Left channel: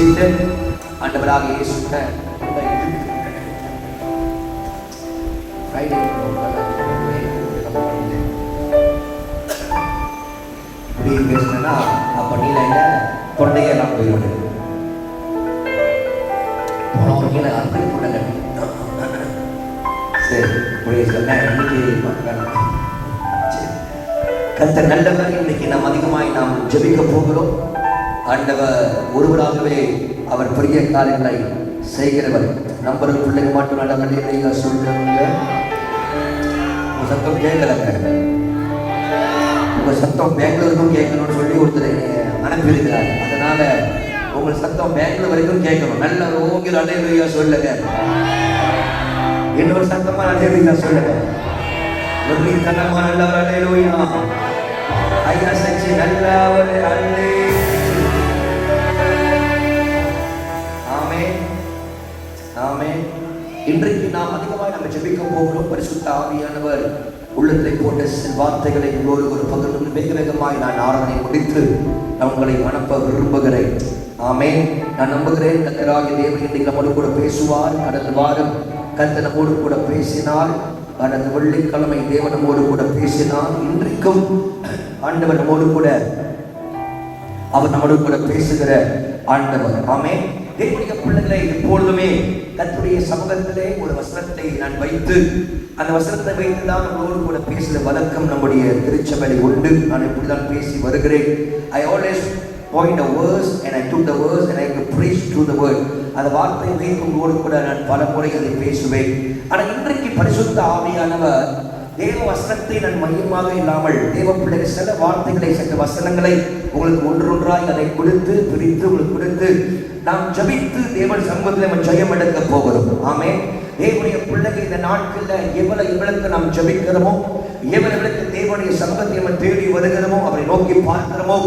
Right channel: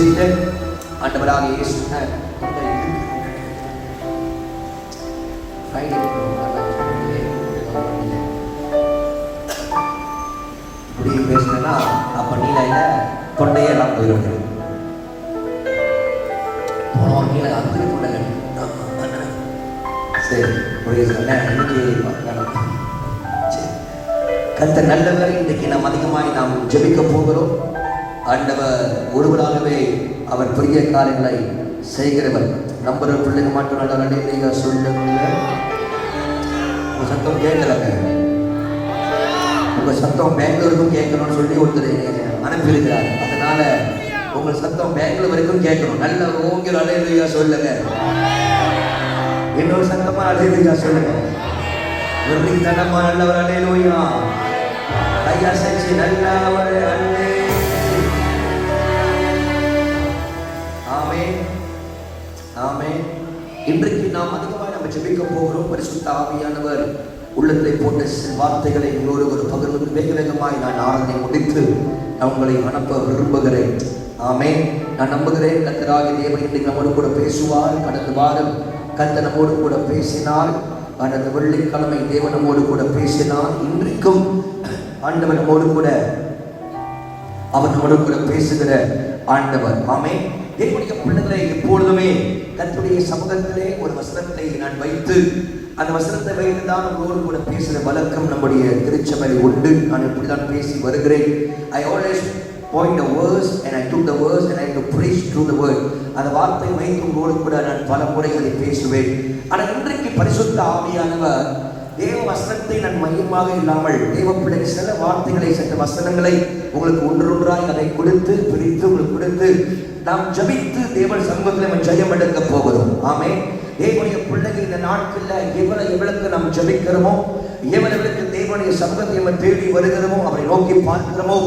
seated. ஆண்டவராக இயேசுவின் இப்படி பேசினா அப்ப நீல தொண்டையெல்லாம் போயிடும். ஒரு கீழே அப்படி போடல. சரி கர்த்தர் நல்லவர். இன்றைக்கு நாம் அதிகமாய் நாம் ஜெபிக்க போகிறோம். ஆண்டவர் ஒருவராகவே அவர் பெரிய காரியங்களை செய்கிறவர். நம்பர் பிள்ளைங்க மட்டும் நல்ல சொல்லுங்க. உங்க சத்தம் கேட்கறாங்க. உங்க சத்தம் பெங்களூருக்கும் கேட்கணும்னு சொல்லி ஒருத்தர் அனுப்பியிருக்கிறார். அதனால உங்க சத்தம் பெங்களூர் வரைக்கும் கேட்கணும். நல்ல ஒரு ஓங்கிற அலையா சொல்லுங்க. இன்னொரு சத்தமா அலையா சொல்லுங்க. ஒரு சத்தமா நல்ல ஒரு அலையா ஐயா சச்சி நல்ல ஒரு அலை. ஆமென் ஆமென். இன்றைக்கு நாம் அதிகமாக நம்ம ஜெபிக்க போகிறோம். பரிசுத்த ஆவியானவர் உள்ளத்தை போட்ட சில வார்த்தைகளை உங்களோடு ஒரு பகிர்ந்து வேக வேகமாய் நான் ஆராதனை முடித்து நான் உங்களை அனுப்ப விரும்புகிறேன். ஆமென். நான் நம்புகிறேன் கர்த்தராகிய தேவன் இன்றைக்கு நம்மோடு கூட பேசுவார். கடந்த வாரம் கர்த்தர் நம்மோடு கூட பேசினார். கடந்த வெள்ளிக்கிழமை தேவன் நம்மோடு கூட பேசினார். இன்றைக்கும் ஆண்டவர் நம்மோடு கூட அவர் நம்மோடு கூட பேசுகிற ஆண்டவர். ஆமென். தேவனுடைய பிள்ளைகளை எப்பொழுதுமே கர்த்தருடைய சமூகத்திலே ஒரு வசனத்தை நான் வைத்து அந்த வசனத்தை வைத்துதான் நம்மளோடு கூட பேசுகிற வழக்கம் நம்முடைய திருச்சபையில் உண்டு. நான் இப்படிதான் பேசி வருகிறேன். I always point a verse and I took the verse and I have to preach through the word. அந்த வார்த்தை வைத்து உங்களோடு கூட நான் பல முறை அதை பேசுவேன். ஆனால் இன்றைக்கு பரிசுத்த ஆவியானவர் தேவ வசனத்தை நான் மையமாக இல்லாமல் தேவ பிள்ளைகள் சில வார்த்தைகளை சில வசனங்களை உங்களுக்கு ஒன்றொன்றாய் அதை கொடுத்து பிரித்து உங்களுக்கு கொடுத்து நாம் ஜபித்து தேவன் சமூகத்தில் நம்ம ஜெயம் எடுக்க போகிறோம். ஆமென். தேவனுடைய பிள்ளைகள் இந்த நாட்களில் எவ்வளவுக்கு நாம் ஜபிக்கிறோமோ, எவர்களுக்கு தேவனுடைய சமூகத்தை நம்ம தேடி வருகிறோமோ, அவரை நோக்கி பார்க்கிறோமோ,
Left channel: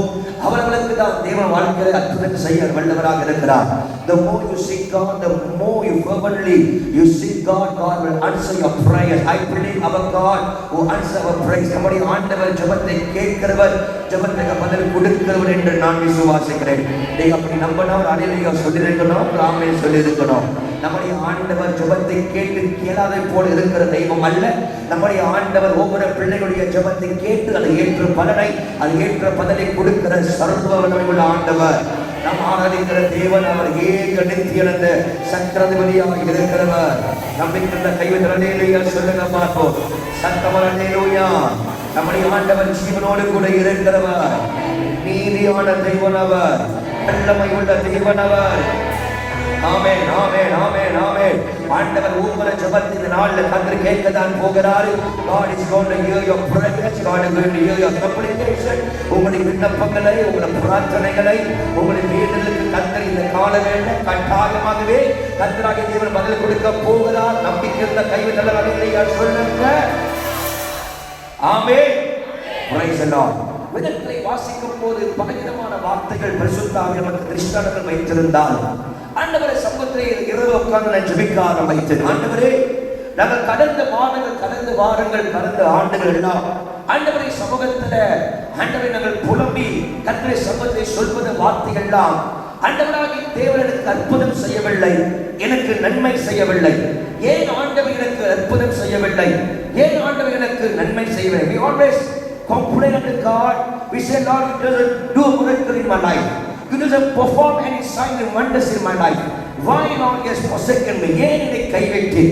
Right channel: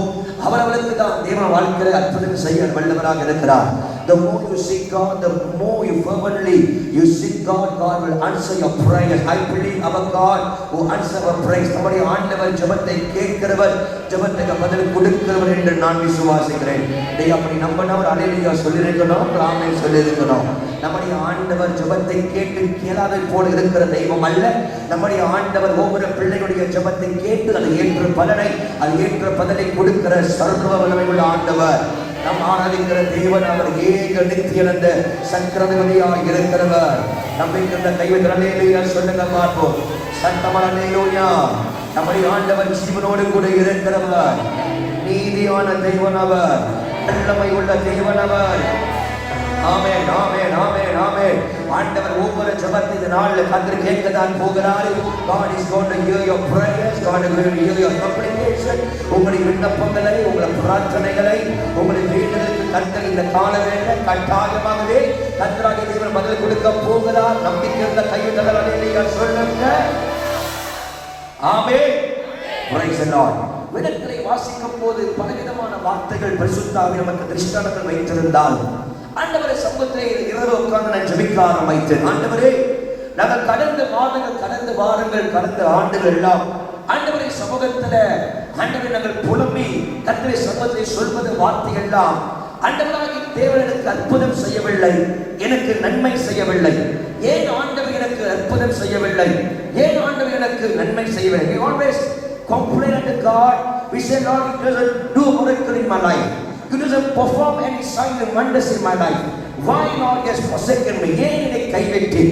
அவர்களுக்கு தான் தேவன் வாழ்க்கையில அற்புதத்தை செய்ய வல்லவராக இருக்கிறார். The more you seek God, the more you fervently you seek God, God will answer your prayers. I believe our God who answer our prayers. நம்முடைய ஆண்டவர் ஜெபத்தை கேட்கிறவர், ஜெபத்துக்கு பதில் கொடுக்கிறவர் என்று நான் விசுவாசிக்கிறேன். நீங்க அப்படி நம்பினா ஒரு அல்லேலூயா சொல்லியிருக்கணும், ஆமென் சொல்லியிருக்கணும். நம்முடைய ஆண்டவர் ஜெபத்தை கேட்டு கேளாதை போல இருக்கிற தெய்வம் அல்ல. நம்முடைய ஆண்டவர் ஒவ்வொரு பிள்ளைகளுடைய ஜெபத்தை கேட்டு அதை ஏற்ற பலனை அதை ஏற்ற பதிலை கொடுக்கிற சர்வ வல்லமையுள்ள ஆண்டவர். நாம் ஆராதிக்கிற தேவன் அவர் ஏக நித்தியனந்த சக்கரவர்த்தியாக இருக்கிறவர். நம்பிக்கிற கைவிட்டு அல்லேலூயா சொல்லுங்க பார்ப்போம். சத்தமான அல்லேலூயா. நம்முடைய ஆண்டவர் ஜீவனோடு கூட இருக்கிறவர். நீதியான தெய்வன் அவர். வல்லமை உள்ள தெய்வன் அவர். ஆமென் ஆமென் ஆமென் ஆமென். ஆண்டவர் ஒவ்வொரு ஜெபத்தை இந்த நாளில் கர்த்தர் கேட்கத்தான் போகிறார். God is going to hear your prayers. God is going to hear your supplication. உங்களுடைய விண்ணப்பங்களை, உங்களுடைய பிரார்த்தனைகளை, உங்களுடைய வேண்டுதலுக்கு கர்த்தர் இந்த காலவேளை கட்டாயமாகவே கர்த்தராகிய தேவன் பதில் கொடுக்க போகிறார். நம்பிக்கை இருந்த கைவிட்டல் அல்லேலூயா சொல்லுங்க. ஆமென். Praise the Lord. வேதத்தை வாசிக்கும் போது பலவிதமான வார்த்தைகள் பரிசுத்த ஆவியானவர் நமக்கு திருஷ்டாந்தங்கள் வைத்திருந்தால் ஆண்டவரே சமூகத்திலே இரவு உட்கார்ந்து நான் ஜெபிக்க ஆரம்பித்தேன். ஆண்டவரே நாங்கள் கடந்த வாரங்கள் கடந்த ஆண்டுகள் எல்லாம் ஆண்டவரே சமூகத்தில் ஆண்டவரை நாங்கள் புலம்பி கர்த்தரை சமூகத்தை சொல்வது வார்த்தைகள் எல்லாம் ஆண்டவராகிய தேவன் எனக்கு அற்புதம் செய்யவில்லை, எனக்கு நன்மை செய்யவில்லை. ஏன் ஆண்டவர் எனக்கு அற்புதம் செய்யவில்லை, ஏன் ஆண்டவர் எனக்கு நன்மை செய்யவில்லை? We always complain unto God. We say, Lord, you doesn't do a miracle in my life. You doesn't perform any signs and wonders in my life. Why Lord has forsaken me? ஏன் என்னை கைவிட்டு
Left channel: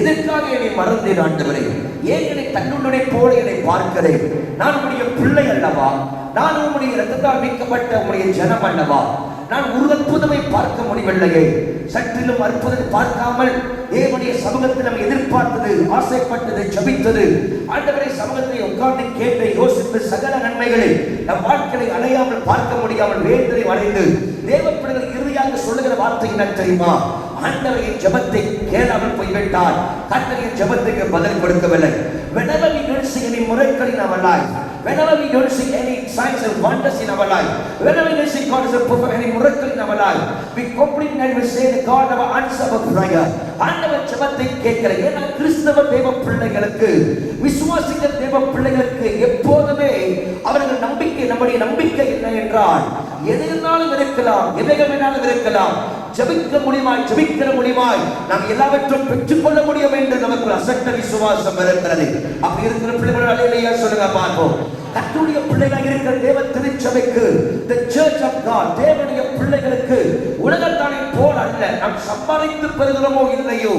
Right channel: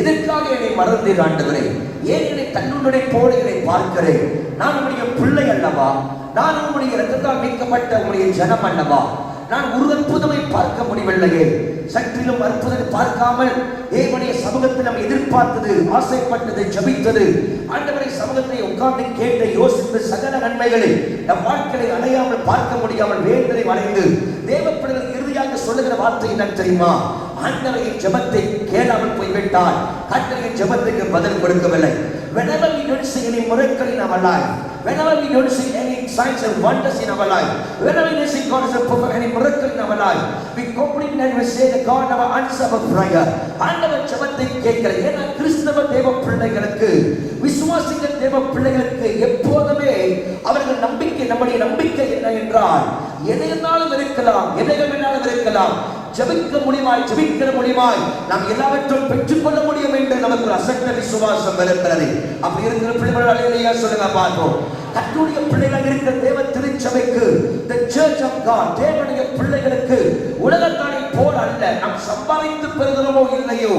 எதற்காக என்னை மறந்தீர் ஆண்டவரே? ஏன் என்னை கண்ணுடைய போல என்னை பார்க்கிறேன்? நான் உம்முடைய பிள்ளை அல்லவா? நான் உம்முடைய இரத்தத்தால் மீட்கப்பட்ட உம்முடைய ஜனம் அல்லவா? நான் ஒரு அற்புதமை பார்க்க முடியவில்லையே. சற்றிலும் அற்புதம் பார்க்காமல் தேவனுடைய சமூகத்தை நாம் எதிர்பார்த்தது, ஆசைப்பட்டது, ஜபித்தது, ஆண்டவரை சமூகத்தை உட்கார்ந்து கேட்டு யோசித்து சகல நன்மைகளை நம் வாழ்க்கையை அடையாமல் பார்க்க முடியாமல் வேதனை அடைந்து தேவ பிள்ளைகள் இறுதியாக சொல்லுகிற வார்த்தை என்ன தெரியுமா? ஆண்டவரின் ஜெபத்தை கேளாமல் போய்விட்டார். கர்த்தரின் ஜெபத்துக்கு பதில் கொடுக்கவில்லை. Whenever we don't see any miracle in our life, whenever we don't see any signs and wonders in our life, whenever we see God is a perform any miracle in our life, we complain and we say the God never answer our prayer. ஆண்டவர் ஜெபத்தை கேட்கிற ஏன்னா கிறிஸ்தவ தேவ பிள்ளைகளுக்கு, விசுவாசிக்கிற தேவ பிள்ளைகளுக்கு எப்போதுமே அவர்கள் நம்பிக்கை, நம்முடைய நம்பிக்கை என்ன என்றால் எதிர்னாலும் இருக்க இருக்கலாம், எதைகள் வேணாலும் இருக்கலாம். ஜெபிக்க முடியுமாய், ஜெபிக்கிற முடியுமாய் நாம் எல்லாவற்றையும் பெற்றுக்கொள்ள முடியும் என்று நமக்கு அசட்ட விசுவாசம் இருக்கிறது. அப்படி இருக்கிற பிள்ளைகள் அல்லேலூயா சொல்லுங்க பார்ப்போம். கர்த்தருடைய பிள்ளைகள் இருக்கிற தேவ திருச்சபைக்கு, the church of God, தேவனுடைய பிள்ளைகளுக்கு உலகத்தானை போல் அல்ல. நாம் சம்பாதித்து பெறுகிறோமோ இல்லையோ,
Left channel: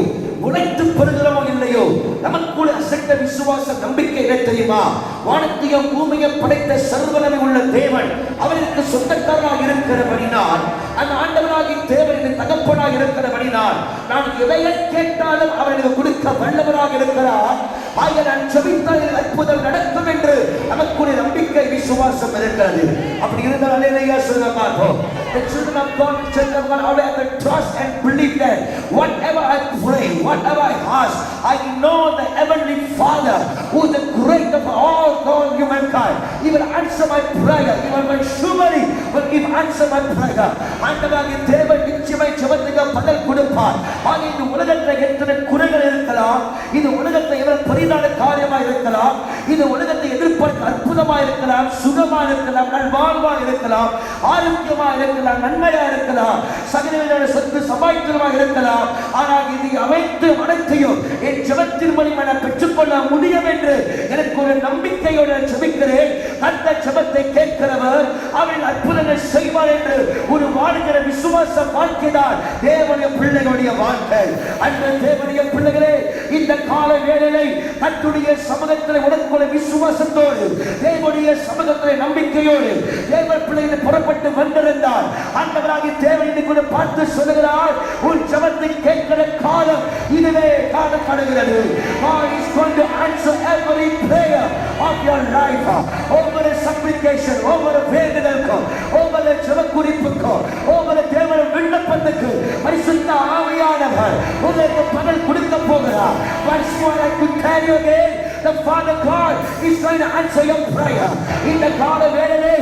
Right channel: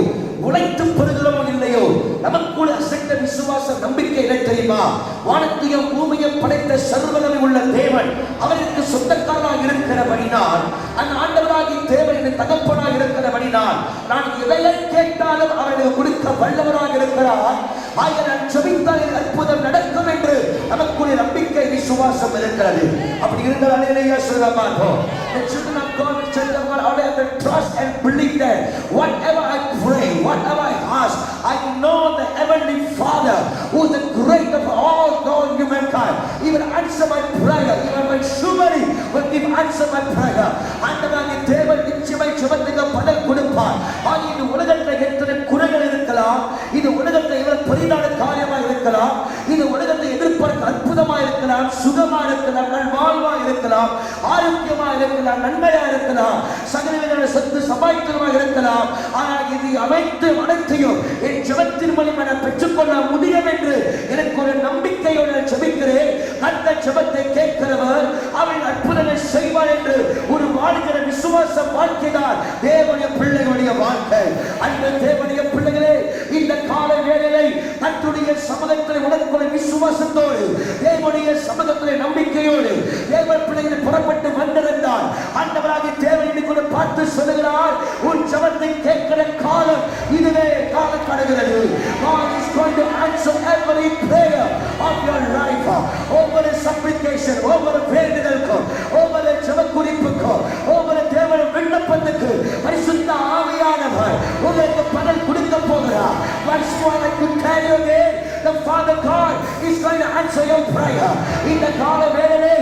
உழைத்து பெறுகிறோமோ இல்லையோ, நமக்குள்ள அசைத்த விசுவாச நம்பிக்கை இல்லை தெரியுமா? வானத்தையும் பூமியையும் படைத்த சர்வவல்லமை உள்ள தேவன் அவருக்கு சொந்தக்காரராக இருக்கிறபடினால், அந்த ஆண்டவராகிய தேவன் என் தகப்பனாக இருக்கிறபடினால், நான் எதையை கேட்டாலும் அவனுக்கு கொடுக்க வல்லவராக இருக்கிறார். ஆக நான் ஜெபித்தால் அற்புதம் நடக்கும் என்று நமக்குள்ள நம்பிக்கை விசுவாசம் இருக்கிறது. அப்படி இருந்தால் அல்லேலூயா சொல்ல பார்ப்போம். The children of God, the church of God, all have to trust and believe that whatever I pray, whatever I ask, I know the heavenly Father, who is the great of all humankind, He will answer my prayer. He will surely will answer my prayer. ஆண்டவராகிய தேவன் நிச்சயமாய் ஜெபத்துக்கு பதில் கொடுப்பார். ஆக இந்த உலகத்தில் எத்தனை குறைகள் இருக்கலாம், இந்த உலகத்தில் எவ்வளவு பெரிதான காரியமாக இருக்கலாம், இந்த உலகத்தை எதிர்பார்க்க அற்புதமாக இருக்கலாம், சுகமாக இருக்கலாம், நல்வாழ்வாக இருக்கலாம், ஆரோக்கியமாக இருக்கலாம், நன்மையாக இருக்கலாம், சகலவித சொத்து சமாளித்தமாக இருக்கலாம். ஆனால் இது அனைத்தையும் என் ஜெபத்தின் மூலமாக நான் பெற்றுக்கொள்ள முடியும் என்று எனக்கு ஒரு நம்பிக்கையோடு ஜெபிக்கிறேன். அந்த ஜெபத்தை கேட்கிறவர் அவன் அற்புதங்கள் செய்வார் என்று ஒரு வாழ்கிற விசுவாச வாழ்க்கைதான் தேவனுடைய பிள்ளைகளுடைய வாழ்க்கை. அன்று தேவனுடைய பிள்ளைகளே, இந்த கால வேளையிலே கர்த்தருடைய சமூகத்தில் உடனுக்குள்ள விசுவாசத்தோடு, தேவனுடைய சமூகத்தில் நம்பிக்கையோடு தேவ பிள்ளைகளை புறப்பட்டு வந்திருந்தால், ஆண்டவராகிய தேவன் இன்னைக்கு பார்த்து சொல்லுகிறார், உன் ஜெபத்தை கேட்கிற காலம் இதுவே காலம் கடகிறது. God is going to answer every prayer of your life. ஒவ்வொரு supplication, ஒவ்வொரு வேண்டுதலுக்கும், ஒவ்வொரு ஜெப குறிப்புக்கும், ஒவ்வொரு தேவனுடைய விண்ணப்பத்துக்கு பரிசுத்த ஆவியானவர் உங்களுக்கு பதில் கொடுக்க போகிறார். Once more I could tell you again, the Father God is going to answer your prayer. இந்த கால வேளையிலே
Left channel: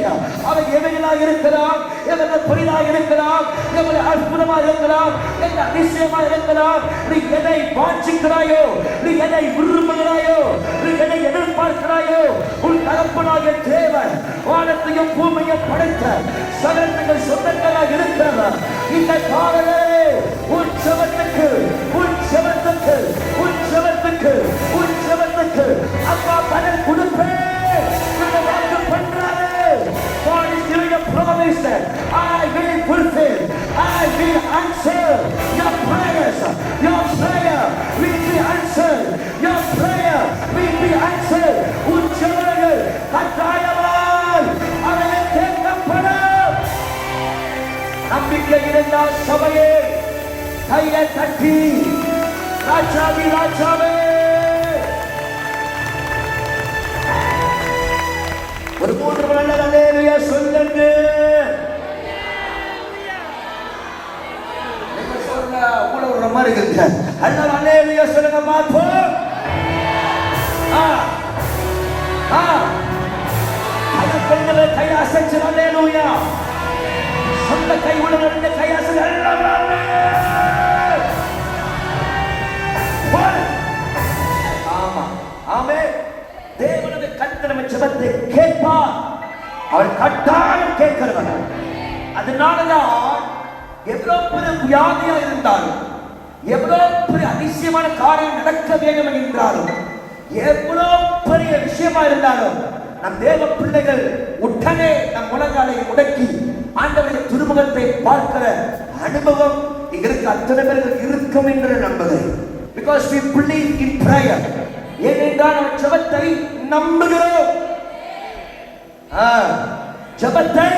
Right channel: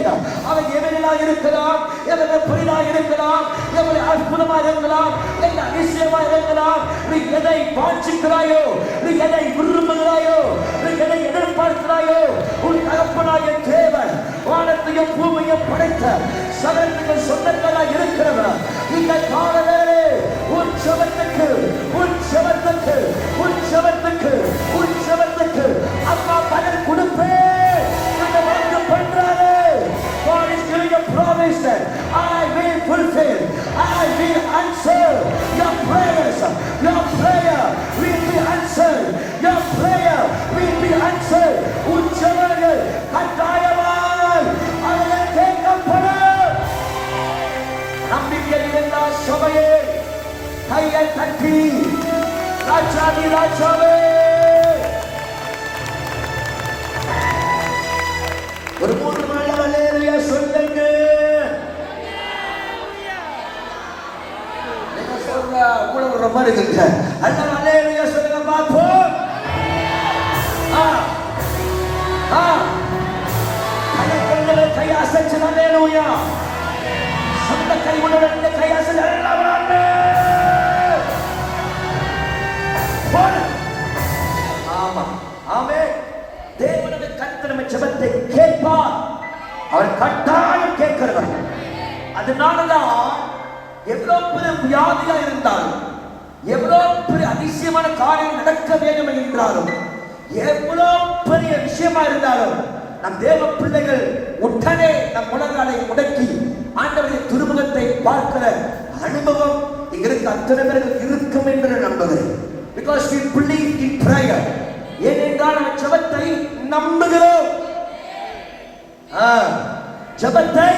அவர் எவனாக இருக்கலாம், எவன புரிதாக இருக்கலாம், எவன அற்புதமாக இருக்கலாம், என்ன அதிசயமாக இருக்கலாம், நீ எதை வாஞ்சிக்கிறாயோ, நீ எதை விரும்புகிறாயோ, நீ எதை எதிர்பார்க்கிறாயோ, உன் தகப்பனாகிய தேவன் வானத்தையும் பூமியையும் படைத்த சகலத்துக்கு சொந்தக்காரராக இருக்கிறவர். இந்த கால வேளையிலே உன் ஜெபத்துக்கு, உன் ஜெபத்துக்கு, உன் ஜெபத்துக்கு, உன் ஜெபத்துக்கு அப்பா பதில் கொடுப்பேன். I will fulfill, I will answer your prayers. Your prayer will be answered. Your prayer will be answered. உச்சவர்கள் கட்டாயமாய் அவரை கேட்கப்படும். நம்பிக்கை இருந்தால் சபையே கையை தட்டி ராஜாதி ராஜாவே ஒரு மூன்று நாள் அல்லேலூயா சொல்லுங்க. ஒரு மாதிரி இருக்கு. அண்ணா அல்லேலூயா சொல்லுங்க பார்ப்போம். கை அசைச்சு அல்லேலூயா. சொந்த கை உள்ள கை அசைச்சு ஆமா ஆமென். தேவனுடைய கர்த்தர் நம்ம ஜெபத்தை கேட்பார். அவர் கட்டாயம் கேட்கிறவர். அதனாலதான் எவ்வளவு பெரிய வியாதியா இருந்தாலும், எவ்வளவு பெரிய அதிசயமான காரியம் நடக்க வேண்டும் என்றாலும், எவ்வளவு பெரிய விஷயமா இருந்தாலும், நம் தேவ பிள்ளைகள் உடனே நம் முழங்காலை முடக்கி ஆண்டவருடைய திருமுகத்தை பார்க்கிற அனுபவம் எங்களுக்கு அத்தனை பேர்கள் இருக்கும் என்று நம்புகிறேன். Because we believe in prayer. ஏனென்றால் நாம் ஜெபத்தை நம்புகிறோம். ஜெபத்தை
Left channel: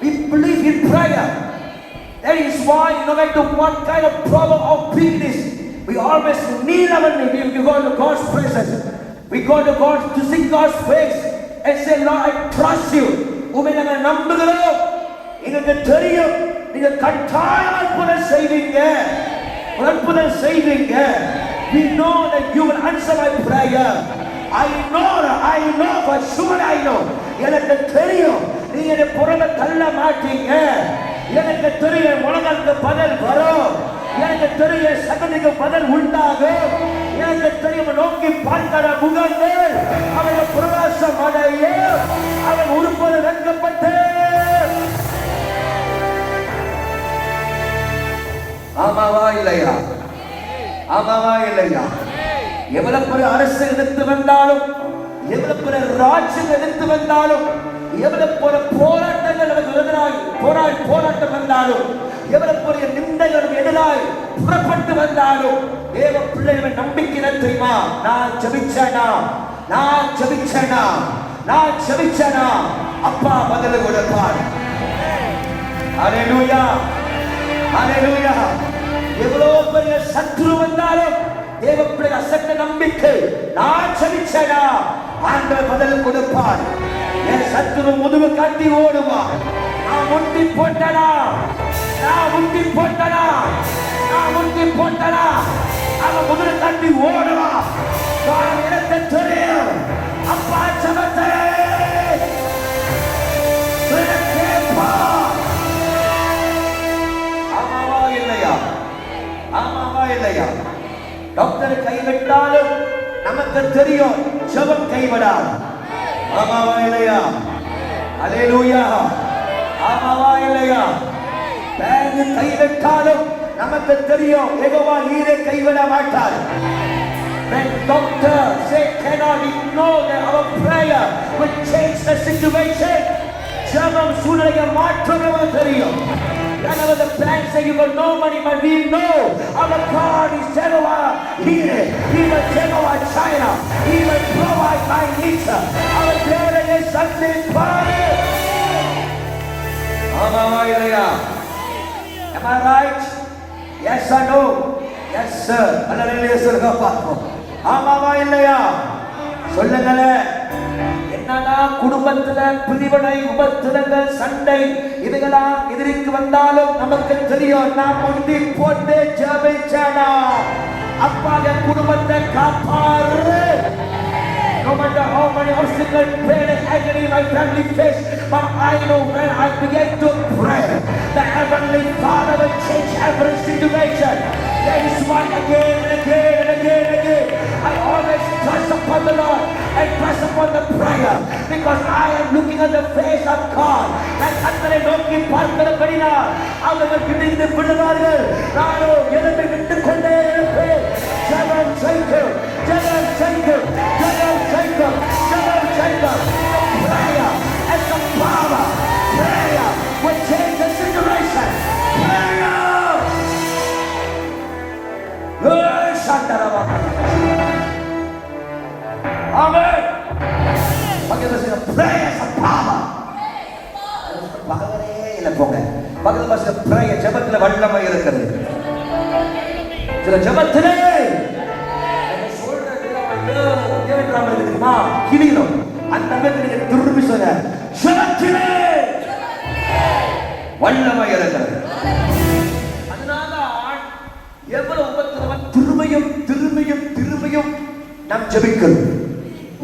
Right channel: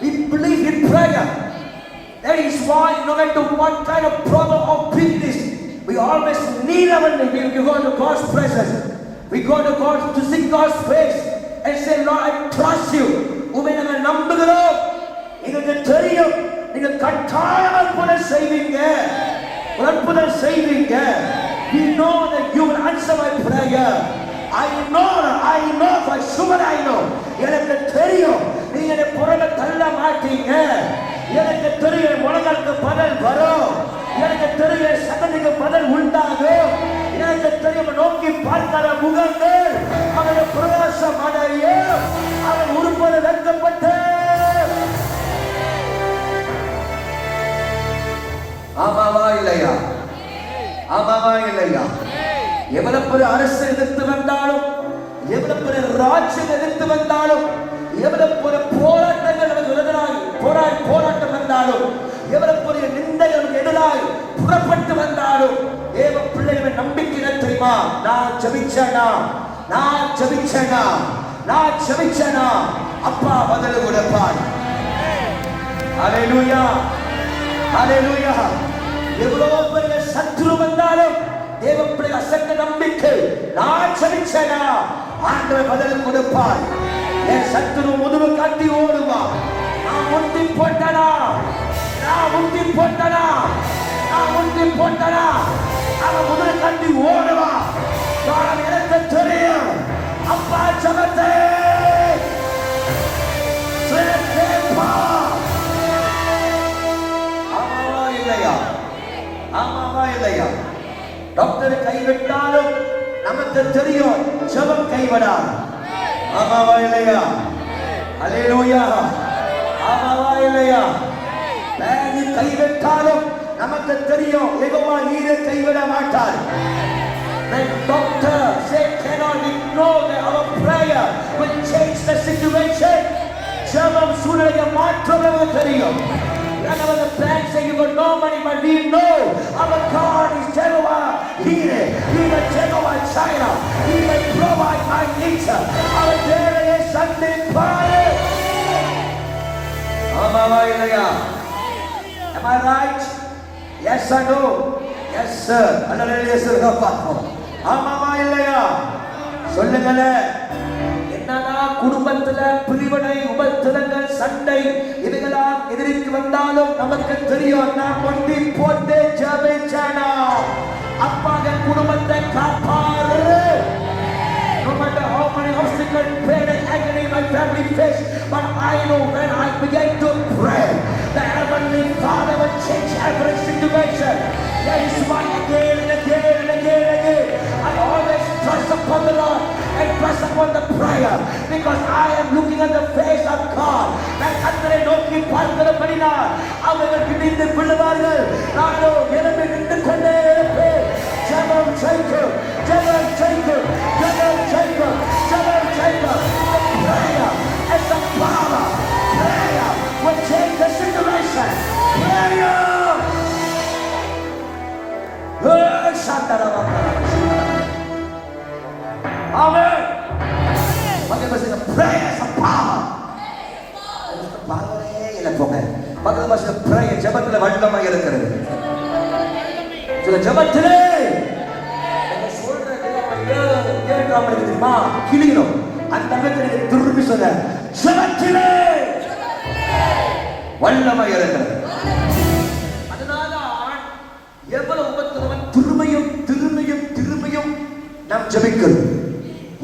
we believe in prayer. That is why no matter what kind of problem or weakness, we always kneel our knee. We go to God's presence. We go to God to seek God's face and say, Lord, I trust you. உம்மை நான் நம்புகிறேன். எனக்கு தெரியும் நீங்க கட்டாயம் அற்புதம் செய்வீங்க. அற்புதம் செய்வீங்க. We know that you will answer my prayer. I know for sure I know. எனக்கு தெரியும் நீங்க என்னை புறமே தள்ள மாட்டீங்க. எனக்கு தெரியும் உலகத்துக்கு பதில் வரும். எனக்கு தெரியும் சகலுக்கு பதில் உண்டாகும். எனக்கு தெரியும் நோக்கி பார்க்கிற முகங்கள் அவருடைய பிரகாசம் அடைய அவன் உருப்பட வைக்கப்பட்டு இல்லையா? ஆமாவா இல்லையா? எவ்வளவு பெரிய அரசு எதிர்த்து வந்தாலும், எவ்வளவு பெரிய ராஜ்யம் எதிர்த்து வந்தாலும், எவ்வளவு பெரிய போராட்டங்கள் நமக்கு எதிராய் போராட்டம் வந்தாலும், எவ்வளவு பெரிய நிந்தைகள் எதிராய் புறப்பட்டு வந்தாலும், தேவ பிள்ளைகள் நம்பிக்கை தெரியுமா? நான் ஜெபிச்சேனா அப்பா பதில் கொடுப்பார். ஹalleluya, ஹalleluya. எவ்வளவு பெரிய சத்துரு வந்தாலும் தேவ பிள்ளை அசட்ட நம்பிக்கை, நான் ஜெபிச்சேனா ஆண்டவர் பதில் கொடுப்பார். என் சத்துரு முதுகு காட்டி ஓடுவா. நான் முட்டி போட்டனா அவன் முதுகு காட்டி ஓடுவா. எனக்கு தெரியும் அப்பா ஜெபத்தை டாக்டர் கைவிட்டாலும் நமக்கு தெரியும் ஜெபம் கைவிடாது. ஆமாவா இல்லையா? அல்லேலூயா. ஆமாவா இல்லையா? பேங்க் கைவிட்டாலும் நமக்கு தெரியும் யெகோவா ஈரே கைவிட மாட்டார். When doctor say cannot ignore that our prayer will change the situation, ஜெபம் சூழ்நிலையை மாற்றுவது தெரியும். Whenever the plan say you got no money, but we know our God is Jehovah Jireh. He will Jehovah China. He will provide my needs. Our prayer is something fire. Am I right? Yes or no? Yes sir. Hallelujah sir. ஆமாவா இல்லையா? சொல்லுங்களே. என்னன்னா குடும்பத்துல பிரிவினை, உபத்திரங்கள், சண்டை இவைகளாம் எதிர்த்து வந்தாலும் நமக்கு தெரியும் நாம் முட்டி போட்டு ஜெபிச்சேனா அப்பா என் குடும்பத்தை காப்பாரு. No matter how many obstacles, pain and agony my family face, but I know when I begin to pray, the Heavenly Father will change every situation. That is why again and again and again and again I always trust upon the Lord and trust upon the prayer, because I am looking at the face of God. நான் கர்த்தரை நோக்கி பார்க்கிறபடினால் அவர்கள் இடிந்து விழுவார்கள். நானோ எழும்பி நின்று கொண்டே இருப்பேன். ஜெபம் செய்கிறோம். Prayer as the power. Prayer will change the situation. Prayer. Amen. பக்கத்துல சொல்லுங்க prayer as a power. பகவனே இல்ல போங்க. பக்கத்துல சொல்லுங்க prayer ஜெபத்துல வல்லமை இருக்கிறது. சில ஜெபத்திலே நீங்க சொல்றது கேட்காம இருக்குமா? கிளியும் அந்த நேரத்துல திரும்பி சொல்ல ஜெபத்திலே வல்லமை இருக்கிறது. அதனால எவ்வளவு உபத்திரவம் திரும்பியும் நாம் ஜெபிக்கிறோம்.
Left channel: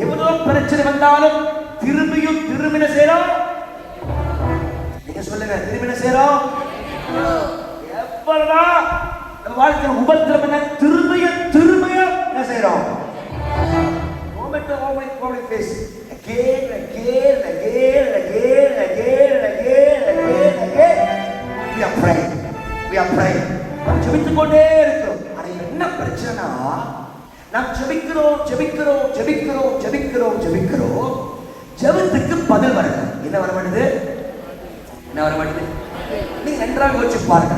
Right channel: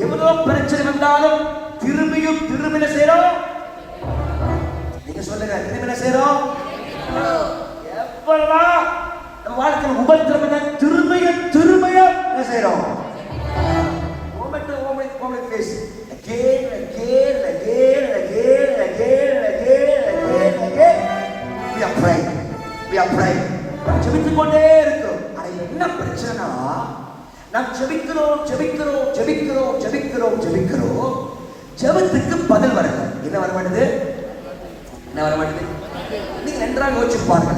எவ்வளவு பிரச்சனை வந்தாலும் திரும்பின செய்றோம். நீங்க சொல்லுங்க திரும்பின செய்றோம். எவ்வளவு நம்ம வாழ்க்கையில உபத்திரவம் திரும்பியும் என்ன செய்றோம்? Moment face again. We are praying. ஜெபித்துக் கொண்டே இருக்கிறோம். ஆனா என்ன பிரச்சனை? நாம் ஜெபிக்கிறோம். ஜெபத்துக்கு பதில் வரல. என்ன வர மாட்டேது? நீங்க நன்றாக யோசிச்சு பாருங்க.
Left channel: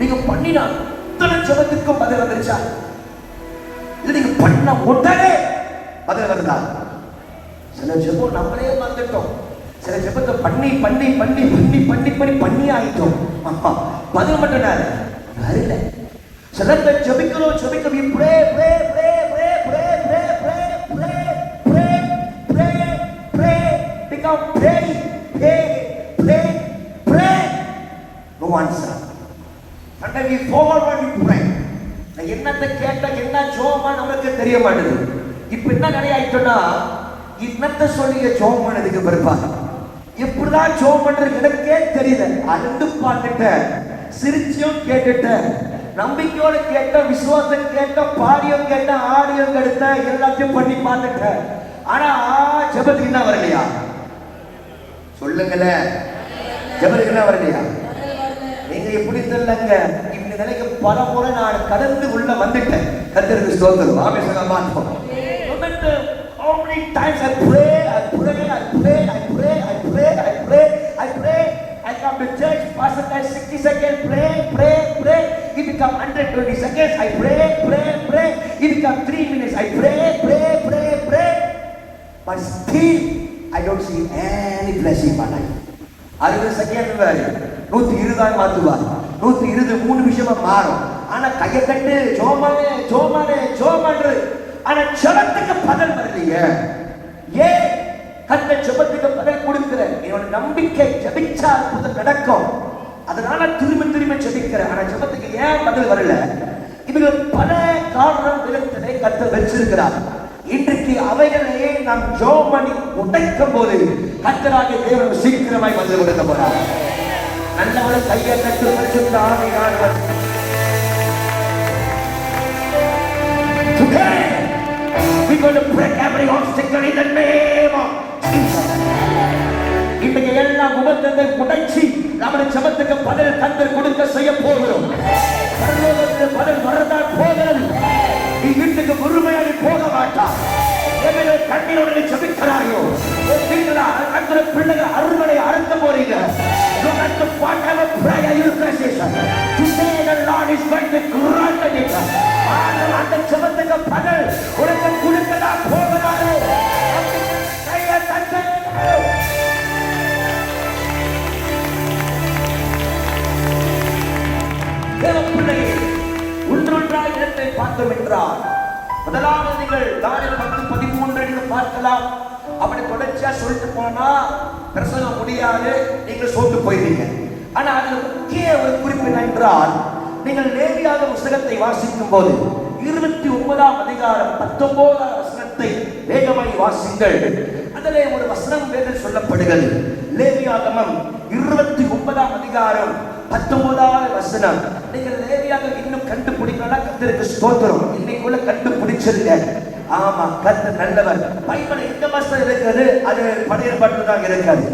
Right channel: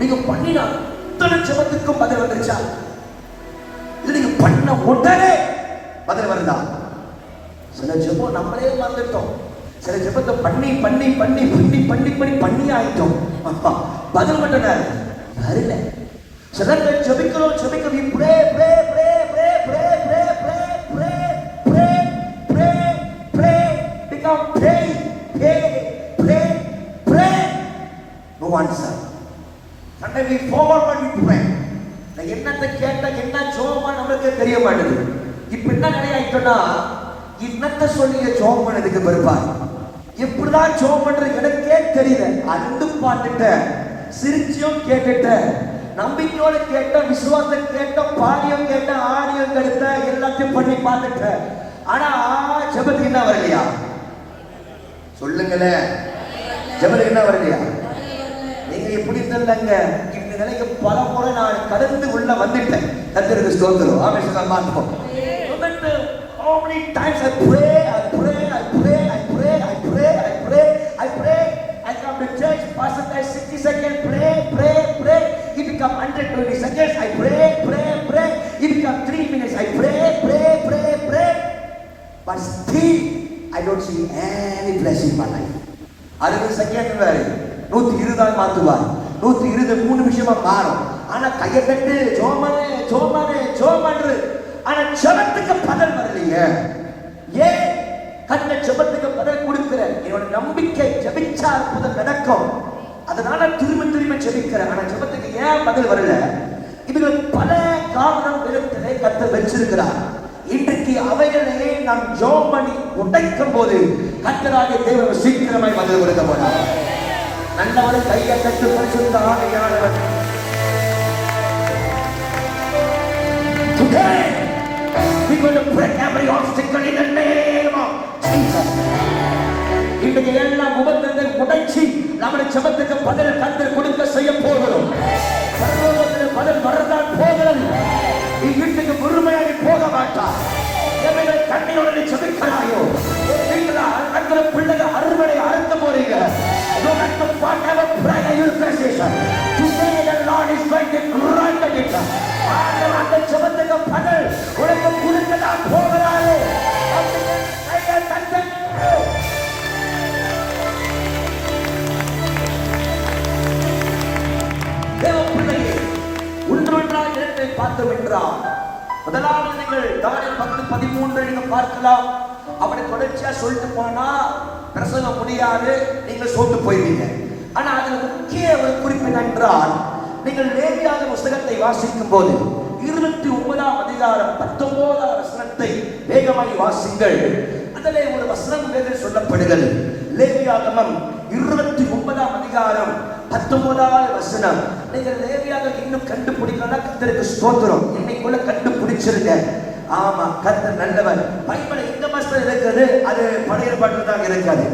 நீங்க பண்ணினா அத்தனை ஜெபத்துக்கும் பதில் வந்துருச்சா? இல்ல நீங்க பண்ண உடனே பதில் வருதா? சில ஜெபம் நம்மளே மறந்துட்டோம். சில ஜெபத்தை பண்ணி ஆயிட்டோம். பதில் மட்டும் வரல. சிலர் ஜெபிக்கிறோம். we pray. Become pray. No answer. Sometimes we fall when we pray. என்னத்தை கேட்டா என்ன ஜோமா நமக்கு தெரிய மாட்டேது. இப்ப என்ன நிறைய ஆயிட்டோம்னா என்னத்தை சொல்லி ஜோம் பண்ணதுக்கு பிற்பாடு எப்படிதான் ஜோம் பண்றது எனக்கே தெரியல. அழுந்து பார்த்துட்டேன், சிரிச்சியும் கேட்டுட்டேன், நம்பிக்கையோடு கேட்ட, விசுவாசம் கேட்ட, பாடியும் கேட்ட, ஆடியும் கேட்ட, எல்லாத்தையும் பண்ணி பார்த்துட்டேன். ஆனா ஜெபத்துக்கு என்ன வரலையா? சொல்லுங்களேன், ஜெபத்துக்கு என்ன வரலையா? நீங்க என்னை பிடித்திருந்தாங்க இந்த நிலைக்கு பல முறை நான் கடந்து உள்ள வந்துட்டேன். கர்த்தருக்கு ஸ்தோத்திரம். ஆமென் சொல்ல மாட்டோம். How many times I pray, I pray, I pray, I pray, I pray, I pray, I pray. I come to church, pastor says 60 seconds, pray, pray, pray. It become 120 seconds, I pray, pray, pray. It become 3 minutes, I pray, pray, pray, pray. But still, I don't see any blessing in my life. 60 second 120 மாத்துவார். 120 3 நிமிஷமா மாறும். ஆனா கையை கட்டு ஜோமானே ஜோமானே ஜோமானு. ஆனா ஜெபத்துக்கு பதில் வரலையே. ஏன் கர்த்தர் ஜெபத்துக்கு பதில் கொடுக்கிறார்? என்னோட நம்பிக்கை ஜெபிச்சா அற்புதம் நடக்கும். அதனால திரும்ப ஜெபிக்கிறேன். ஆனா ஜெபத்துக்கு ஏன் பதில் வரல? இதுக்கு பல காரணம் விதத்திலே கர்த்தர் வச்சிருக்கிறார். இன்றைக்கு அவைகளையே நாம் ஜெபம் பண்ணி உடைக்கும் போது கர்த்தராகிய தேவன் சீக்கிரமாய் பதில் கொடுக்க போறார். நல்லவரை கையை தட்டி பரிசுத்த ஆவியானவர் today we're going to break every obstacle in the name of Jesus. இன்றைக்கு எல்லா முகத்தை உடைச்சி நம்முடைய ஜெபத்துக்கு பதில் கர்த்தர் கொடுக்க செய்ய போகிறோம். பரலோகத்தில் பதில் வரதான் போகிறது. நீ வீட்டுக்கு முழுமையாக போக மாட்டாய். எவர்கள் கண்ணியோடு ஜெபிக்கிறாயோ நீங்களா அந்த பிள்ளைகள் அறுவடை அறுத்த போறீங்க. You have to whatever prayer you intercession. Today the Lord is going to grant it. அந்த ஜெபத்துக்கு பதில் உனக்கு கொடுக்கதா போகிறாரோ. பார்த்தோம் என்றால் முதலாவது நீங்கள் தானியேல் 10:13 நீங்க பார்க்கலாம். அப்படி தொடர்ச்சியா சொல்லிட்டு போனா பிரசங்கம் முடியாது, நீங்க சோர்ந்து போய்வீங்க. ஆனா அதுல முக்கிய ஒரு குறிப்பு என்றால் நீங்கள் லேவியாகம புத்தகத்தை வாசிக்கும் போது 29ஆம் அதிகாரம் 19ஆம் வசனத்தை வேகமாய் வாசிங்கள். அதிலே ஒரு வசனம் வேறு சொல்லப்படுகிறது. லேவியாகமம் 29ஆம் அதிகாரம் 19ஆவது வசனம். நீங்க லேவியாகமம் இன்னும் கண்டுபிடிக்கலாம். கர்த்தருக்கு ஸ்தோத்திரம். இன்னைக்குள்ள கண்டுபிடிச்சிருங்க. ஆமா, கர்த்தர் நல்லவர். பைபிள் இந்த வசனம் இருக்குது, அது பழைய ஏற்பாட்டில தான் இருக்குது.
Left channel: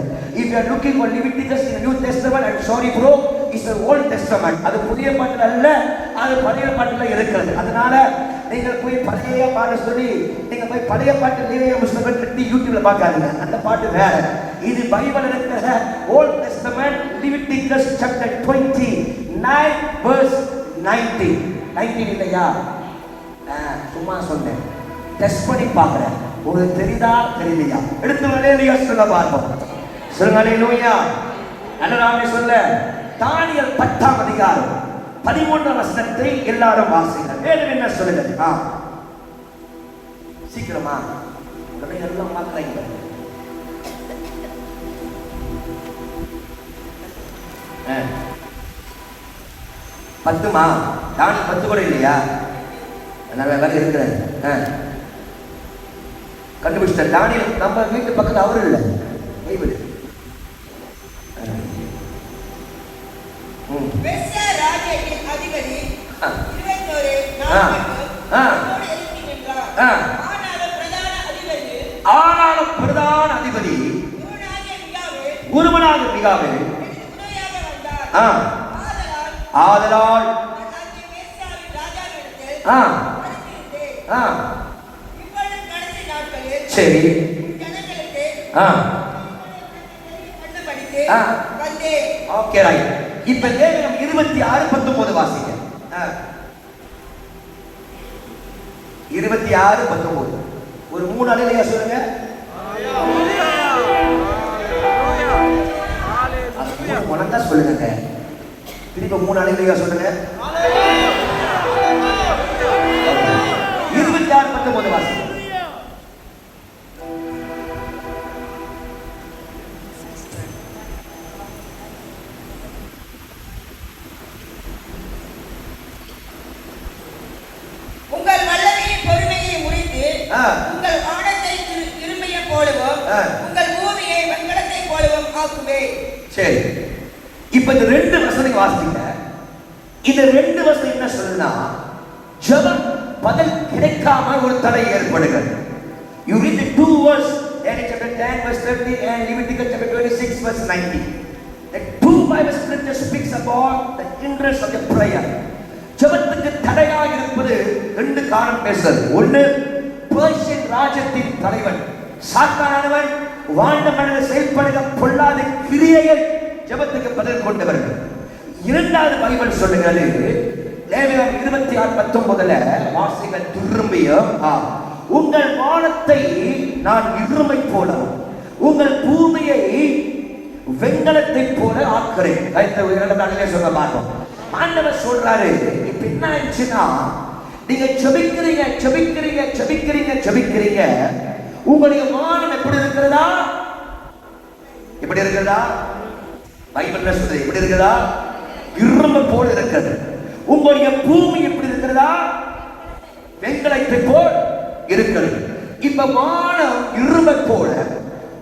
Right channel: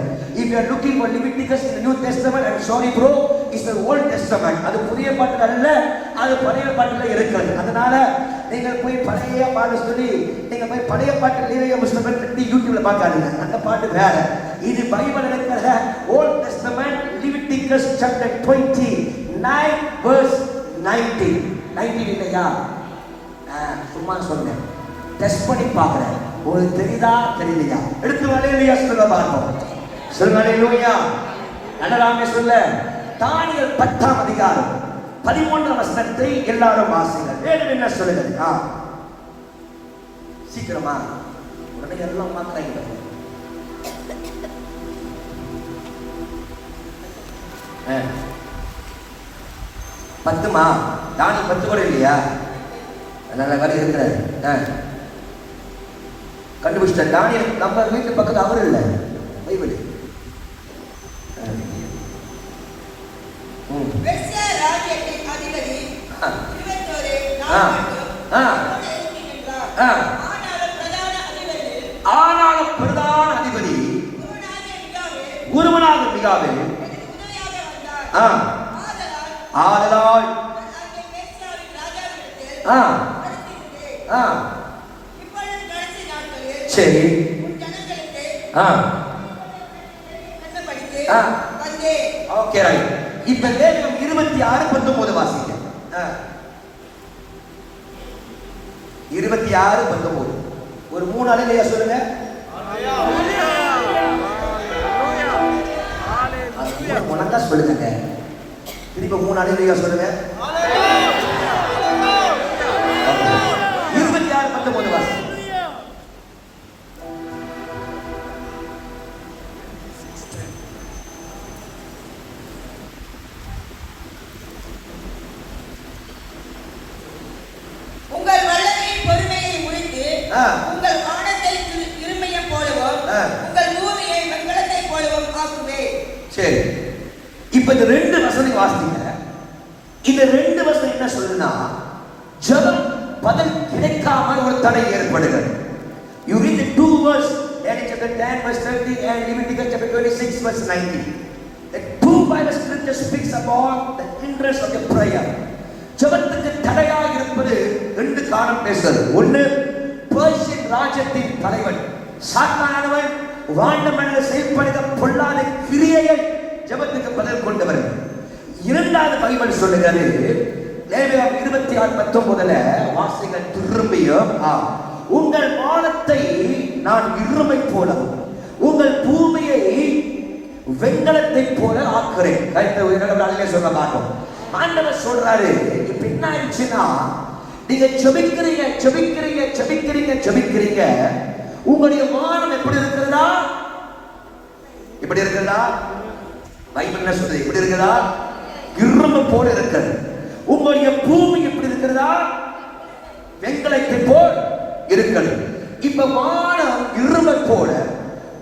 If you are looking for Leviticus in the New Testament, I'm sorry bro, it's the Old Testament. அது புதிய ஏற்பாட்டில அல்ல, அது பழைய ஏற்பாட்டில இருக்குது. அதனால நீங்க போய் பழைய பாட்டு சொல்லி நீங்க போய் பழைய பாட்டு லேவியா புத்தகம் கட்டி யூடியூப்ல பார்க்காதீங்க. அந்த பாட்டு வேற. இது பைபிள் இருக்கிற Old Testament, Leviticus chapter 29 verse 19. 19 இல்லையா? சும்மா சொன்னேன். டெஸ்ட் பண்ணி பார்க்கிறேன். உங்களுக்கு தெரியுதா தெரியலையா? எடுத்து ஹல்லேலூயா சொல்ல பார்ப்போம். சொல்லுங்க ஹல்லேலூயா. நல்லராமே சொல்ல. தானியேல் 10ஆம் அதிகாரம் 13ஆம் வசனத்தை எல்லாரும் வாசிங்க. வேதம் என்ன சொல்லுது? சீக்கிரமா உடனே எல்லாம் பார்க்கறீங்க. பத்துமா? தானியேல் 10 கூட இல்லையா? நல்ல வேலை இருக்கிறாரு. கண்டுபிடிச்சிட்ட தானியேல் நம்ம வீட்டு பக்கத்தில் அவரு இல்லை, கைவிடு. ஆனாலும் பிரதான அதிபதி குருவனாக மிகாவேல் ஆதலால் சரி ஓகே ரைட். இப்ப லேவியம் 26:19 வாசிங்க. 26:19 ஒரு 3 அலையில சொல்லுங்க. ஹalleluya ஹalleluya ஹalleluya மனதா சொல்லுங்க. திரும்ப 3 அலையில சொல்லுங்க. ஹalleluya ஹalleluya 26:19 வாசிங்க. சரி, இப்ப இந்த 2 வசனம் வாசிங்க. இந்த 2 வசனம் என்ன சொல்லுனா, ஜெபம் பதில் கிடைக்காம ஒரு தடை ஏற்படுகிறது. You read the 2 verse, Daniel chapter 10 verse 30 and Leviticus chapter 26 verse 19. The 2 Bible scriptures speaks about for the hindrance of your prayer. ஜெபத்துக்கு தடையாக இருப்பது ரெண்டு காரணம் பேசுறது. ஒன்று, பெர்சியன் ராஜ்யத்தின் தலைவன் சாத்தானவன் வாழ்ந்த மனித செயல்படுகிற பொல்லாத கிரியைகள் ஜெபத்துக்கு பதில் கொண்டு வருகிறது. இரண்டாவது பைபிள் சொல்லுகிறது, லேவியர் 26:19 வாசிகள் திரும்பியும், உங்கள் வானத்தை நான் இருமை போலவும் உங்கள் பூமியை வெண்கலத்தை போல ஆக்குறேன். கைத்த சொல்ல மாட்டோம். ஆண்டவர் சொல்றாரு, இப்ப என்ன ஆயிடுச்சுன்னா, நீங்க செபிக்கிறீங்க செபிக்கிறீங்க செபிக்கிறீங்க செபிக்கிறீங்க, உங்களுடைய வானம் எப்படி இருக்கிறதா? எப்படி இருக்கிறதா? பைபிள்ல சொல்றது எப்படி இருக்கிறதா? இரும்பு போல இருக்கிறது. உங்களுடைய பூமி எப்படி இருக்கிறதா? வெண்கலத்தை போல் இருக்கிறது. இப்ப வானம் இரும்பை போல,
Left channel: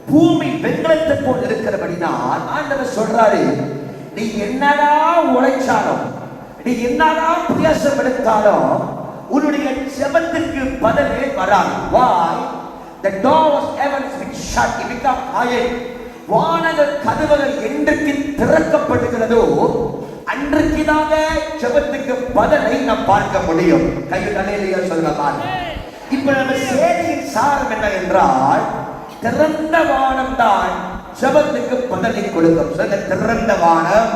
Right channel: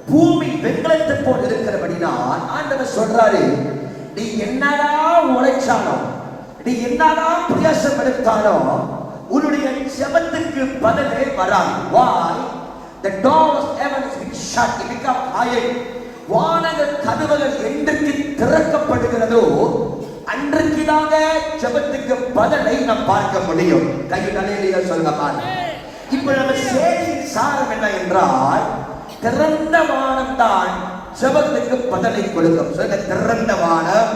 பூமி வெண்கலத்தை போல் இருக்கிறபடினால் ஆண்டவர் சொல்றாரு, நீ என்னதான் உழைச்சாலும், நீ என்னதான் பிரயாசம் எடுத்தாலும் உன்னுடைய ஜெபத்துக்கு பதிலே வராது. Why? The doors heavens been shut. It become iron. வானங்கள் கதவுகள் என்றைக்கு திறக்கப்படுகிறதோ அன்றைக்கு தானே ஜெபத்துக்கு பதிலை நாம் பார்க்க முடியும். கையில் தலையிலேயே சொல்லலாம். இப்ப நம்ம செய்தியின் சாரம் என்ன என்றால், திறந்த வானம் தான் ஜெபத்துக்கு பதிலை கொடுக்கும். சொல்லுங்க, திறந்த வானம்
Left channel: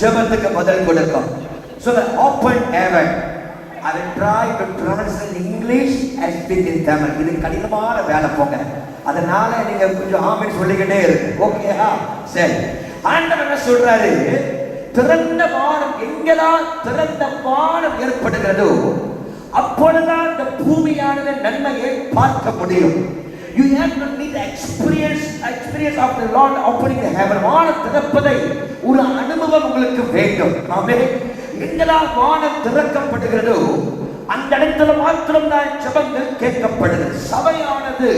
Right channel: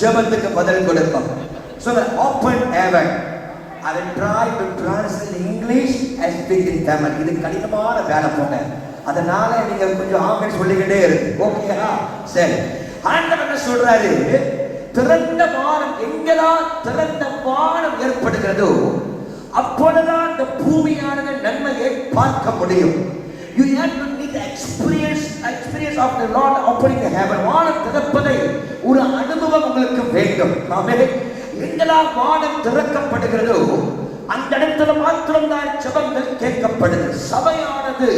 ஜெபத்துக்கு பதில் கொடுக்கும். So the open heaven. I will try to translate English as speak in Tamil. இது கடினமான வேலை போங்க. அதனால நீங்க கொஞ்சம் ஆமென் சொல்லிக்கிட்டே இருக்கு. ஓகேயா? சரி. ஆண்டவர் என்ன சொல்றாரு? திறந்த வானம், எங்கதான் திறந்த வானம் ஏற்படுகிறதோ அப்பொழுதுதான் இந்த பூமியானது நன்மையை பார்க்க முடியும். You have to need the experience of the Lord opening the heaven. வானம் திறப்பதை ஒரு அனுபவம் உங்களுக்கு வேண்டும். ஆமென். எங்கெல்லாம் வானம் திறக்கப்படுகிறதோ அந்த இடத்துல மாத்திரம்தான் ஜெபங்கள் கேட்கப்படுது. சபையானது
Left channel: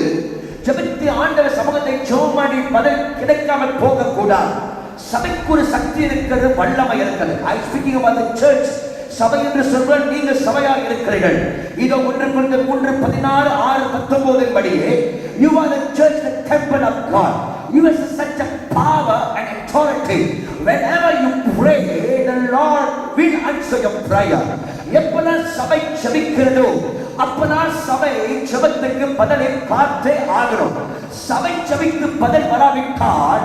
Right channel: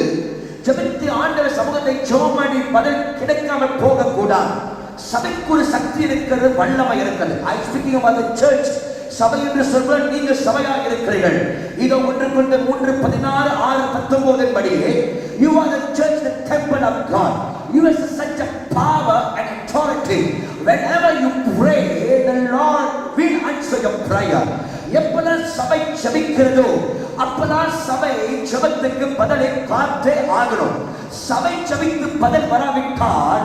ஜெபித்து ஆண்டவர் சமூகத்தை ஜெபமாடி பதில் கிடைக்காமல் போகக்கூடாது. சபைக்கு ஒரு சக்தி இருக்கிறது, வல்லமை இருக்கிறது. I speaking about the church. சபை என்று சொல்ற நீங்கள் சபையாக இருக்கிறீர்கள். இதோ 1 Corinthians 3:16-19 படி, you are the church, the temple of God. You have such a power and authority. Whenever you pray, the Lord will answer your prayer. எப்பதான் சபை ஜெபிக்கிறதோ அப்பதான் சபை ஜெபத்துக்கு பதிலை காத்தே ஆகணும். சபை ஜெபிக்கு பதில் வராவிட்டால்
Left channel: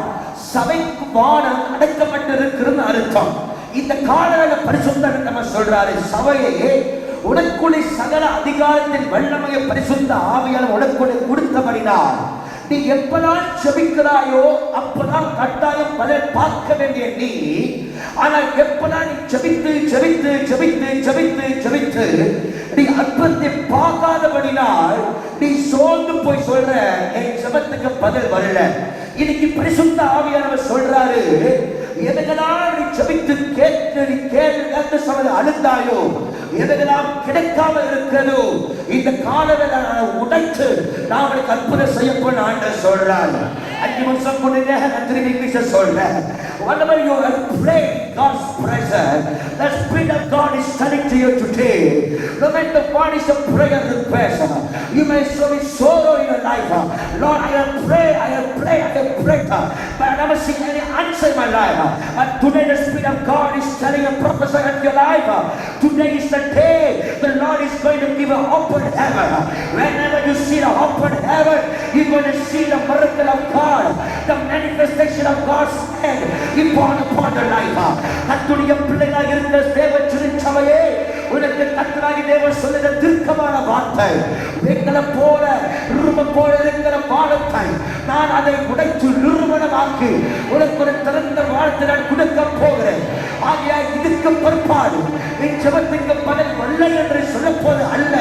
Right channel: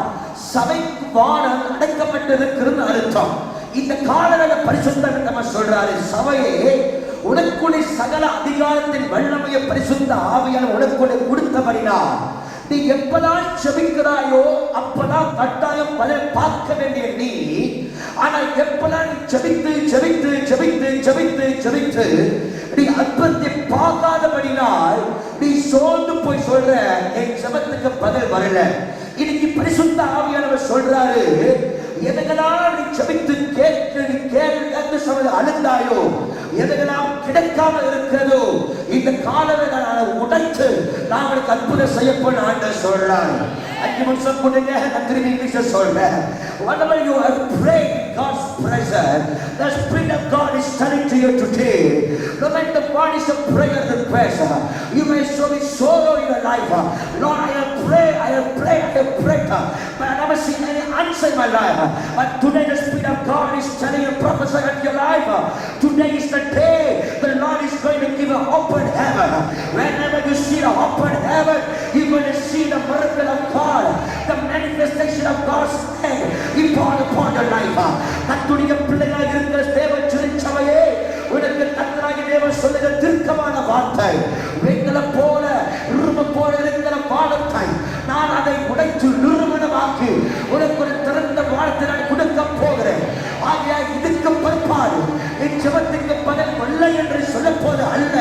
சபைக்கு வானம் அடைக்கப்பட்டிருக்கிறது அர்த்தம். இந்த காலவேளை பரிசுத்தர் நம்ம சொல்றாரு, சபையே உனக்குள்ளே சகல அதிகாரத்தின் வல்லமையை பரிசுத்த ஆவியால் உனக்குள்ளே கொடுத்தபடினால் நீ எப்பதான் ஜெபிக்கிறாயோ அப்பதான் கட்டாயம் பதில் பார்க்க வேண்டிய நீ. ஆனால் எப்பதான் நீ ஜெபித்து ஜெபித்து ஜெபித்து ஜெபித்து ஜெபித்து நீ அற்புதத்தை பார்க்காதபடினால் நீ சோர்ந்து போய் சொல்ற, என் ஜெபத்துக்கு பதில் வரல. இன்னைக்கு பரிசுத்த ஆவியானவர் சொல்றாரு, எதெல்லாம் நீ ஜெபித்து கேட்டு நீ கேட்டு சொல்ல அழுந்தாயோ, எதெல்லாம் கிடைக்காம இருக்கிறதோ இந்த காலவேளை நான் உடைத்து நான் உங்களுக்கு அற்புதம் செய்யப்போன ஆண்டவர் சொல்றார். 5 நிமிஷம் கொடுங்க, நான் திரும்பி இங்கிலீஷ் சொல்றேன். Whenever you have prayed God's presence, the Spirit of God is telling to you today, no matter what is your prayer request, you may show me sorrow in your life. Lord, I have prayed, but I never seen any answer in my life. But today the Spirit of God is telling you, prophesy at your life. Today is the day the Lord is going to give an open heaven. Whenever you see an open heaven, you're going to see the miracle of God, the manifestation of God's hand upon your life. கர்த்தருடைய பிள்ளைகளாக இருக்கிற தேவ திருச்சபையே, உனக்கு கர்த்தராகிய தேவன் சொல்லுகிற தீர்க்கமான வார்த்தை, வெண்கல போல இரும்பு போல இருக்கிற வானத்தை நான் அதை உடைத்து நிறுவனமாக்கி உனக்கு ஒரு திறந்த வானத்தை நான் கொடுக்க போகிறேன். ஆகிய இதுக்கு பிற்பாடு என் ஜெபத்துக்கு பதில் இல்லை என்று சொல்லப்போது அல்ல.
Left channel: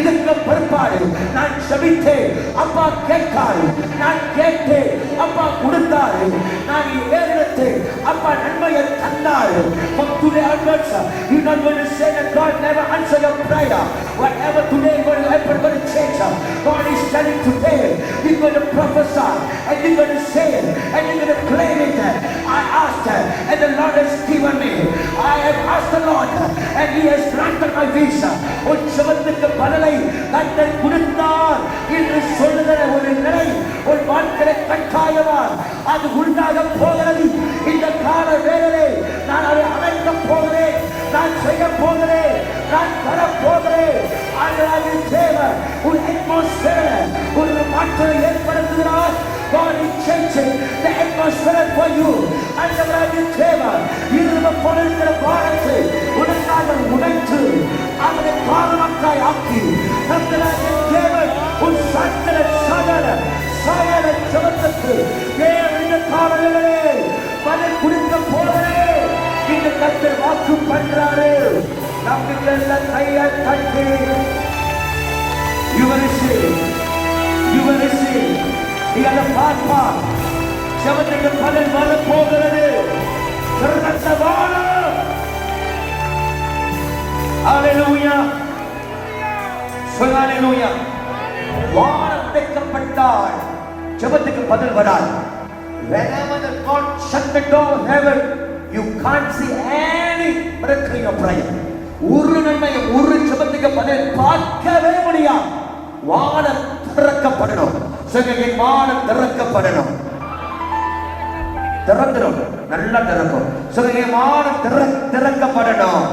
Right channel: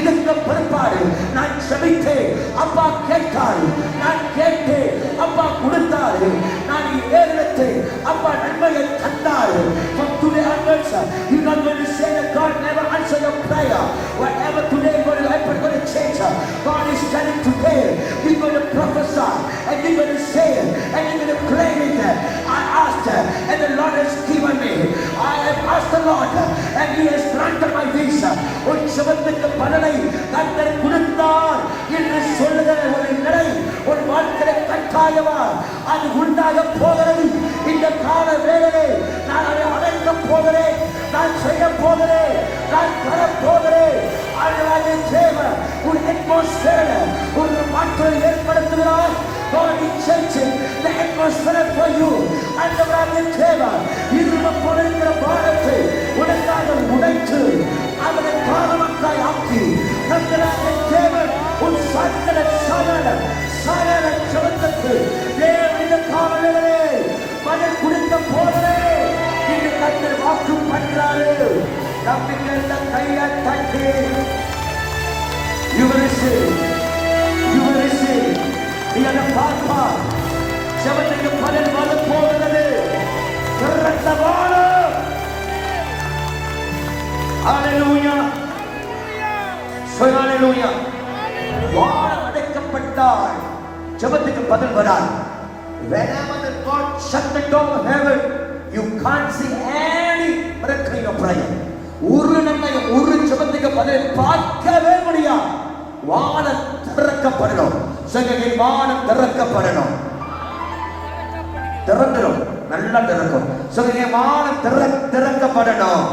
இதுக்கு பிற்பாடு நான் ஜெபித்தேன், அப்பா கேட்டாரு, நான் கேட்டேன், அப்பா கொடுத்தாரு, நான் ஏறினேன், அப்பா நன்மையை தந்தாரு. From today onwards, you're not going to say that God never answer your prayer. Whatever today is going to happen, going to change. God is telling today, you're going to prophesy, and you're going to say, and you're going to claim it. I asked, and the Lord has given me. I have asked the Lord, and He has granted my visa. உன் ஜெபத்துக்கு பலனை கர்த்தர் கொடுத்தார் என்று சொல்லுகிற ஒரு நிலை ஒரு வாழ்க்கையை கட்டாயமா அது உண்டாக போகிறது. இந்த கால வேளையிலே கர்த்தர் வாக்கு பண்றாரு. நம்பிக்கையுள்ள கையை தட்டி you will receive. நீ அதை பார்ப்பா. ஜெபத்துக்கு பலன் வர போகிறது. ஹalleluya. ஹalleluya. வானம் அடைக்கப்பட்டால் ஜெபத்துக்கு பதில் வராது. Whenever the God shut the door of heaven, you can't see any miracle in your prayer. ஒரு நன்மை, ஒரு ஜெபத்துக்கு பதில் பார்க்கவே முடியாது. வானம் திறக்கப்படணும். சொல்லுங்க, வானம் திறக்கப்படணும். திறந்துடும், நல்லா திறக்கும். சொல்லுங்க, வானம் திறக்கப்படணும்.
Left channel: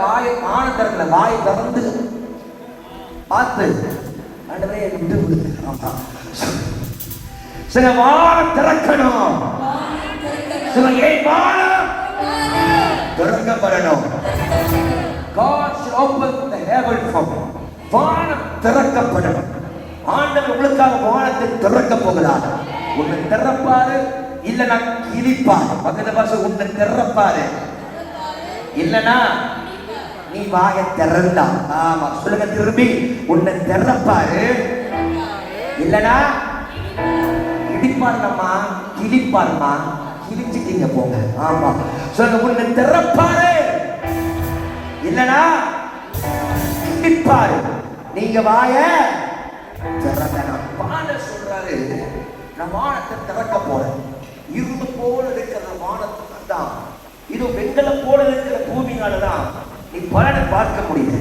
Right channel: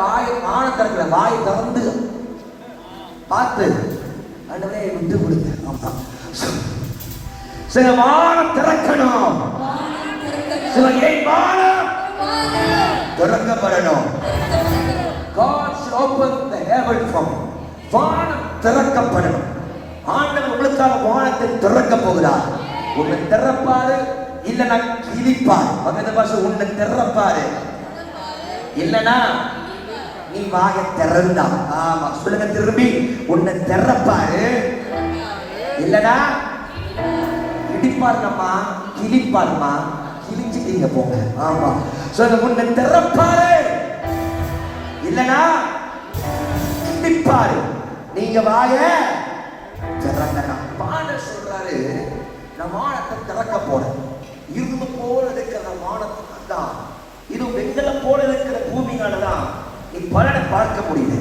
வானம் திறக்கல, வாயை திறந்து பார்த்து ஆண்டவரே விட்டு விடுங்க. ஆமா, சில வானம் திறக்கணும். சில வானம் திறக்கப்படணும். God should open the heaven for me. வானம் திறக்கப்படணும். ஆண்டவர் உங்களுக்காக வானத்தை திறக்க போகிறார். உன்னை திறப்பாரு, இல்லனா கிழிப்பார். பக்கத்து பாச உன்னை திறப்பாரு, இல்லனா நீ வாயை திறந்தா. ஆமா, சொல்லுங்க திரும்பி, உன்னை திறப்பாரு, இல்லனா இடிப்பாருமா, கிழிப்பாருமா. கிழிச்சிட்டீங்க போங்க. ஆமா, சொல்லுங்க, உன்னை திறப்பாரு, இல்லனா இடிப்பாரு. நீங்க வாய திறந்தா. பாடல் சொல்றாரு, நான் வானத்தை திறக்க போறேன். இரும்பு போல இருக்கிற வானத்துக்கு தான், இது வெண்கலம் போல இருக்கிற பூமியாலதான் நீ பலனை பார்க்க முடியல,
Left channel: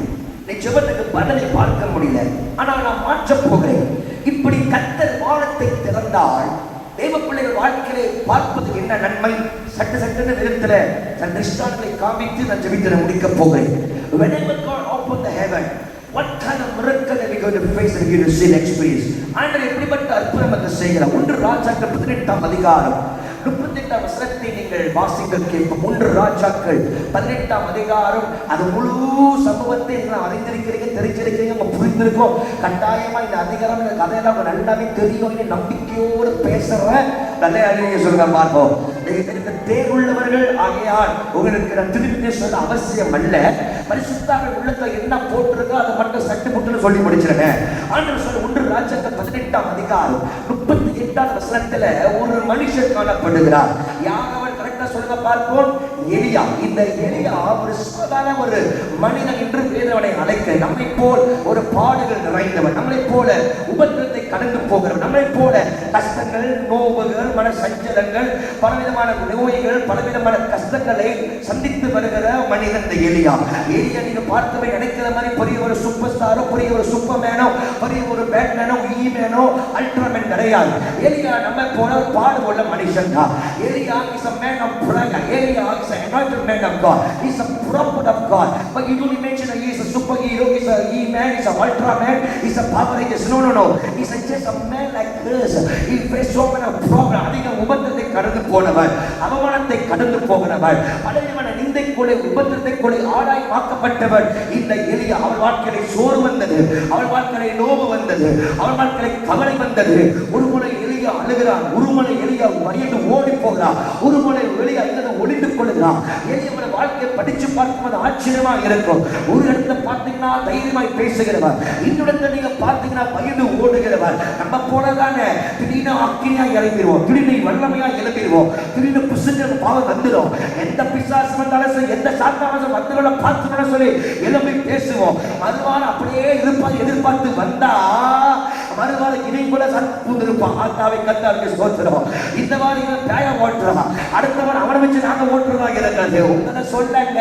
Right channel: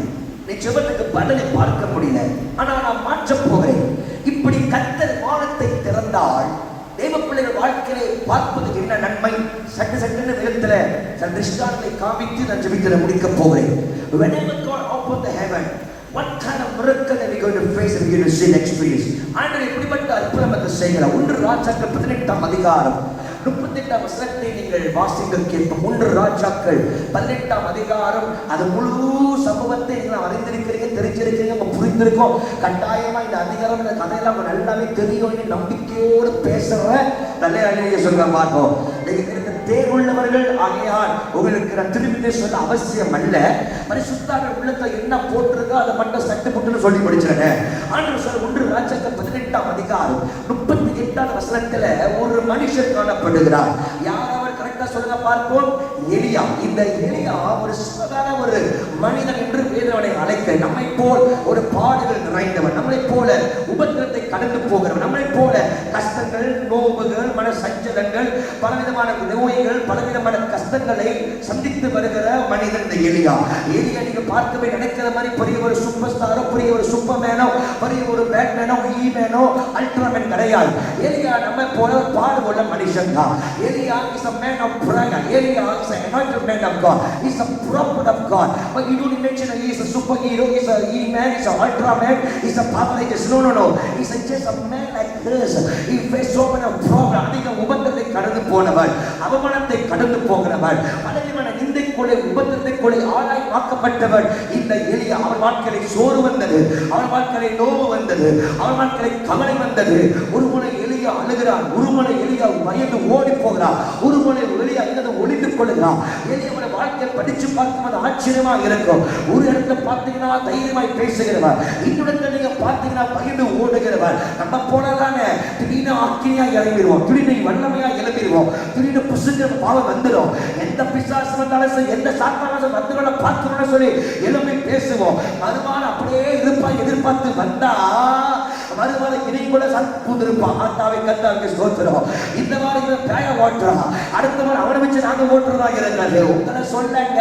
நீ ஜெபத்துக்கு பலனை பார்க்க முடியல. ஆனா நான் மாற்ற போகிறேன். இப்படி கர்த்தர் வானத்தை திறந்தால் தேவ பிள்ளைகள் வாழ்க்கையை பார்ப்பது என்ன நன்மை? சட்டன்னு விதத்துல தன் திருஷ்டாந்தத்தை காமித்து நான் ஜெபித்து முடிக்க போகிறேன். Whenever God opened the heaven, what kind of miracle are we going to face and begin to see and experience? ஆண்டவர் எப்படிப்பட்ட அற்புதத்தை செய்கிறார்? 1 ராஜாக்கள் 18ஆம் அதிகாரம் 38ஆம் வசனத்தை நீங்கள் வாசிக்க கேட்போம். 1 ராஜாக்கள் 18ஆம் அதிகாரம். அது முழு சம்பவத்தை நீங்கள் அறிந்திருக்கிறீங்க, தெரிஞ்சிருக்கிறீங்க, புரிந்திருக்கோம். கட்டாயமா இந்த அதிகாரம், இந்த கதையெல்லாம் நல்லாவே தெரியும். நம்பிக்கையோடு பேசுறேன். நல்ல அழகிய சொல்ற பார்ப்போம். நீங்க தேர்வுள்ளவர்கள் ஆகையால் உங்களுக்கு நான் திருப்பி சொல்ல அவசியம் அல்ல. பரிசுத்தாவின் உள்ளத்துல என்ன போட்டிருக்கோ அதை மட்டும் சட்டு புட்டுன்னு சொல்லி முடிச்சிருக்கேன். ஆண்டவர் சொல்ல 1 ராஜாக்கள் 18ஆம் அதிகாரம் 38ஆம் வசனத்துல ஒரு மனுஷன் காணப்படுகிறார். யார் அவர்? கரெக்டா சொல்லுங்க பார்ப்போம். எலியா. இந்த எலியா ஒரு சாதாரண ஒரு மனிதன் என்று வேதவனை அழைக்க, நம்மை போல் ஒரு பாடுகள் நிறைந்தவன், நம்மை போல உபத்திரத்தை கடந்து போகிறவன், நம்மை போல கஷ்டங்கள், நோவுகள், மன சஞ்சலங்கள், பலவிதமான நோய்கள், பலவிதமான கஷ்டங்களை சந்தித்து வருகிற மனிதன் இந்த எலியா. எலியா நீங்க பார்த்தவை நினைக்கிற மாதிரி பெரிய ஒரு சூப்பர் ஸ்டாரோ, பெரிய ஒரு சூப்பர் மேனோ, பெரிய ஒரு பேட்மேனோ, ஈமேனோ, அல்ட்ராமேன் கிடையாது. எலியா நம்ம போல பாடுபட மனுஷன் தான். எலியா is a man of prayer. Elia is an anointed man of God. He is a prophet of God. But you don't imagine he is a superhero, he is a E-man, he is a ultraman, he is a power rangers. No. He is just a man like this. He faced so many problems. அதிக உபத்திரத்தை கடந்து போனவர், அவமானத்தை கடந்து போகிறவர், பலவிதமான நிந்தைக்குள்ளே, உபத்திரத்தைக்குள்ளே ஆளாய் மாக்கப்பட்டவர் இந்த எலியா. அவர் வாழ்க்கையில சோறு வந்தது, அவர் வாழ்க்கையில நோவு வந்தது, அவர் வாழ்க்கையில கவலை வந்தது. ஒரு முறை எலியா அழுகிறார், ஒரு முறை எலியா பயந்து ஓடி போகிறார், ஒரு முறை எலியா ஒளிந்து கொள்ளுகிறார். எலியாவோட வாழ்க்கையை படிச்சு பார்க்கும்போது ஆச்சரியமா இருக்கும். ஒரு இடத்துல பார்த்தீங்கன்னா தைரியமாய் பேசுகிறவர், இன்னொரு நீங்க பார்த்தீங்கன்னா பயந்து ஓடுகிறவர். நம்ம போனதானே திடீர்னு அக்கினியா இறங்கிடுவோம், திடீர்னு வல்லமையா எழுப்பிடுவோம், திடீர்னு புசுங்கிற பாவம் வந்துடும். எந்த பிசாசு வந்தாலும், எந்த சாத்தான மத்தவங்கள பார்த்துக்கணும்னு சொல்லி எழுப்பி பேசுவோம். மறுவாள் அப்படியே எதிர்பார்த்து வந்தா மறுவாள் இதை கூட சந்திருப்பான். ஆத்தாவை கத்தாவுக்கு ஸ்தோத்திரம். இந்த மாதிரி பேய ஓட்டுறான், அடுத்த மாதிரி அவனை வச்சு நாங்க ஓட்டுறதா இருக்காது. உங்களை சொல்லங்க,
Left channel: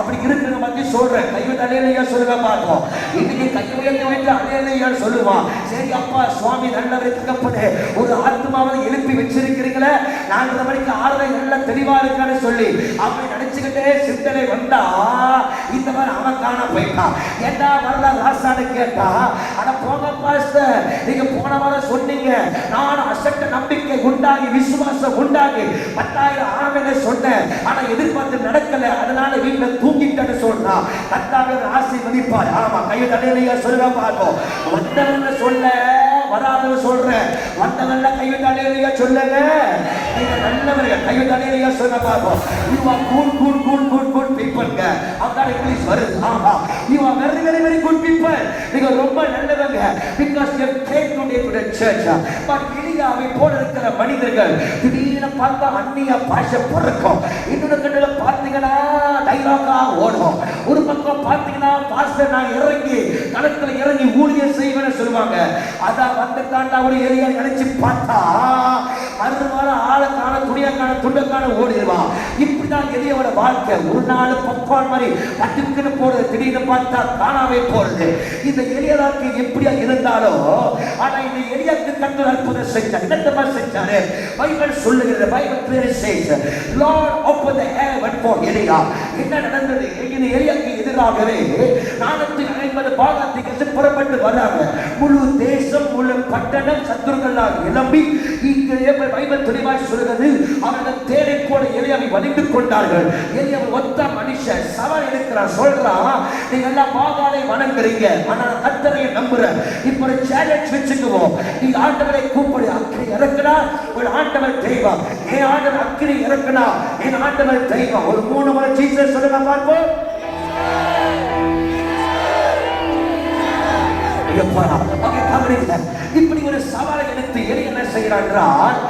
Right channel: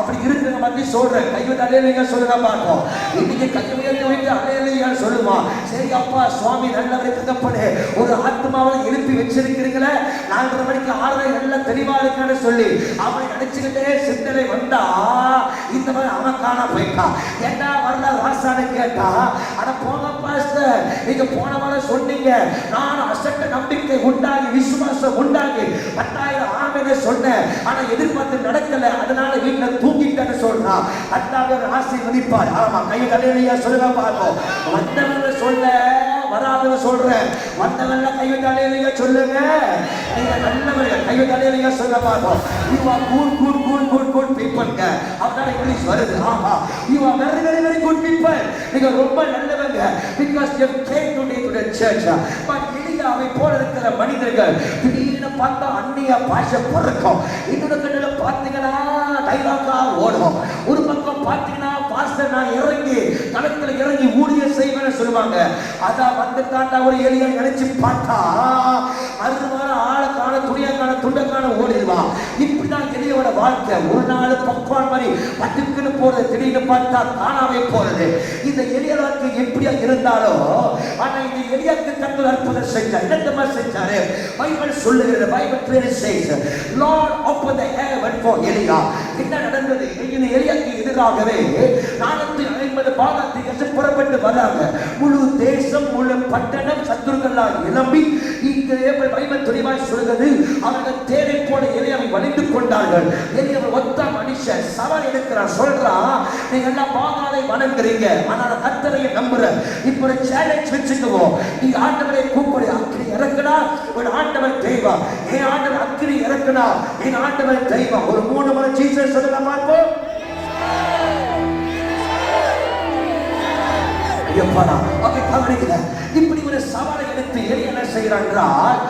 அப்படி இருக்கிற மாதிரி சொல்றேன். கைவிட்டு அலையிலையா சொல்லுங்க பார்ப்போம். இன்னைக்கு கைவிட்டு விட்டு அலையிலையா சொல்லுவான். சரி அப்பா சுவாமி நல்லவரை தகப்பனே, ஒரு ஆத்மாவை எழுப்பி வச்சிருக்கிறீங்களே, 4:30 மணிக்கு 6:30 எல்லாம் தெளிவா இருக்கான்னு சொல்லி அவனை நினைச்சுக்கிட்டே சிந்தனை வந்தா இந்த மாதிரி அவன் காண போயிட்டான். ஏண்டா வரல ராசான்னு கேட்டா, ஆனா போங்க பாஸ்டர், நீங்க போன வாரம் சொன்னீங்க, நான் அசட்ட நம்பிக்கை உண்டாகி விசுவாசம் உண்டாகி 10,000 ஆர்மையில சொன்னேன், ஆனா எதிர்பார்த்து நடக்கல, அதனால வீட்டுல தூங்கிட்டேன்னு சொல்றான். கர்த்தர் ஆசீர்வதிப்பார். ஆமா, கையை தள்ளியா சொல்லுங்க பார்ப்போம். வந்தவங்க சொல்ல, வராதவங்க சொல்றேன். வந்தவங்க கையை தள்ளியா சொல்லுங்க. நீங்க நல்லவர்கள். கையை தலையிலையா சொல்ல பார்ப்போம். You are good people. அதான் இங்கிலீஷ் வருது. ஆமா, you are very good people. நீங்க ரொம்ப நல்லவங்க. Because you came today to the church. But எலியாவை போல இருக்கிற மனிதர்கள் திடீர்னு பார்த்தா அந்நிய பாஷை பறக்கும். இன்னொரு கண்ணுல பார்த்தீங்கன்னா டைலாக்கா ஓடும். ஒரு பக்கம் பார்த்தீங்கன்னா பாஸ்டர் நான் இறங்கி களத்துல இறங்கி ஊழியம் செய்வேன்னு சொல்லுவாங்க. அதான் வந்து தாண்டா ஒரு எலியா நினைச்சு பார்த்தா அடுத்த வாரம் ஆளை காண துணியா காண துண்டை காண ஓடிடுவான். இப்படிதான் எலியோட வாழ்க்கை. ஒரு நாள் பப்பான் மாதிரி பட்டுக்குன்னு போறது, திடீர்னு பார்த்தா காணாமே போறது. இந்த எலிய வாழ்க்கை எப்படியா இருந்தாலும் ஆனா இந்த எலியாக்கு கர்த்தர் அற்புதம் செஞ்சார். என்னமா செஞ்சாரு? பைபிள் சொல்லுகிறது. Bible clearly says Lord opened the heaven for Elia. என்ன நடந்தது? இந்த எலியாக்கு எதிராகவே 450 பாகாதிகள் புறப்பட்டு வராங்க. முழு தேசம் முழு பட்டணம் சத்துருக்களால் எழும்பி இங்கே பைபிள் தெளிவாய் சொல்லுகிறது அவர்கள் தேரை போல எலியாவை வலிந்து கொண்டார்கள். எலியாவை ஒத்த மனுஷன் சவால் எடுக்கிறான். சொல்றான் நீங்க எல்லாம் பாகாலை வணங்குறீங்க, ஆனா கர்த்தரை நம்புற. இப்போ ஒரு சேலஞ்ச் வச்சுக்குவோம். நீ ஆண்டவரை கூப்பிடு, அக்கினி இறக்குனா ஒரு ஆண்டவர் தெய்வம். என் ஆண்டவர் அக்கினி இறக்குனா என் ஆண்டவர் தெய்வம். ஒரு 3 முறை ஜீசஸ் சொல்லுங்க பார்ப்போம். எப்படா அங்கே கவனிக்கல. இப்படி ஒரு சவாலை எடுத்து எலியா என்ன செய்கிறான் என்றால்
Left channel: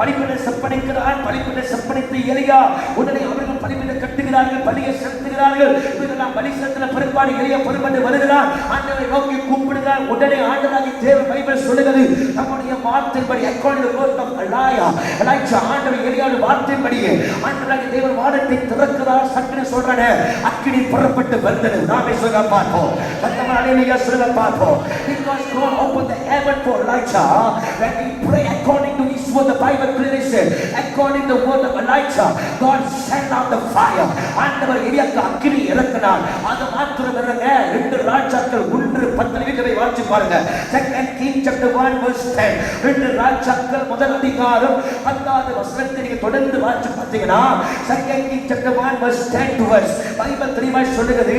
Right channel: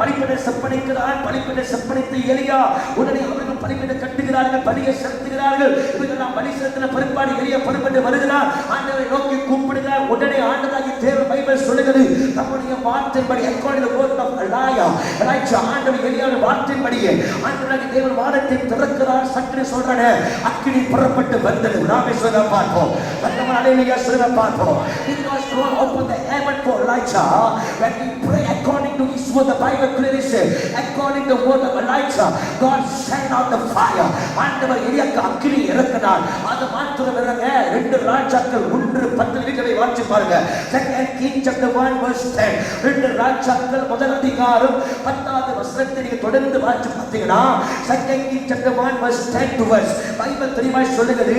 பலிபீட செப்பனிக்கிறான். பலிபீட செப்பனித்து எலியா உடனே அவர்கள் பலிபீட கட்டுகிறார்கள், பலியை செலுத்துகிறார்கள். இதெல்லாம் பலி செலுத்தின பிற்பாடு எலியா புறப்பட்டு வருகிறான். ஆண்டவரை நோக்கி கூப்பிடுகிறார். உடனே ஆண்டவராகிய தேவன் பைபிள் சொல்லுகிறது தம்முடைய வார்த்தைப்படி according to the word of Elijah ஆண்டவர் எலியாவின் வார்த்தைப்படியே ஆண்டவராகிய தேவன் வானத்தை திறக்கிறார். சக்கினி சொல்றானே அக்கினி புறப்பட்டு வந்தது. நாமே சொல்ல பார்த்தோம். நம்ம அலையிலேயே சொல்ல பார்த்தோம். Because God opened the heaven for Elijah. When we pray according to his word, the Bible clearly says according to the word of Elijah God sent out the fire. ஆண்டவர் எலியாக்கு அக்கினி இறக்கினார். அது மாத்திரமல்ல 2 ராஜாக்கள் 1:10 வீட்டை வாசி பாருங்க. 2 Kings chapter 1 verse 10. 2 ராஜாக்கள் முதல் அதிகாரம் 10வது வசனத்தை நீங்க தொடர்ந்து வாசி பார்த்தீங்கன்னா 2 Kings chapter 1 verse 10 to verse Bible தெளிவாய் சொல்லுகிறது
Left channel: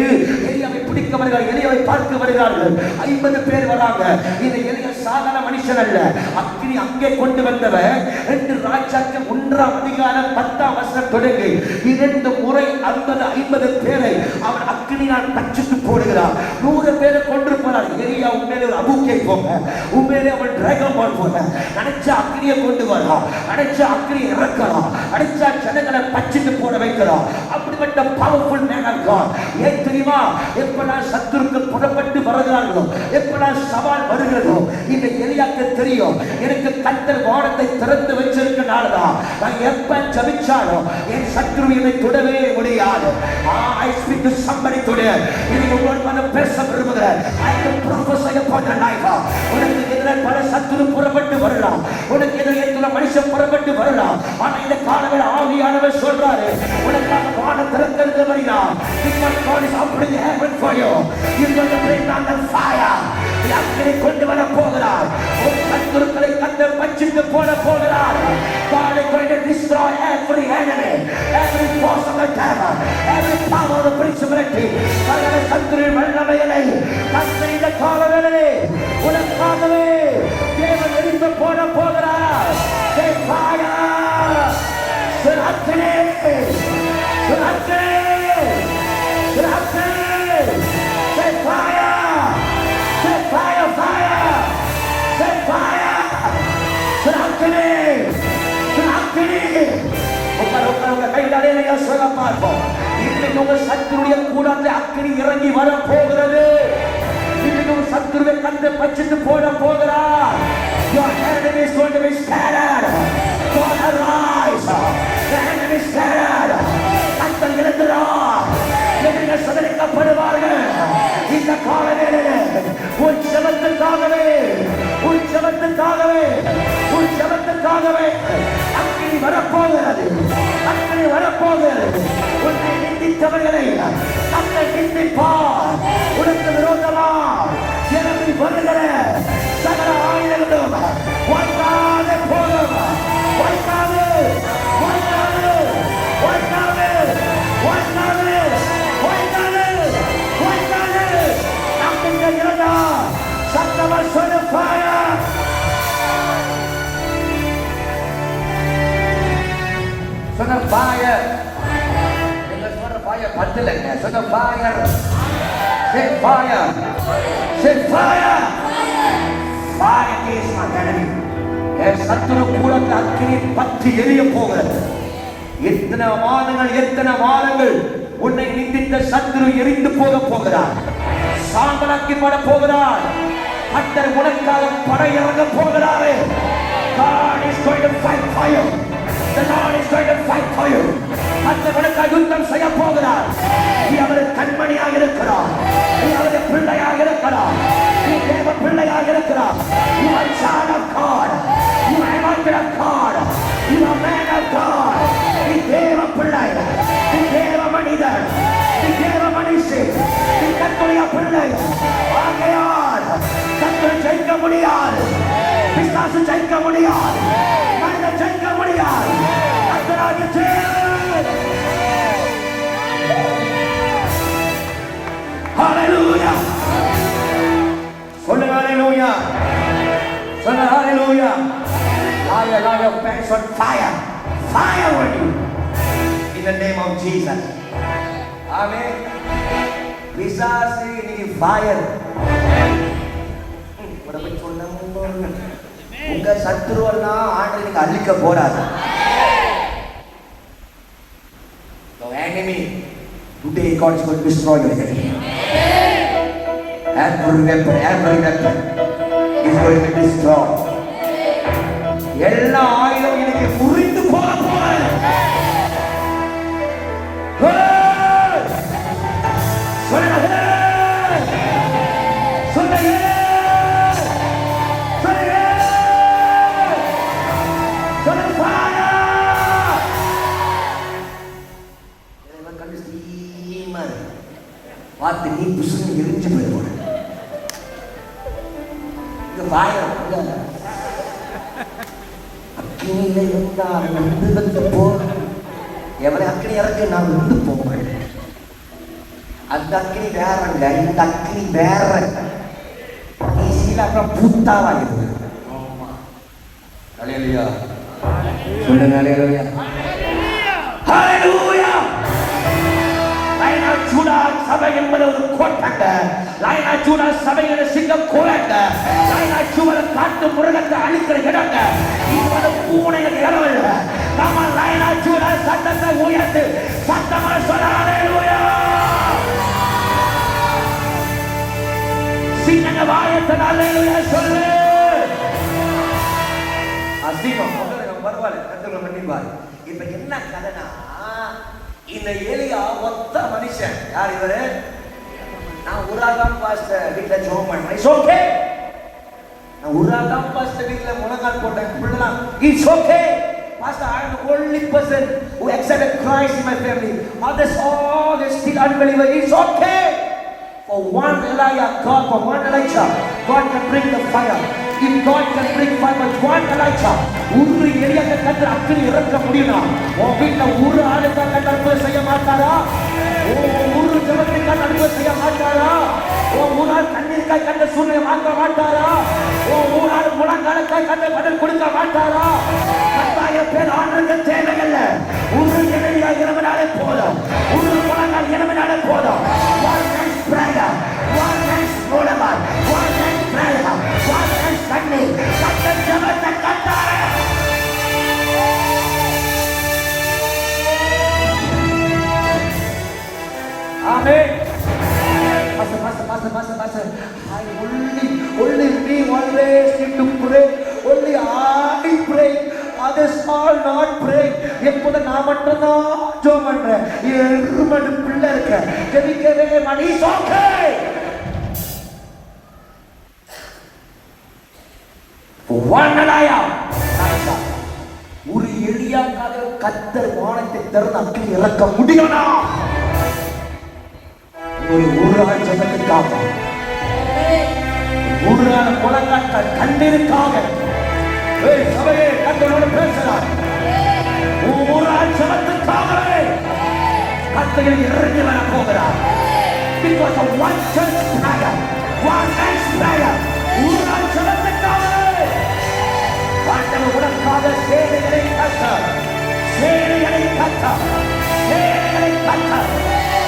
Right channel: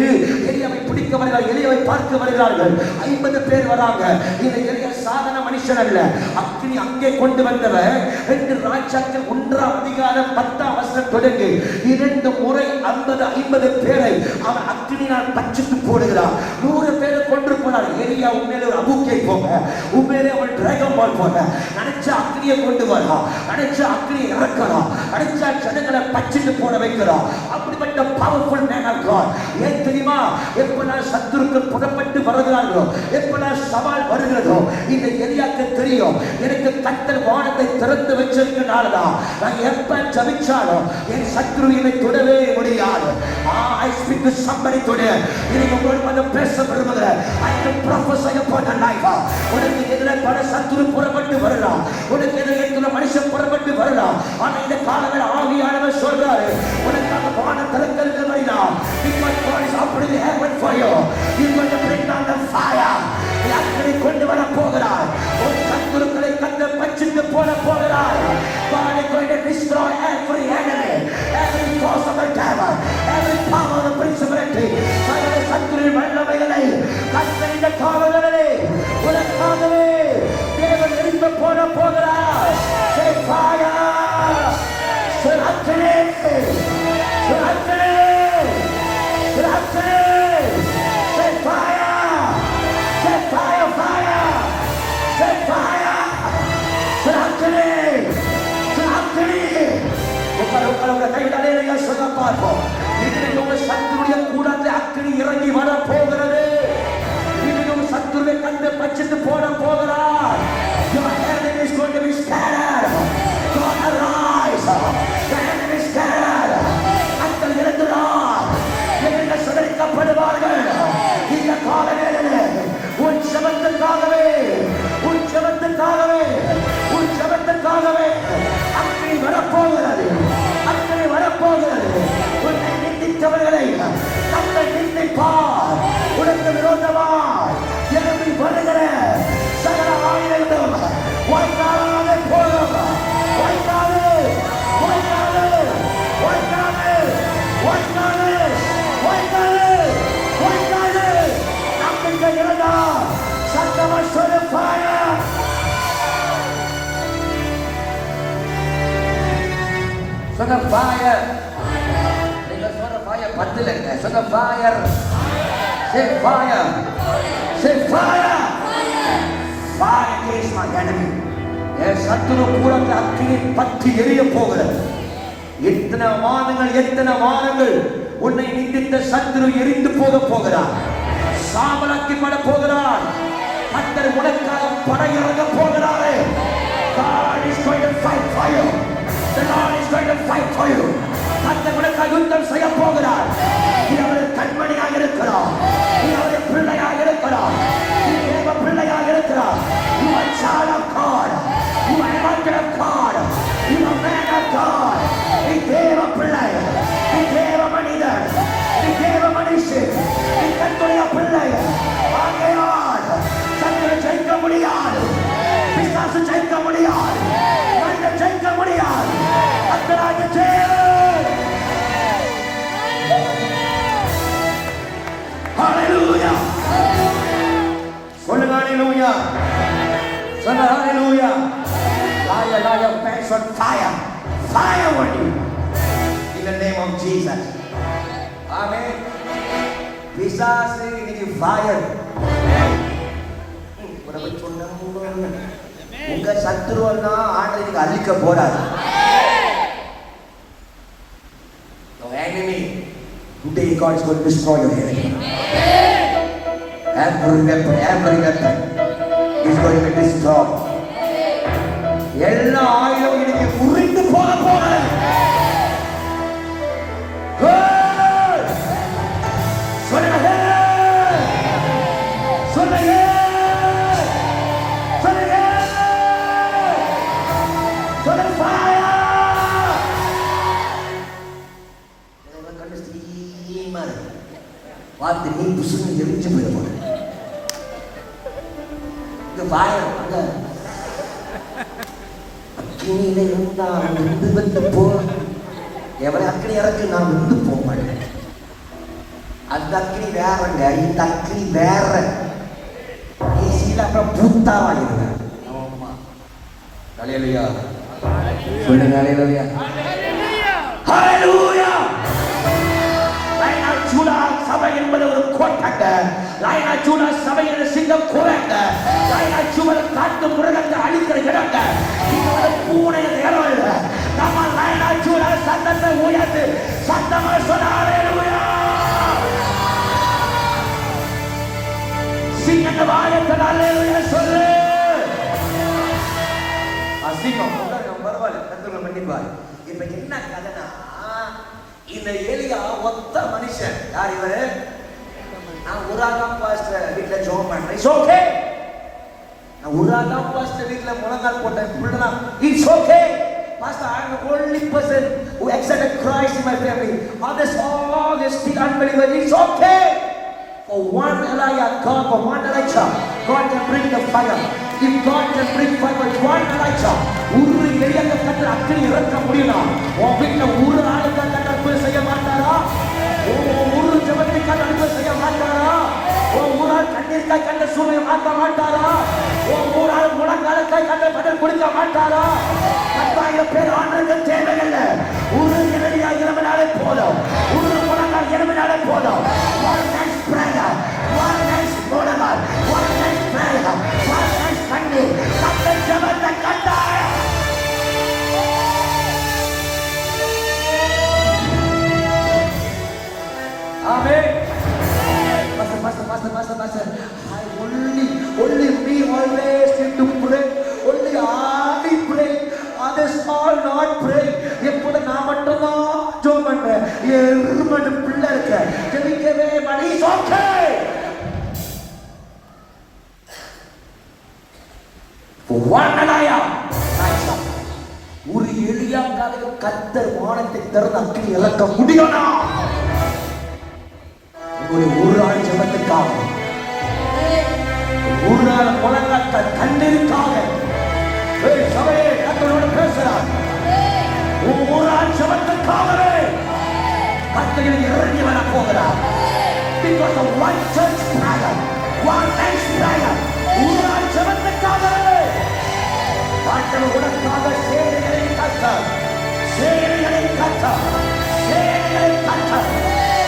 எலியாவை பிடிக்க வருகிறார்கள், எலியாவை பார்க்க வருகிறார்கள். 50 பேர் வராங்க. இந்த எலியா சாதாரண மனுஷன் அல்ல, அக்கினி அங்கே கொண்டு வந்தவர். 2 ராஜாக்கள் 1ஆம் அதிகாரம் 10ஆம் வசனம் தொடங்கி 2 முறை 50 பேரை அவன் அக்கினியால் பட்சித்து போடுகிறான். 100 பேரை கொன்று போனார். எலியா உண்மையிலே ஒரு அபூக்கை போங்க, உண்மையிலே அவன் டிராகன் பால் போங்க. நினைச்சா அக்கினியை கொண்டு வரலாம், நினைச்சா அக்கினியை இறக்கலாம், நினைச்சா ஜனங்களை பட்சித்து போட வைக்கலாம். அப்படிப்பட்ட பவர்ஃபுல் மேன் ஆஃப் காட். ஏன் தெரியுமா? எப்பெல்லாம் சத்துருக்கள் புறப்பட்டு வருகிறார்களோ, எப்பெல்லாம் சவால் வருகிறதோ, இந்த எலியாக்கு தெரியும் எனக்கு கர்த்தர் வானத்தை திறந்து வச்சிருக்கனாலதான் நான் எப்ப ஜெபிச்சாலும் என் சத்துரு என்னை தொடவே முடியாது. I speak to somebody today. இன்னைக்கு உங்களோட பேச விரும்புகிறேன். I can prophesy upon your life. உனக்கு எதிராக பல சத்துரு புறப்பட்டு வரலாம், உனக்கு எதிராக மனுஷன் புறப்பட்டு வரலாம். ஆனா இந்த காலவேளை ஆவியானவர் சொல்றாரு உனக்காக வானம் திறக்கிறது வருகிறார். Because God is opening the heaven for you. You are going to bring down the fire. அக்கினி கொண்டு வர போகிறார். ஒரு சத்துருக்களை கர்த்தர் பட்சித்து போட போகிறார். God is going to destroy every enemy, every force of the devil, every power of the principality. சகல சத்துருவின் வல்லமைகளை கர்த்தர் இந்த காலவேளையிலே உனக்காகவே தேவன் எரிந்து போட போகிறார். Say fire! Say அக்கினி! Say அக்கினி! Say அக்கினி! Say fire! Say fire! Fire! Say fire! Say அக்கினி! Say அக்கினி! உங்க கையிலே சொல்ல பார்ப்போம். இன்னைக்கு உங்க சத்துருடைய கூடத்தில் அக்கினி இறங்கி வர போகிறது. இன்னைக்கு உங்க சத்துருவை கண்டு பட்சித்து போட போகிறார். Your enemy is going to be scattered. God arise. The enemy is scattered. கர்த்தர் எழுந்துறார். எதிரிகள் சிதறடிக்கப்படுவார்கள். இந்த காலவேளையிலே உன் ஜெபத்துக்காகவே அக்கினி வரப்போகிறது. அக்கினி வரப்போகிறது. உன்னை நிந்தித்தவர்களை அக்கினி நிந்திப்பார். உனக்கு விரோதமாய் எழும்பி வருகிற சகல ஆயுதங்களும் ஒன்றாக போகும். fire. நீங்க சொன்ன fire பத்தலைங்க. சொன்ன fire. Say fire. Say fire. Fire is my enemy. என் சத்துரு கூடத்தில் அக்கினி பற்றி எரிய போகிறது. எத்தனை மாதங்கள் உன்னை நிந்தித்த சத்துரு எரிந்து போகிறார். சாம்பலாக்கப்பட போகிறார். கர்த்தர் உனக்காக படையிறங்க போகிறாரே. God is going to fight for you. The Lord is going to fight for you. கர்த்தர் உனக்காக யுத்தம் செய்ய போகிறார். நீ அவருடைய கண்மணியாக இருக்கிறார். நீ அவருடைய பிள்ளையாக இருக்கிறார். நீ தேவ பிள்ளையாக இருக்கிறார். You are a child of God. You are anointed of God. You are man of God. நீ தேவ பிள்ளை. நீ தேவ மனிதன். நீ தேவ மனுஷன். நீ கர்த்தருடைய பிள்ளை. ஆகையால் சத்துரு ஜெயிக்க முடியாது. பிசாசு ஜெயிக்க முடியாது. மனிதன் ஜெயிக்க முடியாது. கர்த்தராகிய தேவன். ஹalleluya. சொன்ன ஹalleluya. சொன்ன ஹalleluya. Liar, pants on fire. Fire on you. In the name of Jesus. Amen. பிசாசு இன்னைக்கு fire. உங்க சத்துருவெல்லாம் ஆண்டவர் இன்னைக்கு அழிக்க போறார். Your enemy today God is going to destroy your enemy. Every weapon is going to destroy. எல்லா ஆயுதம் இன்னைக்கு முறிந்து போக போகுது. பார்த்து நீ புசுன்னு எரிஞ்சு போயிடுவோம். இது வாயம் அக்கினியில இருந்தா நந்து வந்த போக எவரை அக்கினி இறக்க நான் வந்து போக மாட்டேன். அந்த அக்கினி வேறங்க, இந்த அக்கினி வேற. நீ சீல அப்புறம் புத்தாவா இருந்த. ஹalleluya. சொல்லுங்க ஹalleluya. ஹalleluya. லைனா ஜூடா சபை என்பது ஒரு கோட்டங்க. லைனா ஜூடா சபையோட சிங்கம் கோட்டங்க. லைனா ஜூடா காட்டு முருகத்தை அழிக்கிற இடங்க. இது பூனைய இடம் இல்ல. நம்ம லைனா ஜூடா சத்தத்தை உயர்த்து சத்தமா சொல்ல ஹalleluya. சிங்கங்க வாயத்தை ஹalleluya சொல்லு. அசிங்கம் பரவாயில்ல, கர்த்தர் மன்னிப்பார். இப்ப என்ன கதைனா, இந்த எலியா ஒத்த மனுஷன். யார் இவரு? நான் உராகாம் பாஸ்டர் வீட்டுல ஜோம் பண்றேன். It's okay. நான் உராகாம் பாஸ்டர் வீட்டுல முழங்கால் போட்டேன். புள்ளலாம் it's okay. Pastor, I am the only person who accepted Christ in my family. Others all they still unbelievers. It's okay. For one Elijah, God can bring the fire. If God can bring fire for one Elijah, ஒரு எலியை கட்ட அக்கினி இறக்க முடியுமா? உன் வீட்டுல ஒரு ஆளுக்கு அற்புதம் செய்ய மாட்டாரா? ஒரு ஜபத்துக்கு அற்புதம் செய்ய மாட்டாரா? ஒரு ஆள் கண்ணீருக்காய் கண்ட சூழ்நிலை மாற்ற மாட்டாரா? ஒரு ஆள் முழங்காலுக்காய் கண்ட பதில் கொடுக்க மாட்டாரா? 10,000 பேர் ஆண்டுக்கு தேவையில்லை. ஒரு எதிரியா இரவினாலே போதும். ஒரு முழங்கால் இரவினாலே போதும். One nice prayer, one nice prayer, one nice prayer, one nice கண்ணீர். அந்த ஜபத்தை கட்டாய. Amen. Pastor. Only me always need to pray. Only I pray. Others are not praying. எப்போது நான் மட்டும்தான் ஜெபம் பண்றேன். எருமன் பிள்ளை இருக்க ஜெபிக்கவே மணி ஓகே. வானலாயா ஒரு எலியாக்காக கர்த்தர் வானத்தை திறந்து அக்கினி இறக்க முடியும்னா ஒரு ஆள் ஜெபத்துக்காக, ஒரு நாள் முழங்காட்ட கண்ணீருக்காக சபையே கர்த்தரோடு பேசுகிறார். ஒரு நாள் ஜெபத்துக்காகவே கர்த்தர் இறங்கி வர போகிறார். Because of one church prayer, one man's prayer, ஒரு நாள் ஜெபத்துக்காகவே கர்த்தர் உனக்காக சேவைகளை கர்த்தர் சேனைகளை கர்த்தர், சேனைகளை கர்த்தர்,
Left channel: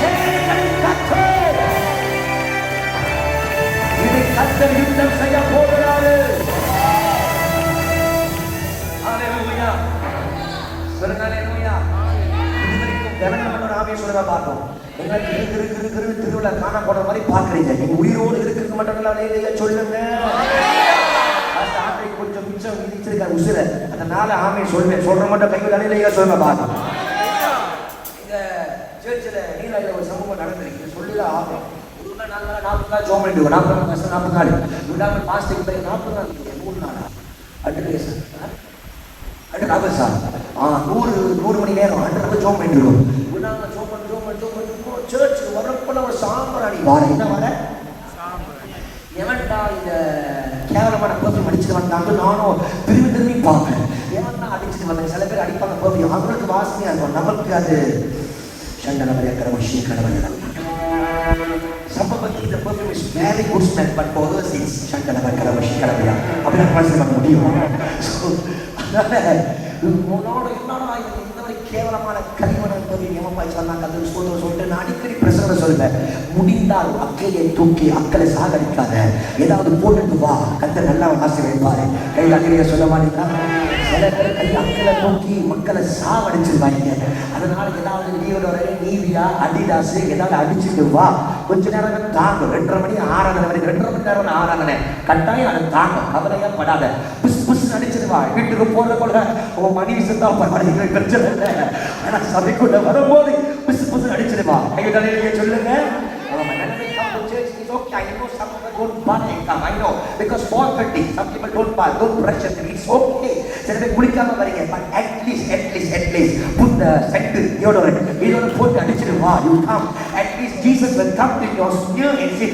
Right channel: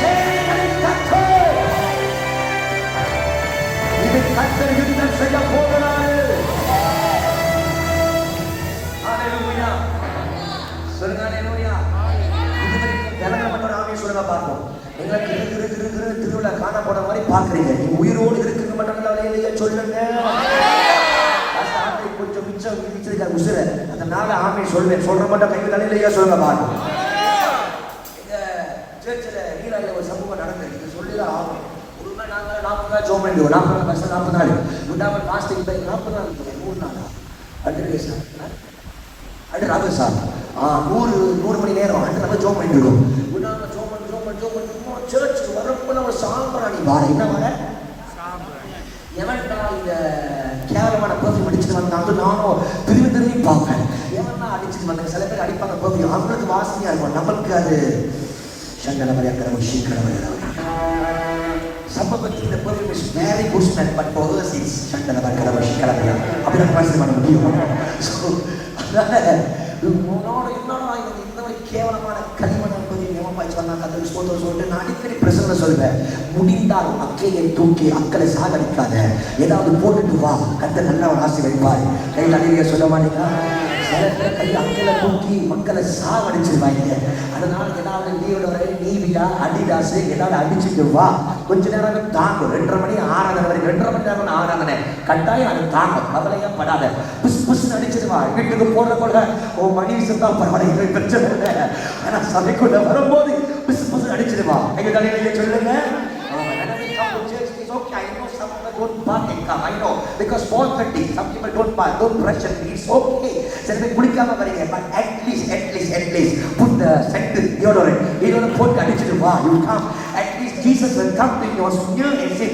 சேனைகளை கர்த்தர். இதை கர்த்தர் யுத்தம் செய்ய போகிறாரு. ஹalleluya. சொல்லுங்க ஹalleluya. இதுவரைக்கும் கனமான ஆவியை சொல்லுங்க பார்ப்போம். நீங்க திருவிழா காண போன மாதிரி பாக்குறீங்க. நீங்க உயிரோடு இருக்கிறது மட்டும் இல்ல, சொல்லுங்க கொஞ்சம் மிச்சம் விதிச்சிருக்காரு உசுர. அதனால ஆமை சொல்வேன், சொல்ற மட்டும் கையில் அலையில சொல்ல பார்க்கணும். எங்க சர்ச்சில் நீராஜில் ஒரு சமூகம் நடந்திருக்கு, சொல்லிதான் ஆகும். உண்மை நாங்கள் 40 நாள் ஜோம் பண்ணிடுவோம். 40 நாள் கஷ்டம், 40 நாள் விடாமல் பாஸ்டிங் போய் 40 நாள் 3 நாளா அன்று சார் அன்று ராகு சார் 100 மணி நேரம் அன்று ராகு ஜோம் பண்ணிடுவோம். விடாமல் ஜோம் பண்ணி சர்ச்சுக்கு வரப்போ ஒரு சாம்பல் அடி வார என்ன வர எவன்டா இந்த கேவலமான பர்ஃபியூம் அடிச்சுட்டு வந்தாங்க. நானும் திரும்பி பார்ப்பேன், எவன்டா அடிச்சுட்டு வந்தேன். சில பேர் அடிப்பாங்க பர்ஃபியூம், அவங்களுக்கு வாசனையா இருக்கும், நமக்கு அது சண்டனவரையா கரமஷி கடவுள் சம்பவத்துக்கு இந்த perfume is very good smell, but for others it's சண்டனவர் கரமஷி கடவுள் அப்படி நான் ட்ரான்ஸ்லேட் பண்ண முடியும். ஸோ அதனால உன்னோட என்னன்னா இந்த மாதிரி கேவலமான களிமணம் பர்ஃபியூம் எவன் சொன்னாங்க அது சொல்லிட்டு நான் அடிக்கடி பிரசங்க சொல்லுவேன். முடிந்தால் அக்கையை தூக்கி அக்களை சாகடிக்காத, ஏதாவது போட்டுட்டு வா, கத்த நல்லா ஆசை வைப்பாரு. கையில் அலையில சொல்ல மாட்டீங்களா? சில பேர் கை அக்களை தூக்கி மக்களை சாவடிச்சிருவாங்க. அதனால ஏதாவது நீயோட நீவியா அடிடாசு ஏதாவது அடிச்சுட்டு வா, கொஞ்ச நேரம் தாங்கும். 2:30 மணி ஆராதனை வரைக்கும் 2:30 மணி நேரம் ஆராதனை கட்டாயம் அது தாங்கும், கவலையா படாத. புஸ் புஸ் அடிச்சுட்டு வா. வீட்டுக்கு போறதுக்குள்ள உன் மனைவி சுத்தா பரவாயில்லை, பிரச்சனை இல்லை. ஆனா சபைக்குள்ள வரும்போது புஸ் புஸ் அடிச்சுட்டு வா. கையில் அலையில சொல்லுங்க. I know some people don't bath and come. I know because 4:30 some people don't bath, don't brush and it's okay. சில பேர் குளிக்காம வரீங்க, but at least put the scent deodorant. Deodorant போட்டு அடிச்சிட்டு வா. You come. At least Jesus will come to your smear and say,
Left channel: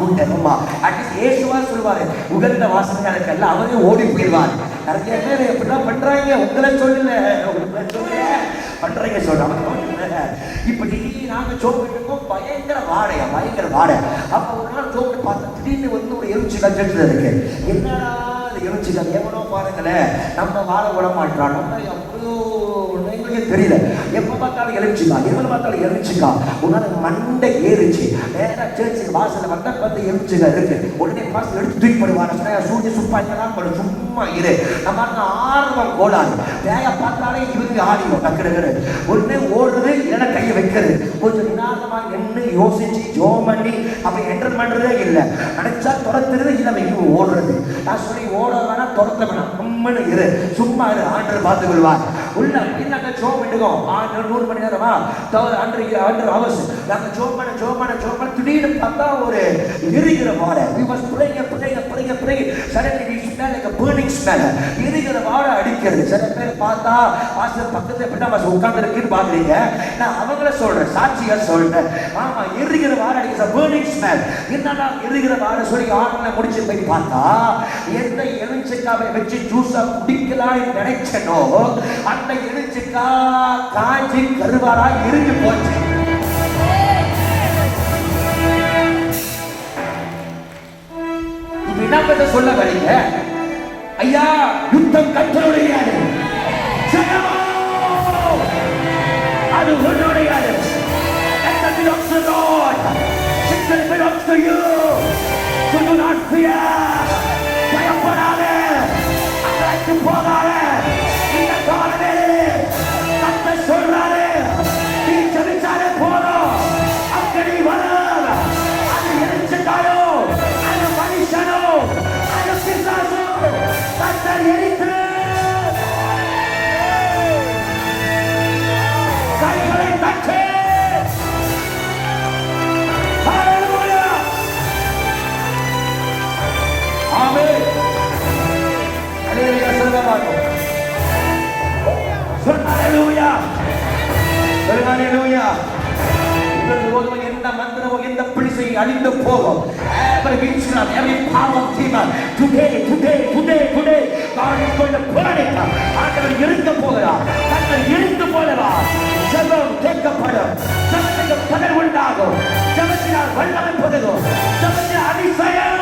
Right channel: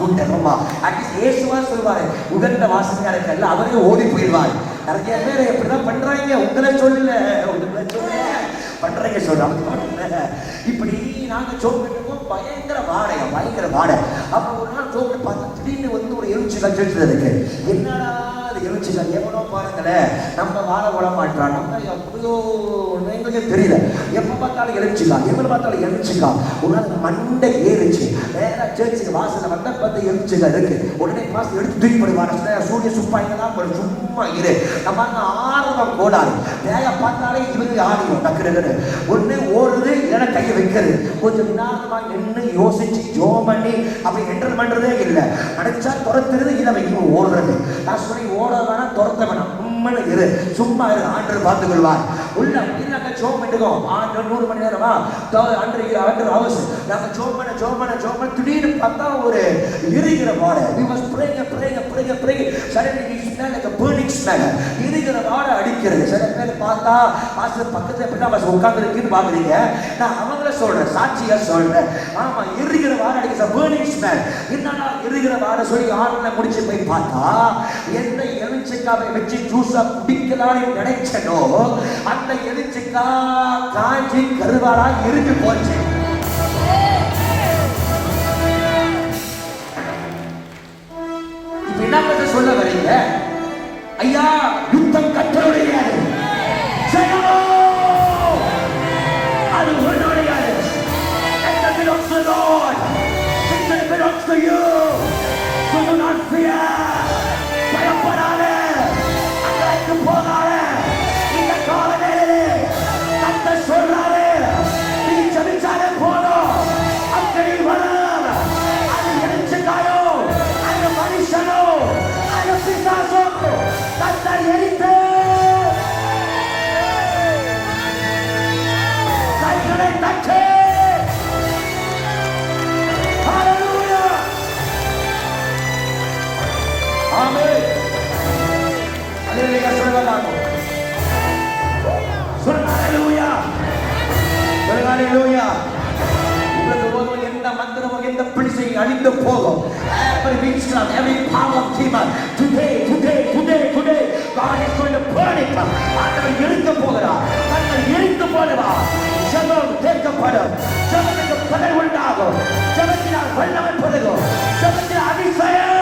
good aroma. At least இயேசுவா சொல்வாரு, உகந்த வாசனையா இருக்கல்ல, அவரே ஓடி போயிடுவார். நிறைய பேர் இப்படிதான் பண்றாங்க. உங்களை சொல்லல, பண்றீங்க சொல்றாங்க. இப்படி நாங்க சோப்பிட்டுக்கோம், பயங்கர வாடை. அப்ப ஒரு நாள் சோப்பு பார்த்து திடீர்னு வந்து ஒரு எரிச்சுக்கால் செலுத்து இருக்கு. என்னடா அது எரிச்சுக்கால், எவனோ பாருங்களேன் நம்ம வாழ விட மாட்டான். நம்ம எங்களுக்கு தெரியல, எப்ப பார்த்தாலும் எரிச்சுக்கா. ஒரு நாள் மண்டை ஏறிச்சு. நேரா சர்ச்சுக்கு வாசல வந்தா பார்த்து எரிச்சுக்கா இருக்கு. உடனே பாஸ் எடுத்து தூக்கி போடுவாங்க. சூரிய சுப்பாய்க்கலாம் சும்மா இரு. நம்ம ஆர்வம் கோளாறு வேக பார்த்தாலே இவருக்கு ஆடிடும். டக்குனு உடனே ஓடுறது, இல்லைன்னா கையை வைக்கிறது. கொஞ்சம் நிதானமா நின்று யோசிச்சு ஜோம் பண்ணி அப்ப என்டர் பண்றதே இல்லை. நினைச்சா துரத்துறது, இல்லை வைக்க ஓடுறது. நான் சொல்லி ஓட வேணாம், துரத்த வேணாம், உண்மைன்னு இரு, சும்மா இரு, ஆண்டர் பார்த்துக் கொள்வார். உள்ள இல்லைங்க ஜோம் பண்ணிக்கோ. 100 மணி நேரமா ஆண்டர் அவர்ஸ் நாங்க ஜோம் பண்ண திடீர்னு பார்த்தா ஒரு எரிகிற வாடை. we was praying. suddenly we smell like a burning smell. எரிகிற வாடை அடிக்கிறது. சில பேர் பார்த்தா பாஸ்டர் பக்கத்துல பின்னாடி உட்கார்ந்து இருக்குன்னு பாக்குறீங்க. நான் அவங்கள சொல்றேன், சாட்சியா சொல்றேன். ஆமா, எரிகிற வாடை அடிக்கிற burning smell. என்னன்னா எரிகிற வாடை சொல்லி ஆன்லைன்ல முடிச்சு போய் பார்த்தா எந்த எலுமிச்சைக்காவை வச்சு ஜூஸா குடிக்கலாம்னு நினைச்சனோ அந்த எலுமிச்சைக்கா காய்ச்சி கருவாடா எரிஞ்சு போச்சு. இப்ப என்ன சொல்ல வரீங்க? ஐயா, யுத்தம் கற்றுடையாது, அது உன்னுடையது. அழிந்து போகும். Every witchcraft, every power of demon, today, God is going to burn it. ஆண்டவர் எரிக்க போகிறார். கர்த்தர் எரித்து போடுவார். ஜெபம் கேட்கப்படும். ஜெபத்தில் பலன் உண்டாகும். ஜெபத்தினால் வல்லமை பெருகும். ஜெபத்தில் அதிசயம்.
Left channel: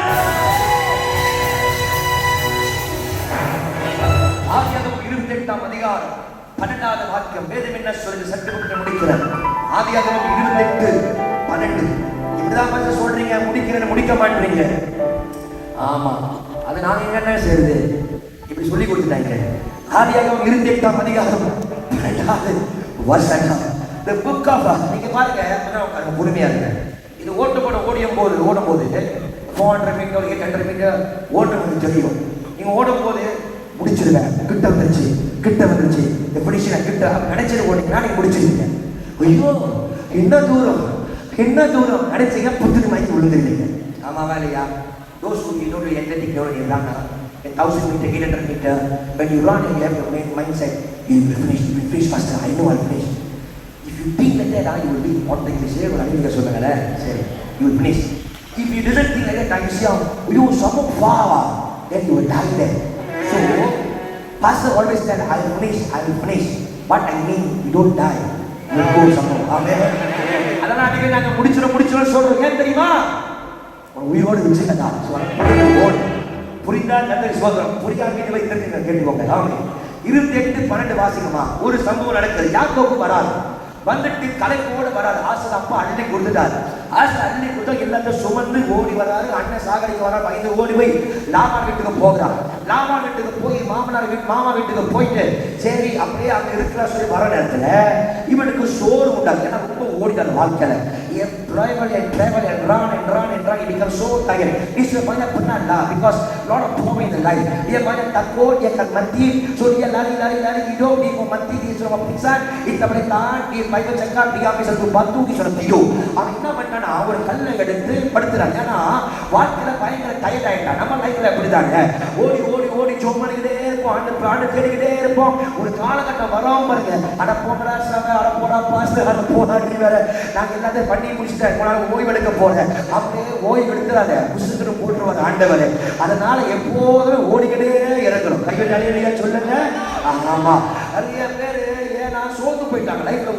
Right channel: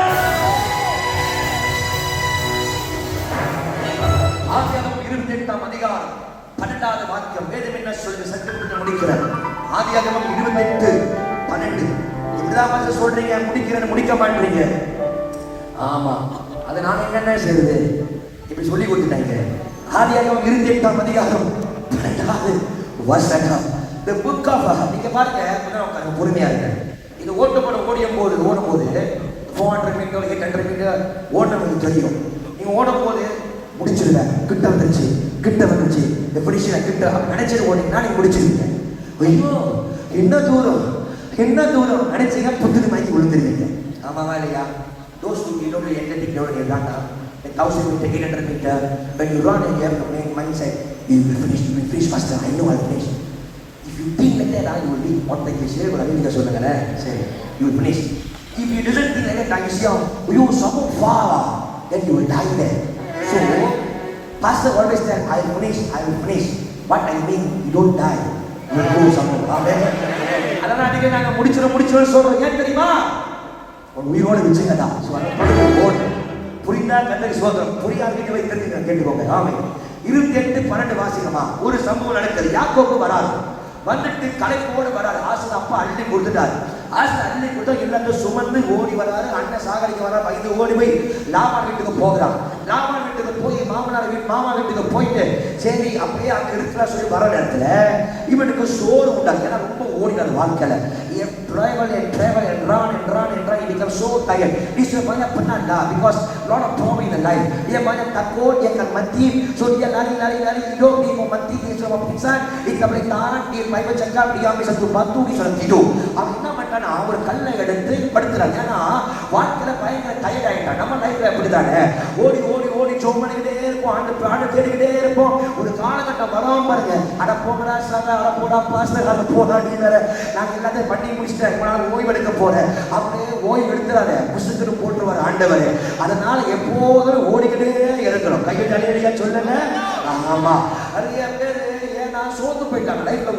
ஆதியாகமம் 28 அதிகாரம் 12வது முடிக்கிறேன். ஆதியாகமம் 28:12. இப்படிதான் சொல்றீங்க, முடிக்கிறேன்னு முடிக்க மாட்டீங்க. ஆமா, அதை நான் என்ன செய்யுது இப்படி சொல்லி கொடுத்துட்டாங்க. ஆதியாகமம் 28ஆம் அதிகாரம் 12வது வசனம். The book of, நீங்க பாருங்க, பொறுமையா இருங்க. இது ஓடும்போது 400 மீட்டர் 800 மீட்டர் ஓடும்போது தெரியும். நீங்க ஓடும் போது முடிச்சிருங்க, கிட்ட வந்துருச்சு எப்படி கிட்ட நினைச்சது ஓடிங்கன்னா நீங்க முடிச்சிருவீங்க. ஐயோ என்ன தூரம் நினைச்சீங்க, புத்துக்கு மயக்கி விழுந்துருவீங்க. ஆமாவா இல்லையா? Those who you know the athletic level in run 1000 meter 800 meter, when you run you have to make mindset, you will finish faster. I know I'll finish. If you think like that, you will be what like this level நீங்க சொல்லுங்க. சரி, you will finish. If you didn't think like that, you see you so far, then you will die there. So pastor always tell, I will finish. What I mean, you don't die, you will go somewhere. Amen. அதனால நீங்க நாங்க முடிச்சிரோம் சொல்றோம். ஏன் தெரியுமா? உயிரோடு விஜயதா புரிந்தால் கர்த்தருக்கு ஸ்தோத்திரம், புரியாம வீட்டு வைத்திருக்கீங்க கேட்டுக்கோங்க. ஆமென். 28:12 வாசிக்கமா. ஒரு சம்பவம் நடக்குது. யாக்கோபு வராரு, வந்துட்டு களைப்போடு வராரு. ஆசர் அப்பா அள்ளி கொடுத்துட்டாரு. ஆசர் அள்ளி கொடுத்தா எல்லாத்தையும் சுமந்து ஓடி வராரு. அண்ணன் சாகரிக்கு வர பயந்து ஓடி போய் லாபான் வீட்டுக்கு போகிறான். லாபான் வீட்டுக்கு போய் மாமா வீட்டுக்கு போயிட்டு சரி அப்படியே அங்க இருக்கிற சொல்லி வர நேரத்துல இவனுக்கு சோறு உண்டாது. ஏன்னா ரொம்ப ஓடினார் வாழ்க்கையில. travel and run. He becomes so tired. He's so banyak penat lah because lot of problem in the life. Dia banyak takut, dia akan mati. So dia lari hidup, dia mau mati, dia suruh pingsan. Dia tak boleh tahan. Dia Bible cakap dia ambil satu batu, dia suruh tidur. அவன் என்ன பண்ணானா, ஒரு கல்லை எடுத்து படுத்துறான். ஏன்னா வாழ்க்கையில பயங்கர tired ஆயிட்டான். நம்ம லைஃப்ல அப்படிதானே, ஓடி ஜோம் பண்ணிக்கிட்டே இருப்போம், ஆண்டு தேடிக்கிட்டே இருப்போம். ஒரு காலகட்டம் வராம பாருங்க, அட போனா சபை, அட போனா பாஸ்டர், அட போனா நீ வேற, நான் எல்லாத்தையும் பண்ணி முடிச்சுட்டேன், ஓய்வு எடுக்க போறேன். அப்படியே ஓய்வு எடுத்துறாத, புசுக்கு போட்டுருவார் ஆண்டவர். அதனால எப்போதும் ஓடிக்கிட்டே இருக்கணும். கையை அலையிலையா சொல்லுங்க. ஆமா, நிறைய பேரு ஏன்னா சோர்ந்து போயிட்டாங்க, லைஃப்ல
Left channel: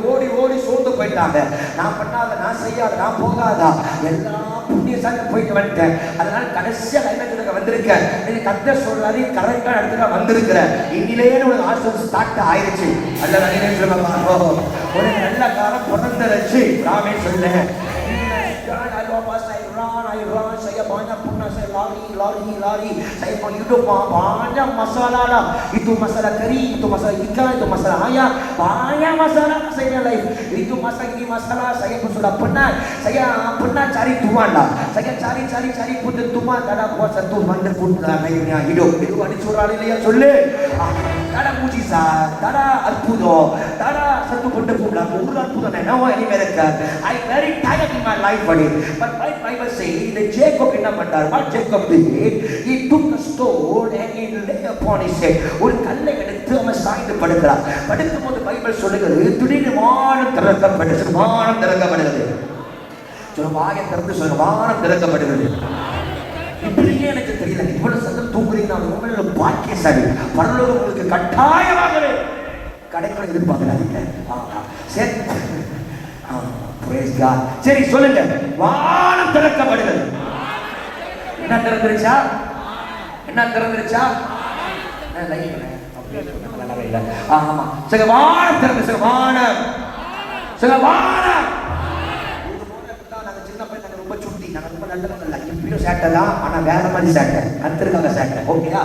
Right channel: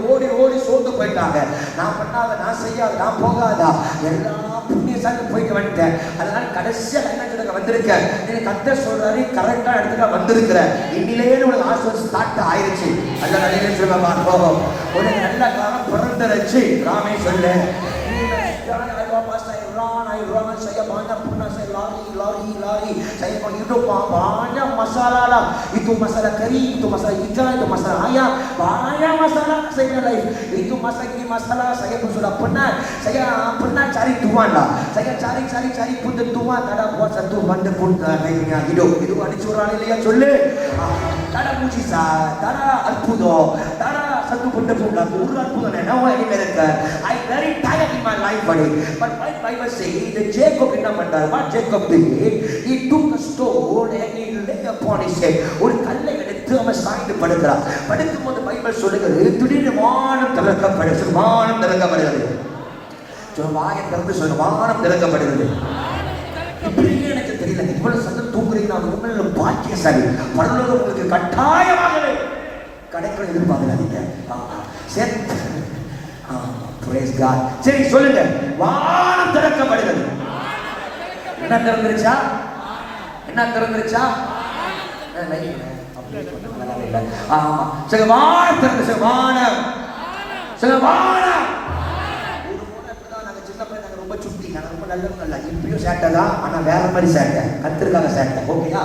ஓடி சோர்ந்து போயிட்டாங்க. நான் பண்ணாத, நான் செய்யாத, நான் போகாதா, எல்லாம் புண்ணிய சாமி போயிட்டு வந்துட்டேன். அதனால கடைசியா லைனத்துக்கு வந்திருக்கேன். நீ கர்த்தர் சொல்றாரு, கரெக்டா இடத்துல வந்திருக்கிற. இன்னிலேயே ஒரு ஆசீர்வாதம் ஸ்டார்ட் ஆயிருச்சு. அல்ல நிறைய சொல்லுவாங்க, ஒரு நல்ல காலம் பிறந்துருச்சு. நாமே சொல்லு, lari saya mau hidup banyak masalah lah. Itu masalah kering, itu masalah ikan, itu masalah ayam, banyak masalah saya life. Itu masalah saya pun sudah pernah. Saya pernah cari Tuhan lah. Saya cari pun Tuhan tak ada buat satu mana pun kayaknya hidup. Itu ada curang lihat soleh. Tak ada mujizat, tak ada alpudo, tak ada satu benda pun dah. Urut pun tak ada. Now any miracle. I very tired in my life, buddy. But Bible say the Jacob என்ன பண்ணார்? What Jacob did? He took a stone and he lay upon his head. ஒரு கல்லை எடுத்து அவன் சாய்ந்து படுக்கிறான். படுக்கும்போது Bible சொல்லுகிறது, திடீர்னு வானம் திறக்கப்படுகிறது. வானம் திறக்கப்படுகிறது. வானம் திறக்கப்படுகிறது. இப்படியே எனக்கு தெரியல, இவ்வளவு சத்தம் தூங்குறீங்க, அது உண்மையில பாக்கியசாலி. பரலோகம் உங்களுக்கு கட்டாயமாகவே கிடைக்கும், எதிர்பார்க்காதீங்க. சரி, praise God. சரி சொல்லுங்க, வானம் திறக்கப்படுகிறது. என்ன திறந்துருச்சா? வானம் திறந்து வானம். சின்ன பையன் ரொம்ப சுட்டி, ரொம்ப நல்ல இப்பயும் சேட்டை தான், ஆனா வேற மாதிரி சேட்டை, கத்திருக்காங்க சேட்டை. ஓகேயா?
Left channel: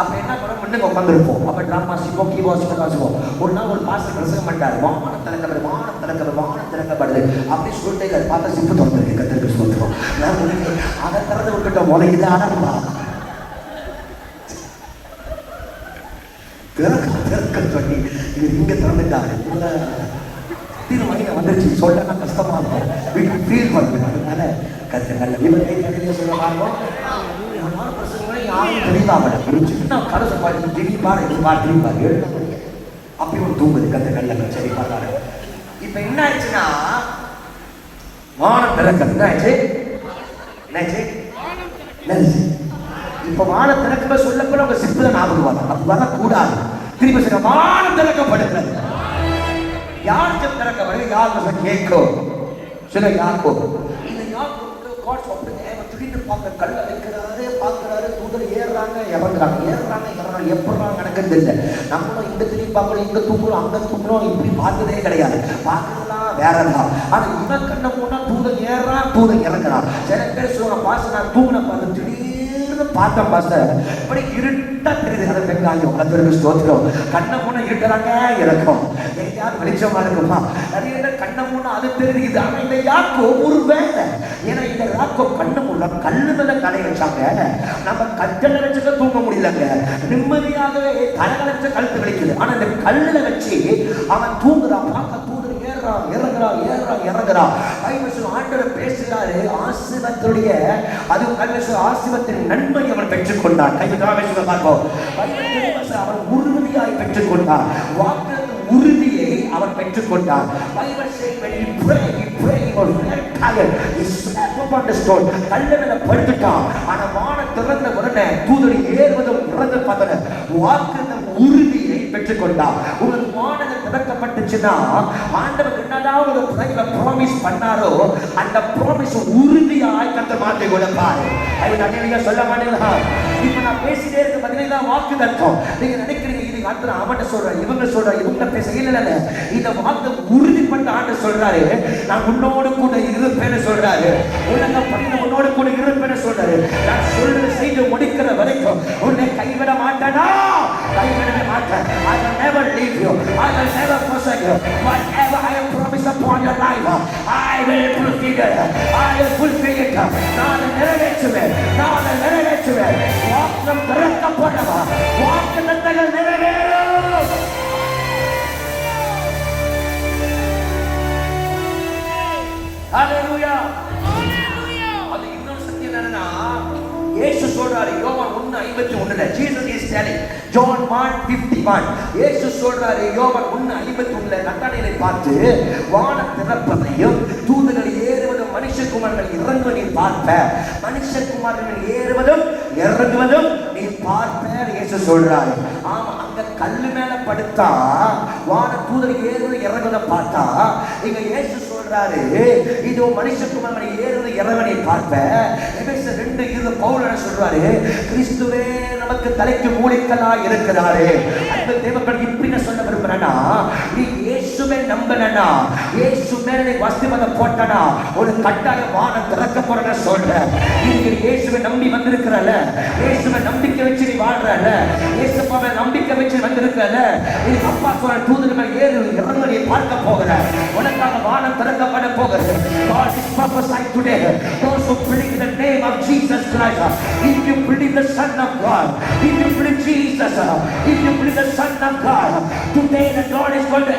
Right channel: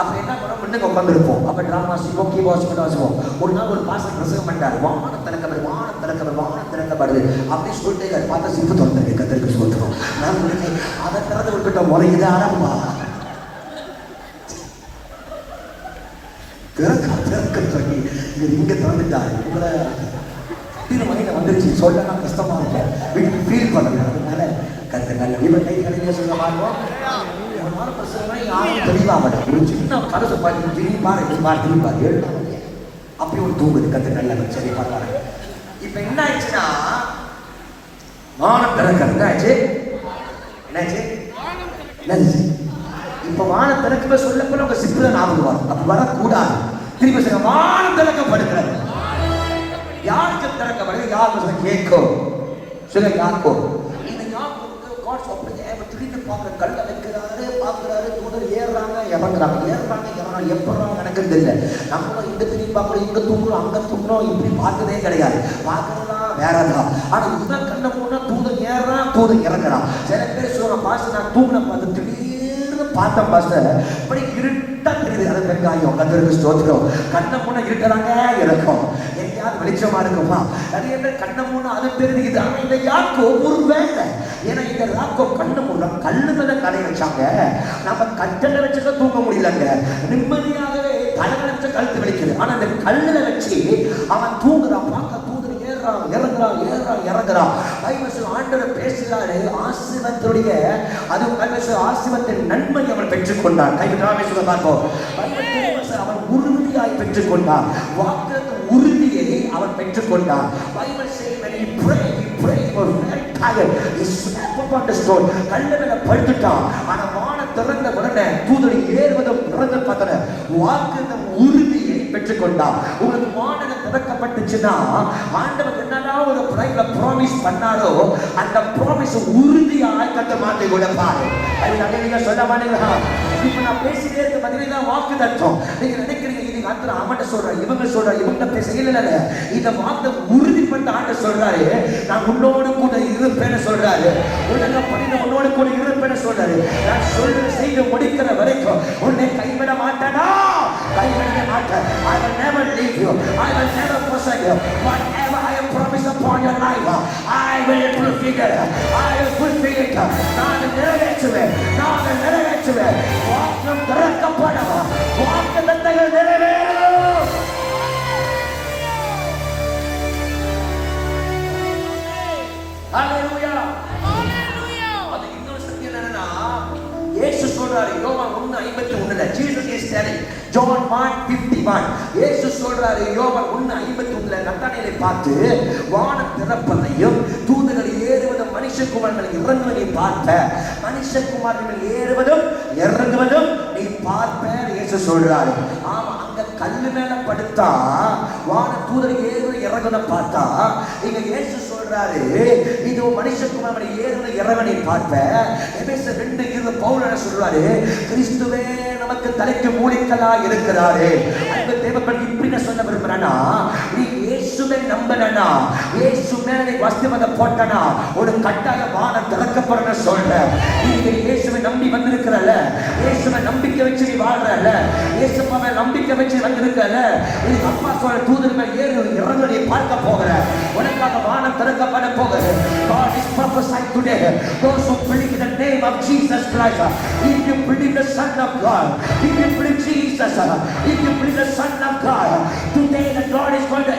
அப்ப என்ன பண்ண முன்னுக்கு உட்காந்துருப்போம். அப்ப ட்ராமா வாசிப்போம், கீபோர்ட் வாசிப்போம். ஒரு நாள் ஒரு பாஸ்டர் பிரசங்கம் பண்ணாரு, வானம் திறக்கப்படுது அப்படி சொல்லிட்டு பார்த்தா சிப்பு திறந்துருக்கு. கத்திரிக்க சொல்லுவோம், நான் அதை திறந்து விட்டுட்ட முறைக்குது. ஆனா திறக்க சொல்லி இது இங்க திறந்துட்டாரு. வந்துருச்சு, சொல்ல கஷ்டமா இருக்கும், வீட்டுக்கு ஃபீல் பண்ணுவேன். அதனால கத்துக்கல்ல விபத்தை கடையிலே சொல்லுவாங்க. யாரும் தெரியலாம், ஒரு சின்ன கலசை பார்த்து திரும்பி பாரு, திரும்பி பாரு, அப்படி ஒரு தூங்குது கத்துக்கல்ல. சரி பார்த்தாரு. இப்ப என்ன ஆயிடுச்சுன்னா, வானம் திறக்கிறது என்னாச்சு? இப்ப வானம் திறக்க சொல்லப்பட உங்க சிப்பில ஞாபகம் வரும். அப்ப வரக்கூடாது. திரும்ப சொல்ல, வானம் திறக்கப்படுகிறது. யாருக்கு திறக்கப்படுது? யாருக்கு கேட்கும்? சில யாக்கோபு. இந்த யாக்கோபுக்கு காட் சொல்றது, திடீர்னு பார்க்க கல்ல வைக்கிறாரு, பார்க்கிறாரு, தூதர் ஏறுறாங்க, இறங்குறாங்க, எப்படிலாம் நடக்கிறது இல்லை. நம்ம இங்க திரும்பி பார்க்கணும், இங்க தூங்கணும், அங்க தூங்கணும், இப்படி பார்த்ததே கிடையாது. பார்க்கறதா வேறதான். ஆனா இவன் கண்ணை மூடா தூதன் ஏறான் தூதன் இறங்குறான். சில பேர் சொல்ற பாஸ்டர் நான் தூங்கின பார்த்து திடீர்னு பார்த்தேன் பாஸ்டர் இப்படி இருட்டா தெரியுது. வெங்காயம் கந்தருக்கு ஸ்தோத்திரம். கண்ணை மூணு இருக்கிறாங்க இருக்கும் எங்கேயாவது வெளிச்சமா இருக்குமா? நிறைய பேர் கண்ணை மூணு அது தெரியுது. ஆனா இந்த யாக்கோ ஒரு வேலை. ஏன்னா இந்த யாக்கோ கண்ணை மூணு கல்லு மேல கலை வச்சாங்க. நம்ம கட்டளை வச்சுக்க தூங்க முடியலங்க. நிம்மதியாகவே தலைகளை வச்ச கழுத்து வலிக்குது. ஆனா இந்த கல்லுல வச்சு அவன் தூங்குறான். பார்க்க தூதர் ஏறுறான் இறங்குறான் ஏறுறான் இறங்குறான். ஆண்டவர் பேசுகிறாரு ஆசீர்வாதத்துடைய அது ஆசீர்வாதத்தின் நன்மை அவர் பெற்றுக்கொண்டார். அவர் உறுதியாய் பெற்றுக்கொண்டார். வாக்குறுதியின் உறுதியை அவர் பெற்றுக்கொண்டார். கல்லு படுத்துட்டான். ஆனா வானம் திறந்த உடனே தூதர் ஏறுவதும் உறந்து பார்த்தன வாக்குறுதியின் உறுதியை பெற்றுக்கொண்டார். உங்களுக்கு வானம் திறக்கப்பட்டுச்சுன்னா ஆண்டவர் என்னதான் ஒரு ப்ராமிஸ் பண்ணாரோ அந்த ப்ராமிஸ் உறுதியாய் கர்த்தர் மாற்றி கொடுப்பார். அது சொல்ல மாட்டேங்களா? இப்ப நான் பேசிட்டே இருக்க பதினேழா வாக்கு தத்துவம். நீங்க நினைக்கிறீங்க இது ஆண்டவர் அவன்கிட்ட சொல்றாரு இவங்க சொல்றாரு இவங்க செய்யல. இந்த வாக்கு உறுதி பண்ண ஆண்டவர் சொல்றாரு நான் உன்னோடு கூட இருப்பேன்னு சொல்றாரு. உலக பணியில உன்னோடு கூட இருப்பேன்னு சொல்றாரு. நான் சொல்ற செய்து முடிக்கிற வரைக்கும் உன்னை கைவிட மாட்டேனா? கைவிடவே மாட்டேன். I will never leave you. I will never forsake you. Whatever I have promised upon your life, I will fulfill it. I will fulfill it. நான் நிறைவேற்றுவேன். நான் நிறைவேற்றுவேன். வாக்கு திறக்கப்படவா? வாக்கு தத்தங்கள் நிறைவேறும். ஹalleluya. ஹalleluya. அது இன்னொரு சத்தியம் என்னன்னா இயேசு சொல்றாரு யோவான் 1:51 Jesus is telling John 1:51 இயேசு சொல்றாரு யோவான் 1:51 நத்தானியேலை பார்த்து வானம் திறப்பதையும் தூதர்கள் ஏறுவதும் மனுஷகுமாரர்கள் இறங்குவதையும் பார்ப்ப. மனுஷகுமாரர்கள் ஏறுவதும் இறங்குவதும் நீ பார்ப்ப இயேசு சொல்றாரு. ஆமா அங்க கல்லு மேல படுத்தா வான தூதர் ஏறுவதை இறங்குவதை பார்த்தா இங்க இயேசு சொல்றாரு இது மனுஷகுமாரர்கள் ஏறுவதை இறங்குவதை பார்ப்ப. எபேசியர் 2:20 பவுல் சொல்றாரு கிறிஸ்துவே நமக்கு தலைக்கு மூடிக்கலா இருக்கிறாரே. அந்த தேவன் இப்படி சொல்ல விரும்புறேன்னா நீ இயேசுவை நம்பலனா இயேசு மேல வஸ்திரத்தை போட்டனா ஒரு கட்டாய வானம் திறக்கப்படுற சொல்ற. நீங்க இயேசுவை நம்பி வந்திருக்கிறல இயேசுவை நம்பிக்கை வச்சு நீ வாழ்றல இயேசுவை நம்பிக்கை வச்சு வந்திருக்கல நீ அப்பா சொல்ற தூதர்கள் ஏறு இறங்கு நீ பார்க்க போகிற. உனக்காக வானம் திறக்கப்பட போகிறது. God is prophesying today those who believe in the name of Jesus Christ. If you believe the Son of God, if you believe Jesus, if you believe the Son of God, today the Lord is going to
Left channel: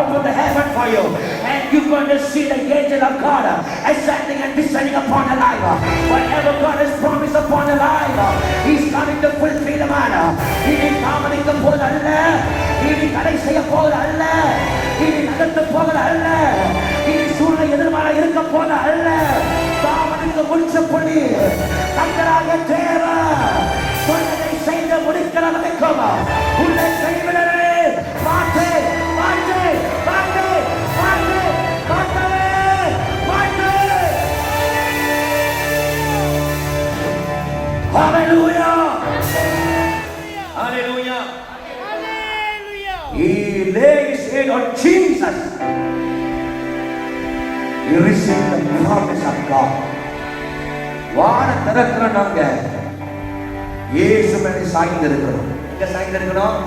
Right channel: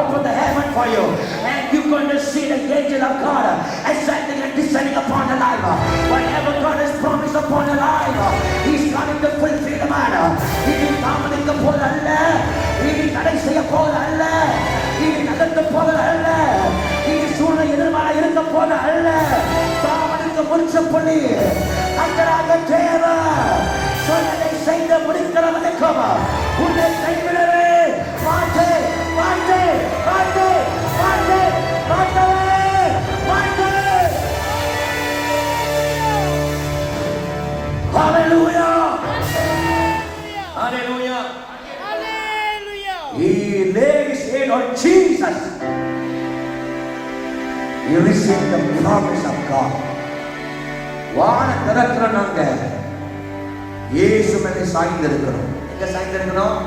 open the heaven for you and you're going to see the angel of God ascending and descending upon the life. Whatever God has promised upon the life, He's coming to fulfill the matter. He is coming to pull the land. He is coming to pull the land. He is coming to pull the land. He is soon எதிர்மறை இருக்க போல அல்ல. தாமனுக்கு முடிச்சு பண்ணி தங்களாக தேவை சொல்லதை செய்த முடிக்கிறவனுக்கும் உன்னை செய்விடவே மாட்டே மாட்டே மாட்டே மாட்டே மாட்டவே மாட்டே. Hallelujah. Hallelujah. Hallelujah. He laid his hand on Jesus. He received the promise of God. வான திறக்கிற நாங்க இயேசு மேலே சாய்ந்திருக்கிறோம். எங்க சாய்ந்திருக்கிறோம்?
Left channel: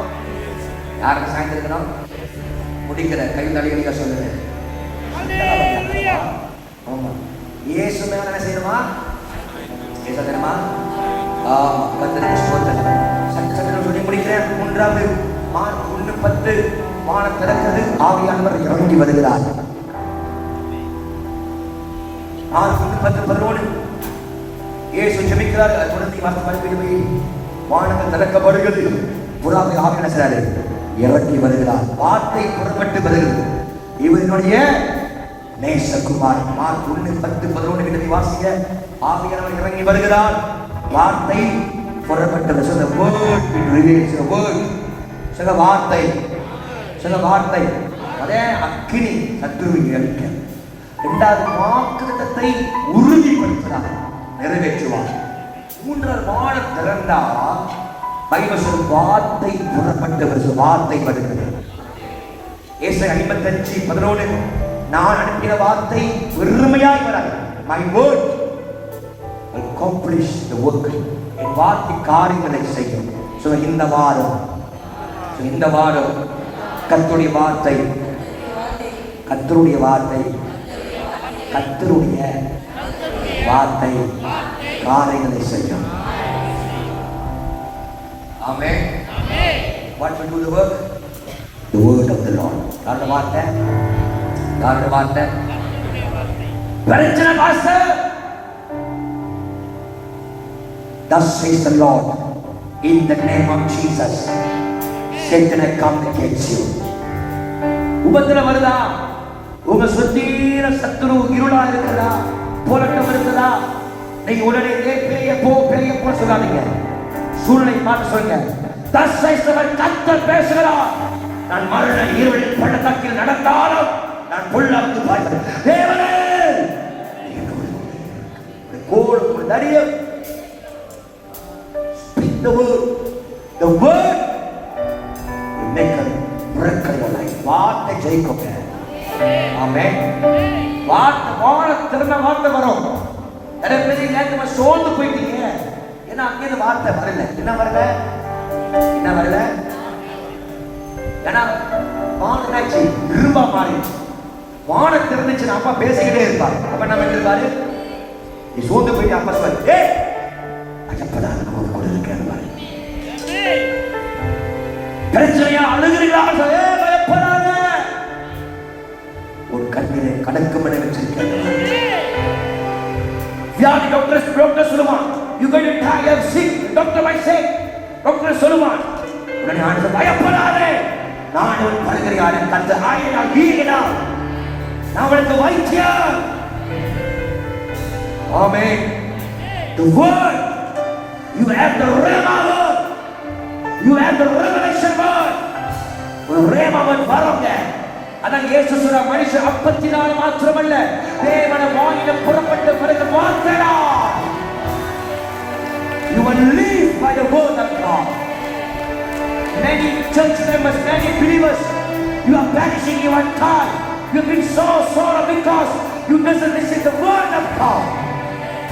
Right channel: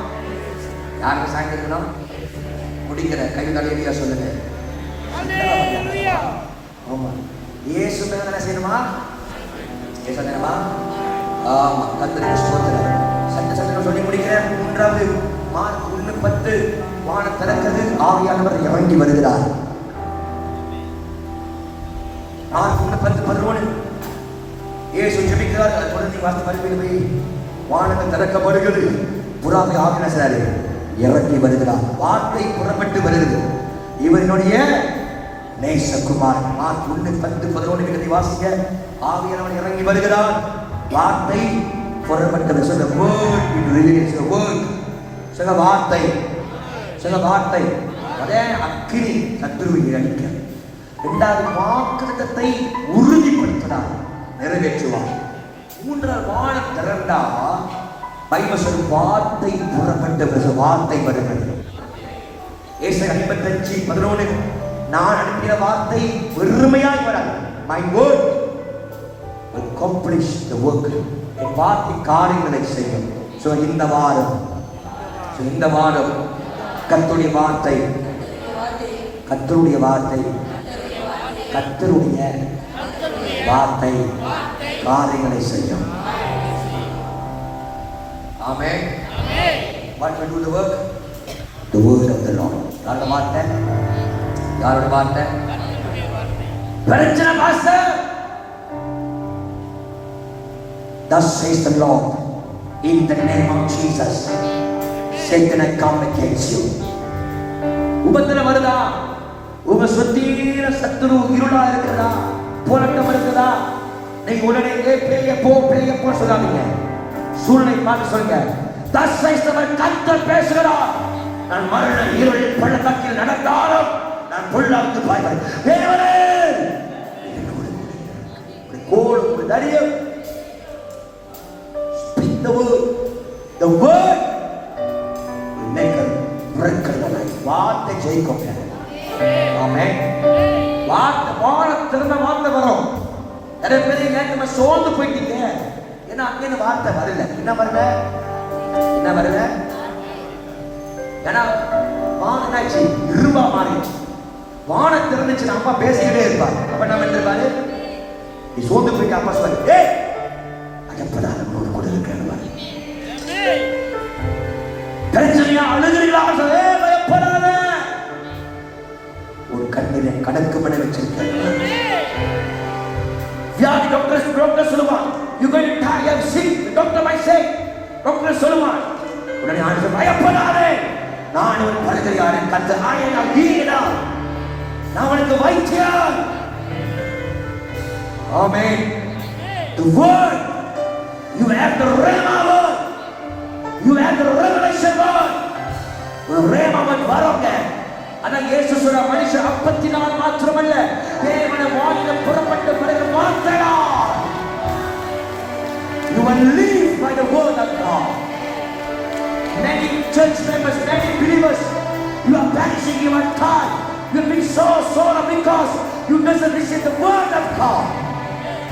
யாருக்கு சாய்ந்திருக்கிறோம்? முடிக்கிற கை தலையடியா சொல்லுங்க. ஹalleluya. ஆமா இயேசு மேலே என்ன செய்யணுமா? இயேசு தெரியுமா? ஆமா கர்த்தருக்கு ஸ்தோத்திரம். சத்தம் சொல்லி முடிக்கிறேன். 3வது மார்க் 1:10 வானம் திறக்கிறது. ஆவியானவர் இறங்கி வருகிறார். மார்க் 1:10 இயேசு ஜெபிக்கிறார். குழந்தை வாஸ்து பரிபீடுவை வானங்கள் திறக்கப்படுகிறது. புறாவை ஆவியானவர் இறங்கி வருகிறார். வார்த்தை புறப்பட்டு வருகிறது. இவனுடைய நேசகுமார். மார்க் 1:10 கிட்ட வாசிங்க. ஆவியானவர் இறங்கி வருகிறார். வார்த்தை புறப்பட்டது. சொல்ல word it reveals the word. சில வார்த்தை சில வார்த்தை அதே அக்கினி சத்துருவை அழிக்க. இரண்டாவது வாக்குத்தத்தத்தை உறுதிப்படுத்தினார் நிறைவேற்றுவார். 3வது வானம் திறந்தா பைபிள் வார்த்தை புறப்பட்டு வார்த்தை வருகிறது. ஏசாயா 55:11 நான் அனுப்பின வார்த்தை வெறுமையாய் வராது. My word will accomplish the work. என் வார்த்தை காரியங்களை செய்யும். So இந்த வாரம் கர்த்தருடைய வார்த்தை காரியங்களை செய்யும். Amen. What will do the work? The word of the Lord. யாரோட வார்த்தை? பிரச்சனை pastor. Thus says the Lord, in the name of Jesus, Satan I come against you. உபத்திரம் வருதா? உங்க சுத்தியில சத்துரு இருளா இருக்குதா? போராட்டம் இருக்குதா? நீ உடனே பேய போ சொல்லாதீங்க. சூழ்நிலை மாற்ற சொல்லுங்க. Thus says the Lord, கர்த்தர் பேசுகிறார். நான் மரண இருளின் பள்ளத்தாக்கில் நடந்தாலும் நான் பொல்லாங்கு பாய்வேன். தேவனே கோல் தரியம். Speak the word. The word will make a breakthrough in life. வார்த்தை ஜெயிக்கும். ஆமென். வார்த்தை திரும்ப வார்த்தை வரும். நிறைய பேர் இல்ல நம்ம சோர்ந்து போயிட்டீங்க. ஏன்னா அங்கே வார்த்தை வரல. என்ன வரல? ஏன்னா வானதாச்சு இருபா மாறிடுச்சு. வானம் திறந்துச்சு. அப்பா பேசிக்கிட்டே இருப்பார். அப்ப என்ன பண்றாரு? நீ சோர்ந்து போயிட்டு அப்பா சொல்ல, அஜப்பதான் கூட இருக்கிற பிரச்சனையா அழுகிறீங்களா? ஒரு கண்ணிலே கணக்கு மணி வச்சிருக்கேன். வியாதி டாக்டர் சொல்லுவான், you going to die of sick. Doctor might say, doctor சொல்லுவான், உடனே ஆண்டவர் பயப்படாதே, நான் உன் பரிகாரியான கர்த்தர் ஆயனா ஈனா, நான் உனக்கு வைத்தியர். Amen. The word, you have the Rhema word, you have the revelation word. Rhema word வருங்க. அதான் இயேசு சொல்ற மனுஷன் அப்பத்தினால் மாத்திரமல்ல தேவனுடைய வாயில புறப்பட்ட பிறகு வார்த்தையால். You will live by the word of God. Many church members, many believers, you are perishing your time. You have been so sorrow because you doesn't listen to the word of God.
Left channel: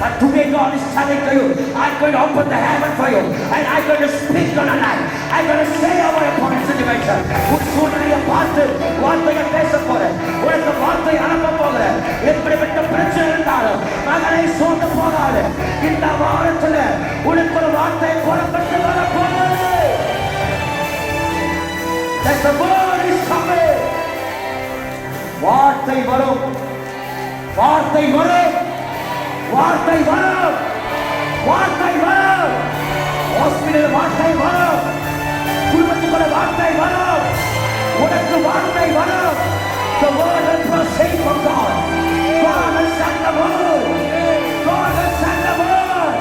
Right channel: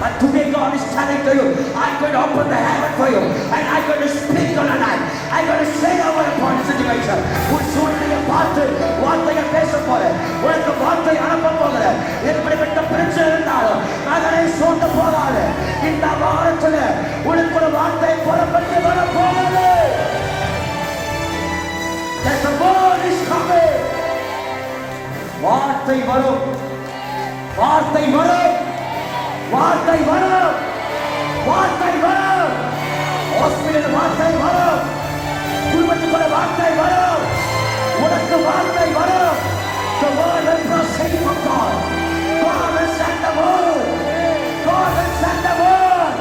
But today God is telling to you, I'm going to open the heaven for you, and I'm going to speak on the night. I'm going to say over a point situation. உன் சூழ்நிலையை பார்த்து வார்த்தையை பேச போறேன். உனக்கு வார்த்தை அனுப்ப போகிறேன். எப்படிப்பட்ட பிரச்சனை இருந்தாலும் மகனை சூழ்ந்து போகாது. இந்த வாரத்தில் உனக்கு ஒரு வார்த்தை புறப்பட்டு வர போகிறது. That the word is coming. வார்த்தை வரும். வார்த்தை வரும். வார்த்தை வரும். வார்த்தை வரும். ஹாஸ்பிடல் வார்த்தை வரும். குடும்பத்துக்குள்ள வார்த்தை வரும். உனக்கு வார்த்தை வரும். The word will proceed from God. God will send the word. God will send the word.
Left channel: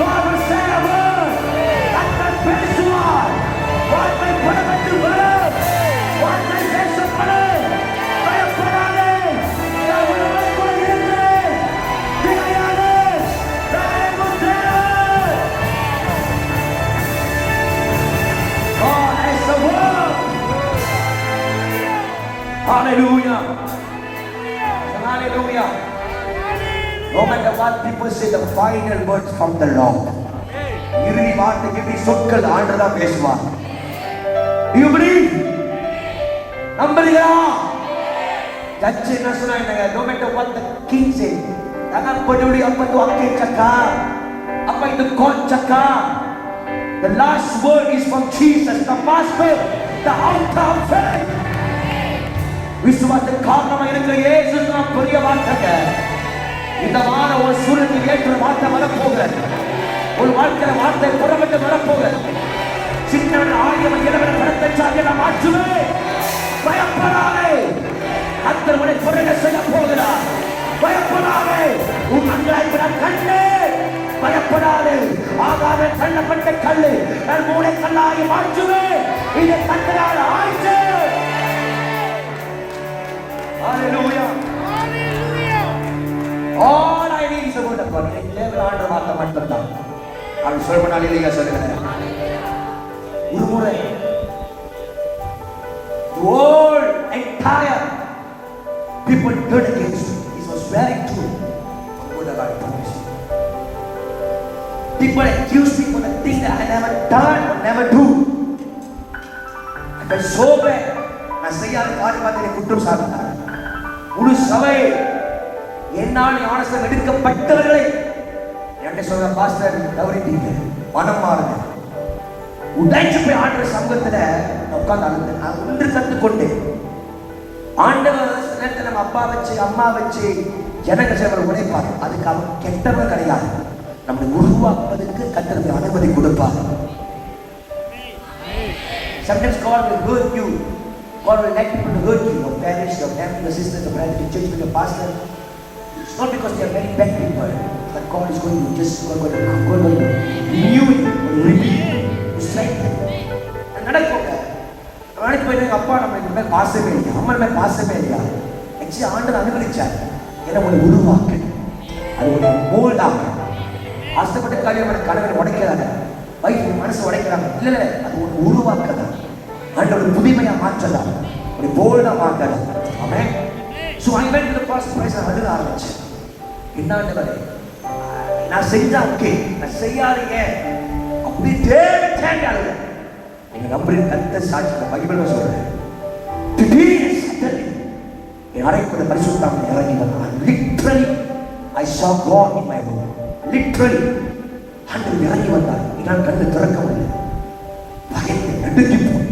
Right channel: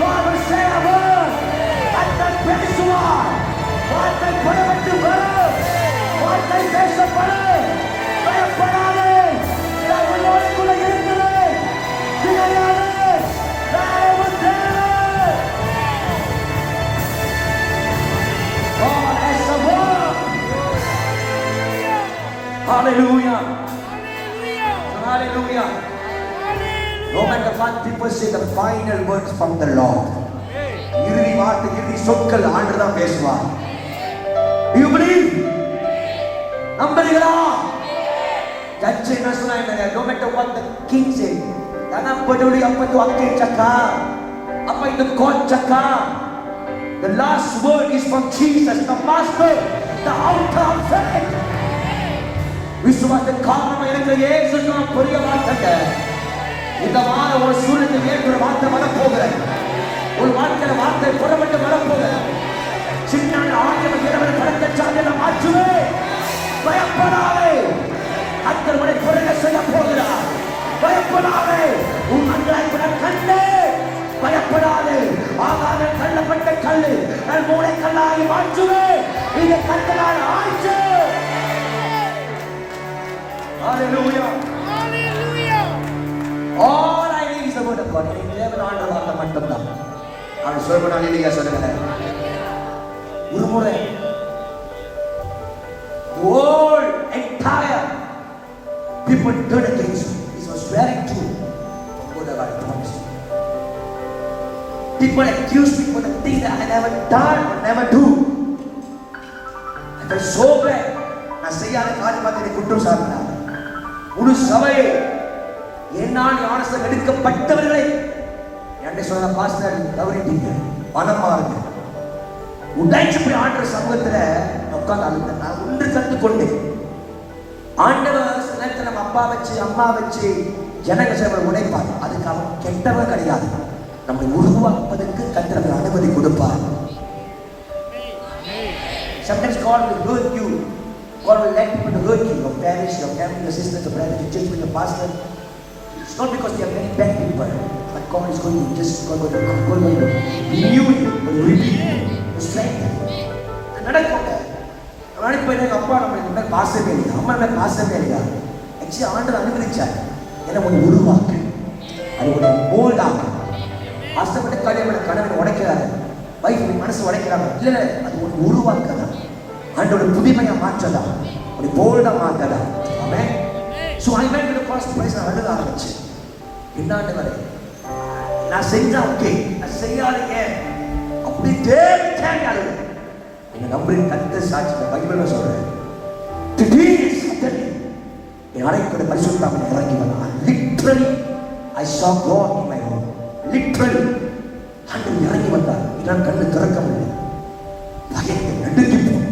God will send the word. வார்த்தை பேசுவார். வார்த்தை புறப்பட்டு வரும். வார்த்தை பேசப்படும். பயப்படாதே. நான் உன்னோடு கூட இருக்கிறேன். திகையாதே. நான் உன் தேவன். God has a word. Hallelujah. Hallelujah. No matter what people say, the final words from the Lord. இறுதி வார்த்தை, இறுதி சொற்கள் ஆண்டவர் பேசுவார். Do you believe? நம்புறீங்களா? ஜட்ஜ் என்ன சொன்னாங்க? No matter what the king said, jangan peduli apa tu hakim cakap, apa itu court cakap. The last word is from Jesus, the master, the author of faith. விசுவாசத்தின் காரணமாக இருக்கிற இயேசு தான் பெரிய வார்த்தைங்க. இந்த வார ஒரு சூழ்நிலை ஏற்ற வார்த்தை வரப்போகிறது. ஒரு வாழ்க்கையில வார்த்தை புறப்பட்டு வரப்போகிறது. சின்ன ஆயிரம் இரவில் கடந்த சாதியில மாற்றுவே. பயப்படாதே. கர்த்தர் உன்னை பொருளை செய்ய போகிறார். பயப்படாதே. உன் அங்கலாய்க்கிற கண்ணே பயப்படாதே. ஆகாத தள்ளப்பட்ட கல்லு நான் மூளை கல்லாகி மாற்றுவே. இது கண்ணால் ஆயிற்று. Hallelujah. Hallelujah. All I need is the word of God. தேவன் ஆண்டவர் வார்த்தை மட்டும்தான். அவன் சொல்றனாலே நீங்க சொல்லுங்க. ஒரு முறை whole entire people turned against me. This was very true. What God promised. People accused me for the things that I never done or never do. I felt so bad. நான் செய்யாத காரியமாக என்னை குற்றம் சாட்டினார். முழு சபை என்னால் ஞானஸ்நானம் எடுக்கப்பட்டவர்களை என்ன சொல்ற பாஸ்டர் தவறிட்டீங்க, மனம் மாறுங்க. உடைச்சு போய் ஆண்டவர் சமூகத்துல உட்கார்ந்து அழுது நான் ஒன்று கற்றுக்கொண்டேன். ஆண்டவர் நேரத்தில் நம்ம அப்பா வச்சு அம்மா வச்சு ஜனங்க சேவை உடைப்பார். அதுக்கு அவன் கெட்டவன் கிடையாது. நம்மை உருவாக்குவதற்கு கர்த்தர் அனுமதி கொடுப்பார். Sometimes God will hurt you. God will let people hurt you. Your parents, your family, your sisters, your brothers, your church, your pastor. It's not because they are very bad people, but God is going to just renew you, reveal, strengthen. நடக்குங்க. நாளைக்கு போய் எங்க அப்பா நம்ம இந்த மாதிரி பாசமே இல்லையா, அம்மா மேல பாசமே இல்லையா, ஆக்சுவலி ஆண்டவர் அனுமதிச்சார். ஏன்னா உன்னை உருவாக்கு, அது உன்னை மோல்டாக. ஆசைப்பட்ட காரியமான கனவை உடைக்கிறாங்க, வைஃப் மனசு உடைக்கிறாங்க. இல்லை, அது உன்னை உருவாக்குறது. ஆண்டோட புதுமையா மாற்றலாம், ஒரு போல்டா மாற்றலாம். ஆமென். So I went to the cross place and அழுக ஆரம்பிச்சேன். என்னாண்டவரே, நான் செஞ்சா ஓகே, நான் செய்யாதீங்க அப்படி தேவை அழுக. நீங்க நம்புறீங்க, கர்த்தர் சாட்சி பைபிள்ல சொல்றேன். திடீர்னு என் அறைக்குள்ள பரிசுத்த ஆவியானவர் இறங்கி வந்தார். Literally I saw God in my room. Literally ஆண்டவர் இறங்கி வந்தார். என்னால் கண்ணு திறக்க முடியல. பயந்து நடுங்கி போய்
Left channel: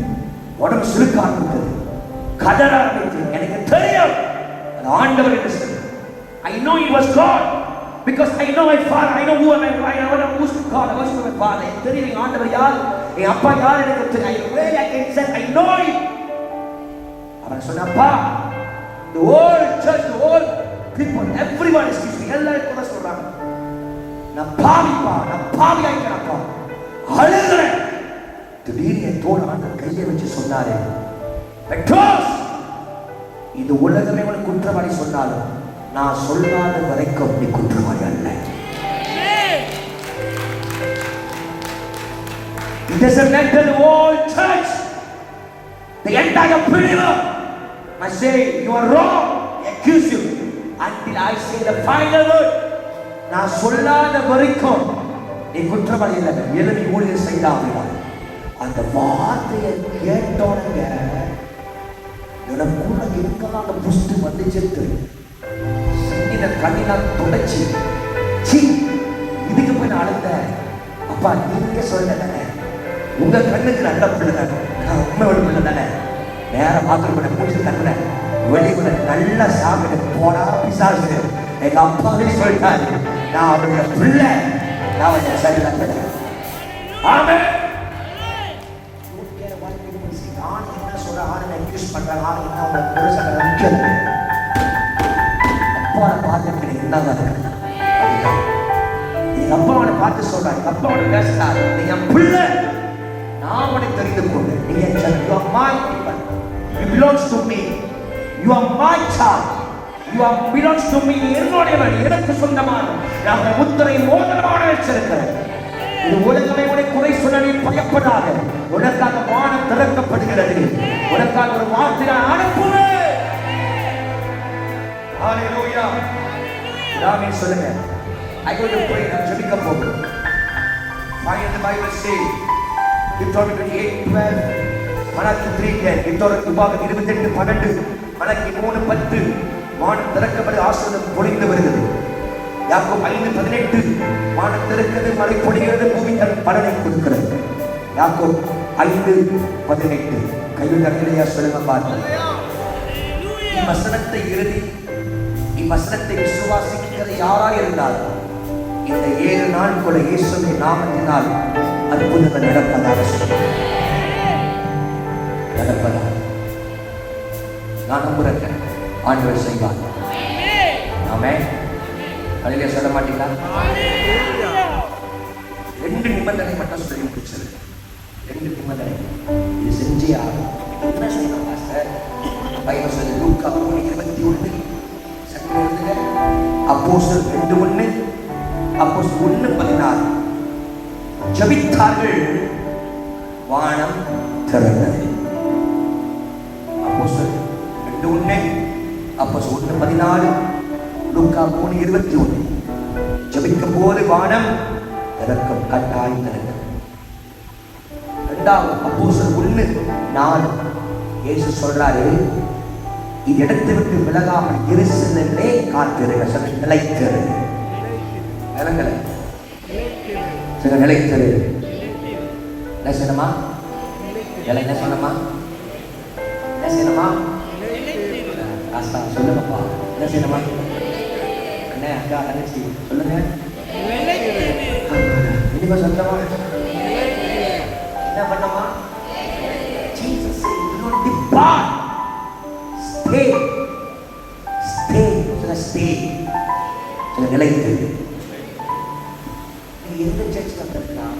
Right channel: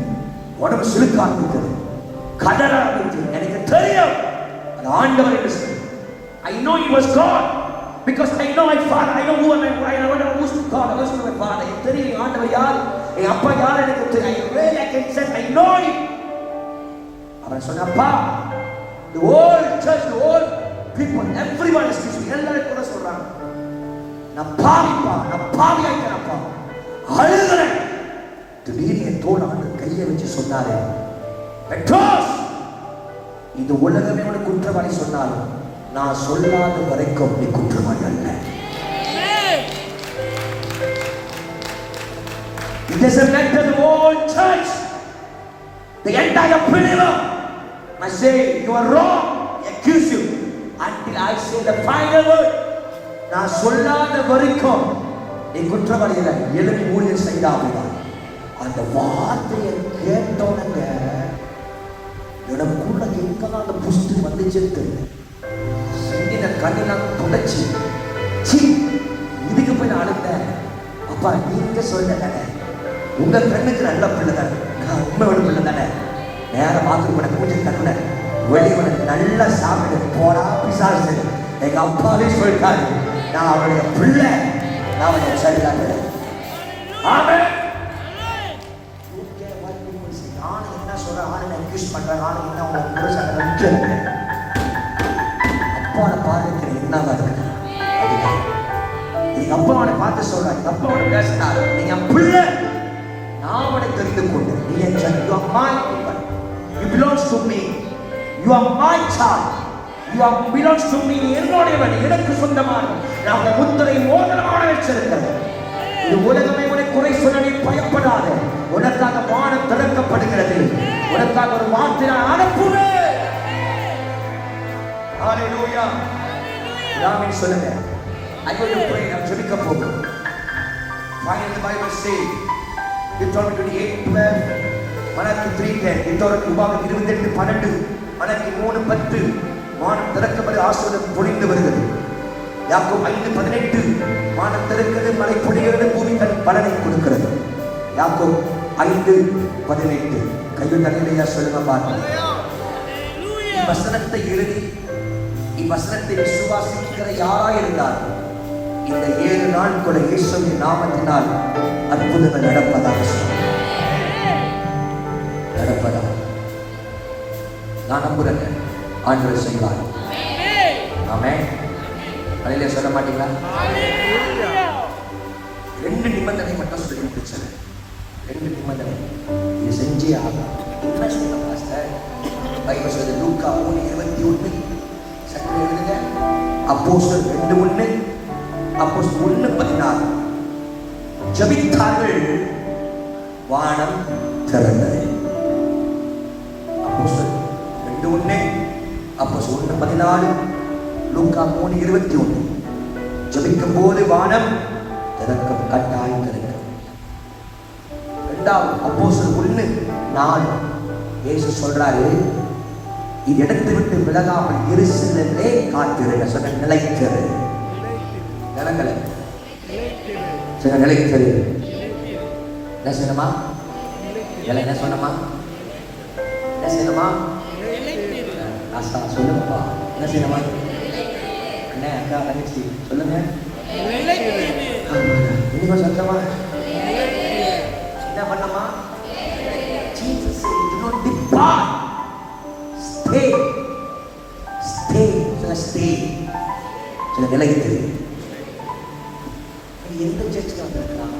உடம்பு சுளுக்க ஆரம்பித்தது, கதற ஆரம்பித்தது. எனக்கு தெரியும் அது ஆண்டவர் என்று சொல்லி. I know it was God because I know my father. I know who am I. I know who's God. I know my father. எனக்கு தெரியும் ஆண்டவர் யார், என் அப்பா யார் எனக்கு தெரியும். I can say I know him. அவன் சொன்னப்பா, the whole church, the whole people, everyone is speaking. எல்லாரும் கூட சொல்றாங்க, நான் பாவி ஆயிட்டேனப்பா, அழுகிறேன். திடீர்னு என் தோள் ஆண்டவர் கையை வச்சு சொன்னாரு, பெட்ரோஸ், இது உலகமே உனக்கு குற்றவாளி சொன்னாலும் நான் சொல்லாத வரைக்கும் நீ குற்றவாளி அல்ல. It doesn't matter the whole church, the entire believer must say you are wrong, I accuse you until I say the final word. நான் சொல்லாத வரைக்கும் நீ குற்றவாளி அல்ல. எழுதி ஊழியர் செய்தாங்க. அந்த வார்த்தையை கேட்டோனங்க என்னோட கூட எங்கால புஷ்டு வந்துச்சு. சங்கின கண்ணெல்லாம் தொடச்சி இதுக்கு போய் நான் அழுத்தேன். அப்பா நீங்க சொல்ல தானே, உங்க கண்ணுக்கு நல்ல பிள்ளை தானே, நான் உண்மையோட பிள்ளை தானே. நேர பாத்ரூம் பூஜை கண்ண வெளிவர நல்ல சாப்பிட்டு போடா பிசாசு. எங்க அப்பாவே சொல்லிட்டாரு, நான் அவருடைய பிள்ளை, நான் அவருடைய சரிதான். ஆமென். அப்பாவை பார்த்து சொல்றாங்க, அப்பாவோட பேசுறாங்க, நீங்க பிள்ளை, நான் அவனை தெரிந்து கொண்டேன். நீங்க you are my people, you belongs to me, you are my child, you are belongs to me. என்னுடையவன், எனக்கு சொந்தமான, நான் முத்திரை மோதிரமான வச்சிருக்கிறேன். இது உலகமே உன்னை குறை சொல்ல நீ பயப்படாத. உனக்காக வானம் திறக்கப்படுகிறது. உனக்காக ஒரு வார்த்தை அனுப்புவேன். ஹalleluya. ஆமென் சொல்லுங்க. I go to pray, நான் ஜெபிக்க போகிறேன். Find the Bible say Deuteronomy 28:12, Malachi 3:10, Deuteronomy 28:12, Malachi 3:10, வானம் திறக்கப்பட்டு ஆசீர்வாதம் பொழிந்து வருகிறது. யாக்கோபு 5:18, வானம் திறக்கிறது, மழை பொழிகிறது, பூமி தன் பலனை கொடுக்கிறது. யாக்கோபு 5:18. கையில் தரையிலையா சொல்லுங்க பாருங்க. வசனத்தை எழுதி வசனத்தை விசுவாசிக்கிற யாரா இருந்தாலும் இந்த 7 நாட்களை இயேசுவின் நாமத்தினால் அற்புதங்கள் நடப்பதாக சொல்றேன். நடப்பதாக நான் நம்புறேங்க. ஆண்டவர் செய்வார். ஆமென். அல்லேலூயா. சொல்ல மாட்டீங்களா? அல்லேலூயா. 2 நிபந்தனை மட்டும் சொல்லி முடிச்சது. 2 நிபந்தனை. இது செஞ்சே ஆகும். என்ன செய்யணும் பாஸ்டர்? பைபிள் சொல்லுது லூக்கா 1:21. சட்டை எழுதுங்க. அப்போஸ்தலர் 2:1, அப்போஸ்தலர் 1:16. ஜெபித்தார்கள், வானம் திறந்தது. அப்போஸ்தலர் 2:1, அப்போஸ்தலர் 14, லூக்கா 3:21. ஜெபிக்கும் போது வானம் திறக்கும், கட்டாயம் திறக்கும். இரண்டாவது அப்போஸ்தலர் 1:4 இயேசு சொல்றாரு, இது இடத்தை விட்டு விலகாமல் எருசலேமிலே காத்திருங்க. சொல்ல நிலைத்திரு, இறங்கல சொல்ல நிலைத்திரு. என்ன செய்யணுமா? என்ன சொன்னமா? என்ன செய்யணுமா? சொல்லுங்கப்பா, என்ன செய்யணுமா? என்ன அக்கா தங்கச்சி சொல்லுங்க. இனிமே சொல்லமா? என்ன பண்ணமா? Jesus said, do not depart. Stay. Stay. சொல்ல stay. சொல்ல நிலைத்திரு. நீங்க எந்த சர்ச்சுக்கு வந்திருக்கலாம்,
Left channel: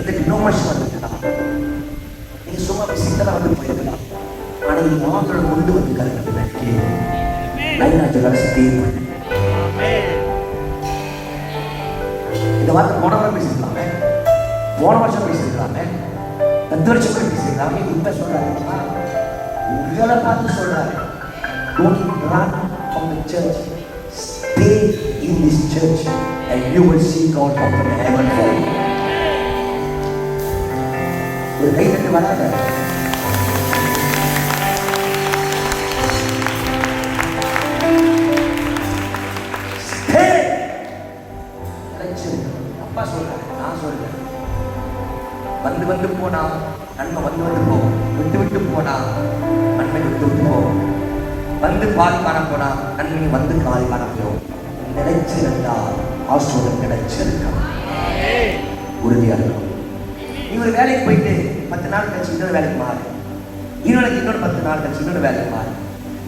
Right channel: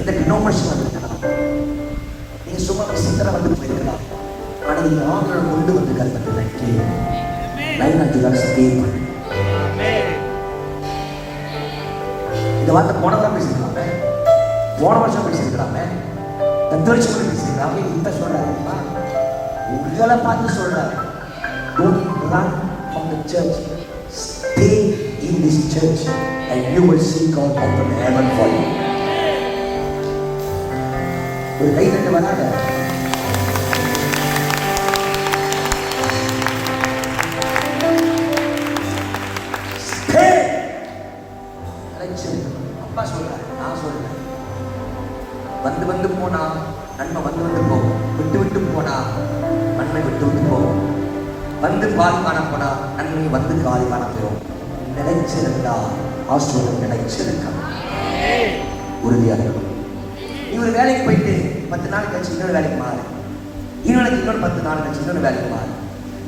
எந்த டினோமினேஷன் வந்திருக்கலாம், நீங்க சும்மா விசிட்டரா வந்து போயிருக்கலாம். ஆனா நீங்க ஆண்டவரை கொண்டு வந்திருக்காரு. ஸ்டே. இந்த வார்த்தை போன வாரம் பேசிருக்கலாமே, போன வருஷம் பேசிருக்கலாமே, 10 வருஷம் கூட பேசிருக்கலாமே. இப்ப சொல்றாரு, உங்களை பார்த்து சொல்றாரு, don't run from the church, stay in this church and you will see God open heaven for you. ஒரு கை தட்டு வராங்க. அப்பா சொல்றாரு, நான் சொல்றேன், வந்து வந்து போனா நன்மை வந்து வந்து போகும், விட்டு விட்டு போனா நன்மை விட்டு விட்டு போகும், வந்து பாதி காண போனா நன்மை வந்து காதி காண போயிடும். நினைச்சிருந்தா ஆசீர்வாதம் நினைச்சிருக்கா உறுதியாக. நீ ஒரு வேலைக்கு போயிட்டு 10 நாள் கழிச்சு இன்னொரு வேலைக்கு மாறு, இன்னொரு 10 நாள் கழிச்சு இன்னொரு வேலைக்கு மாறு,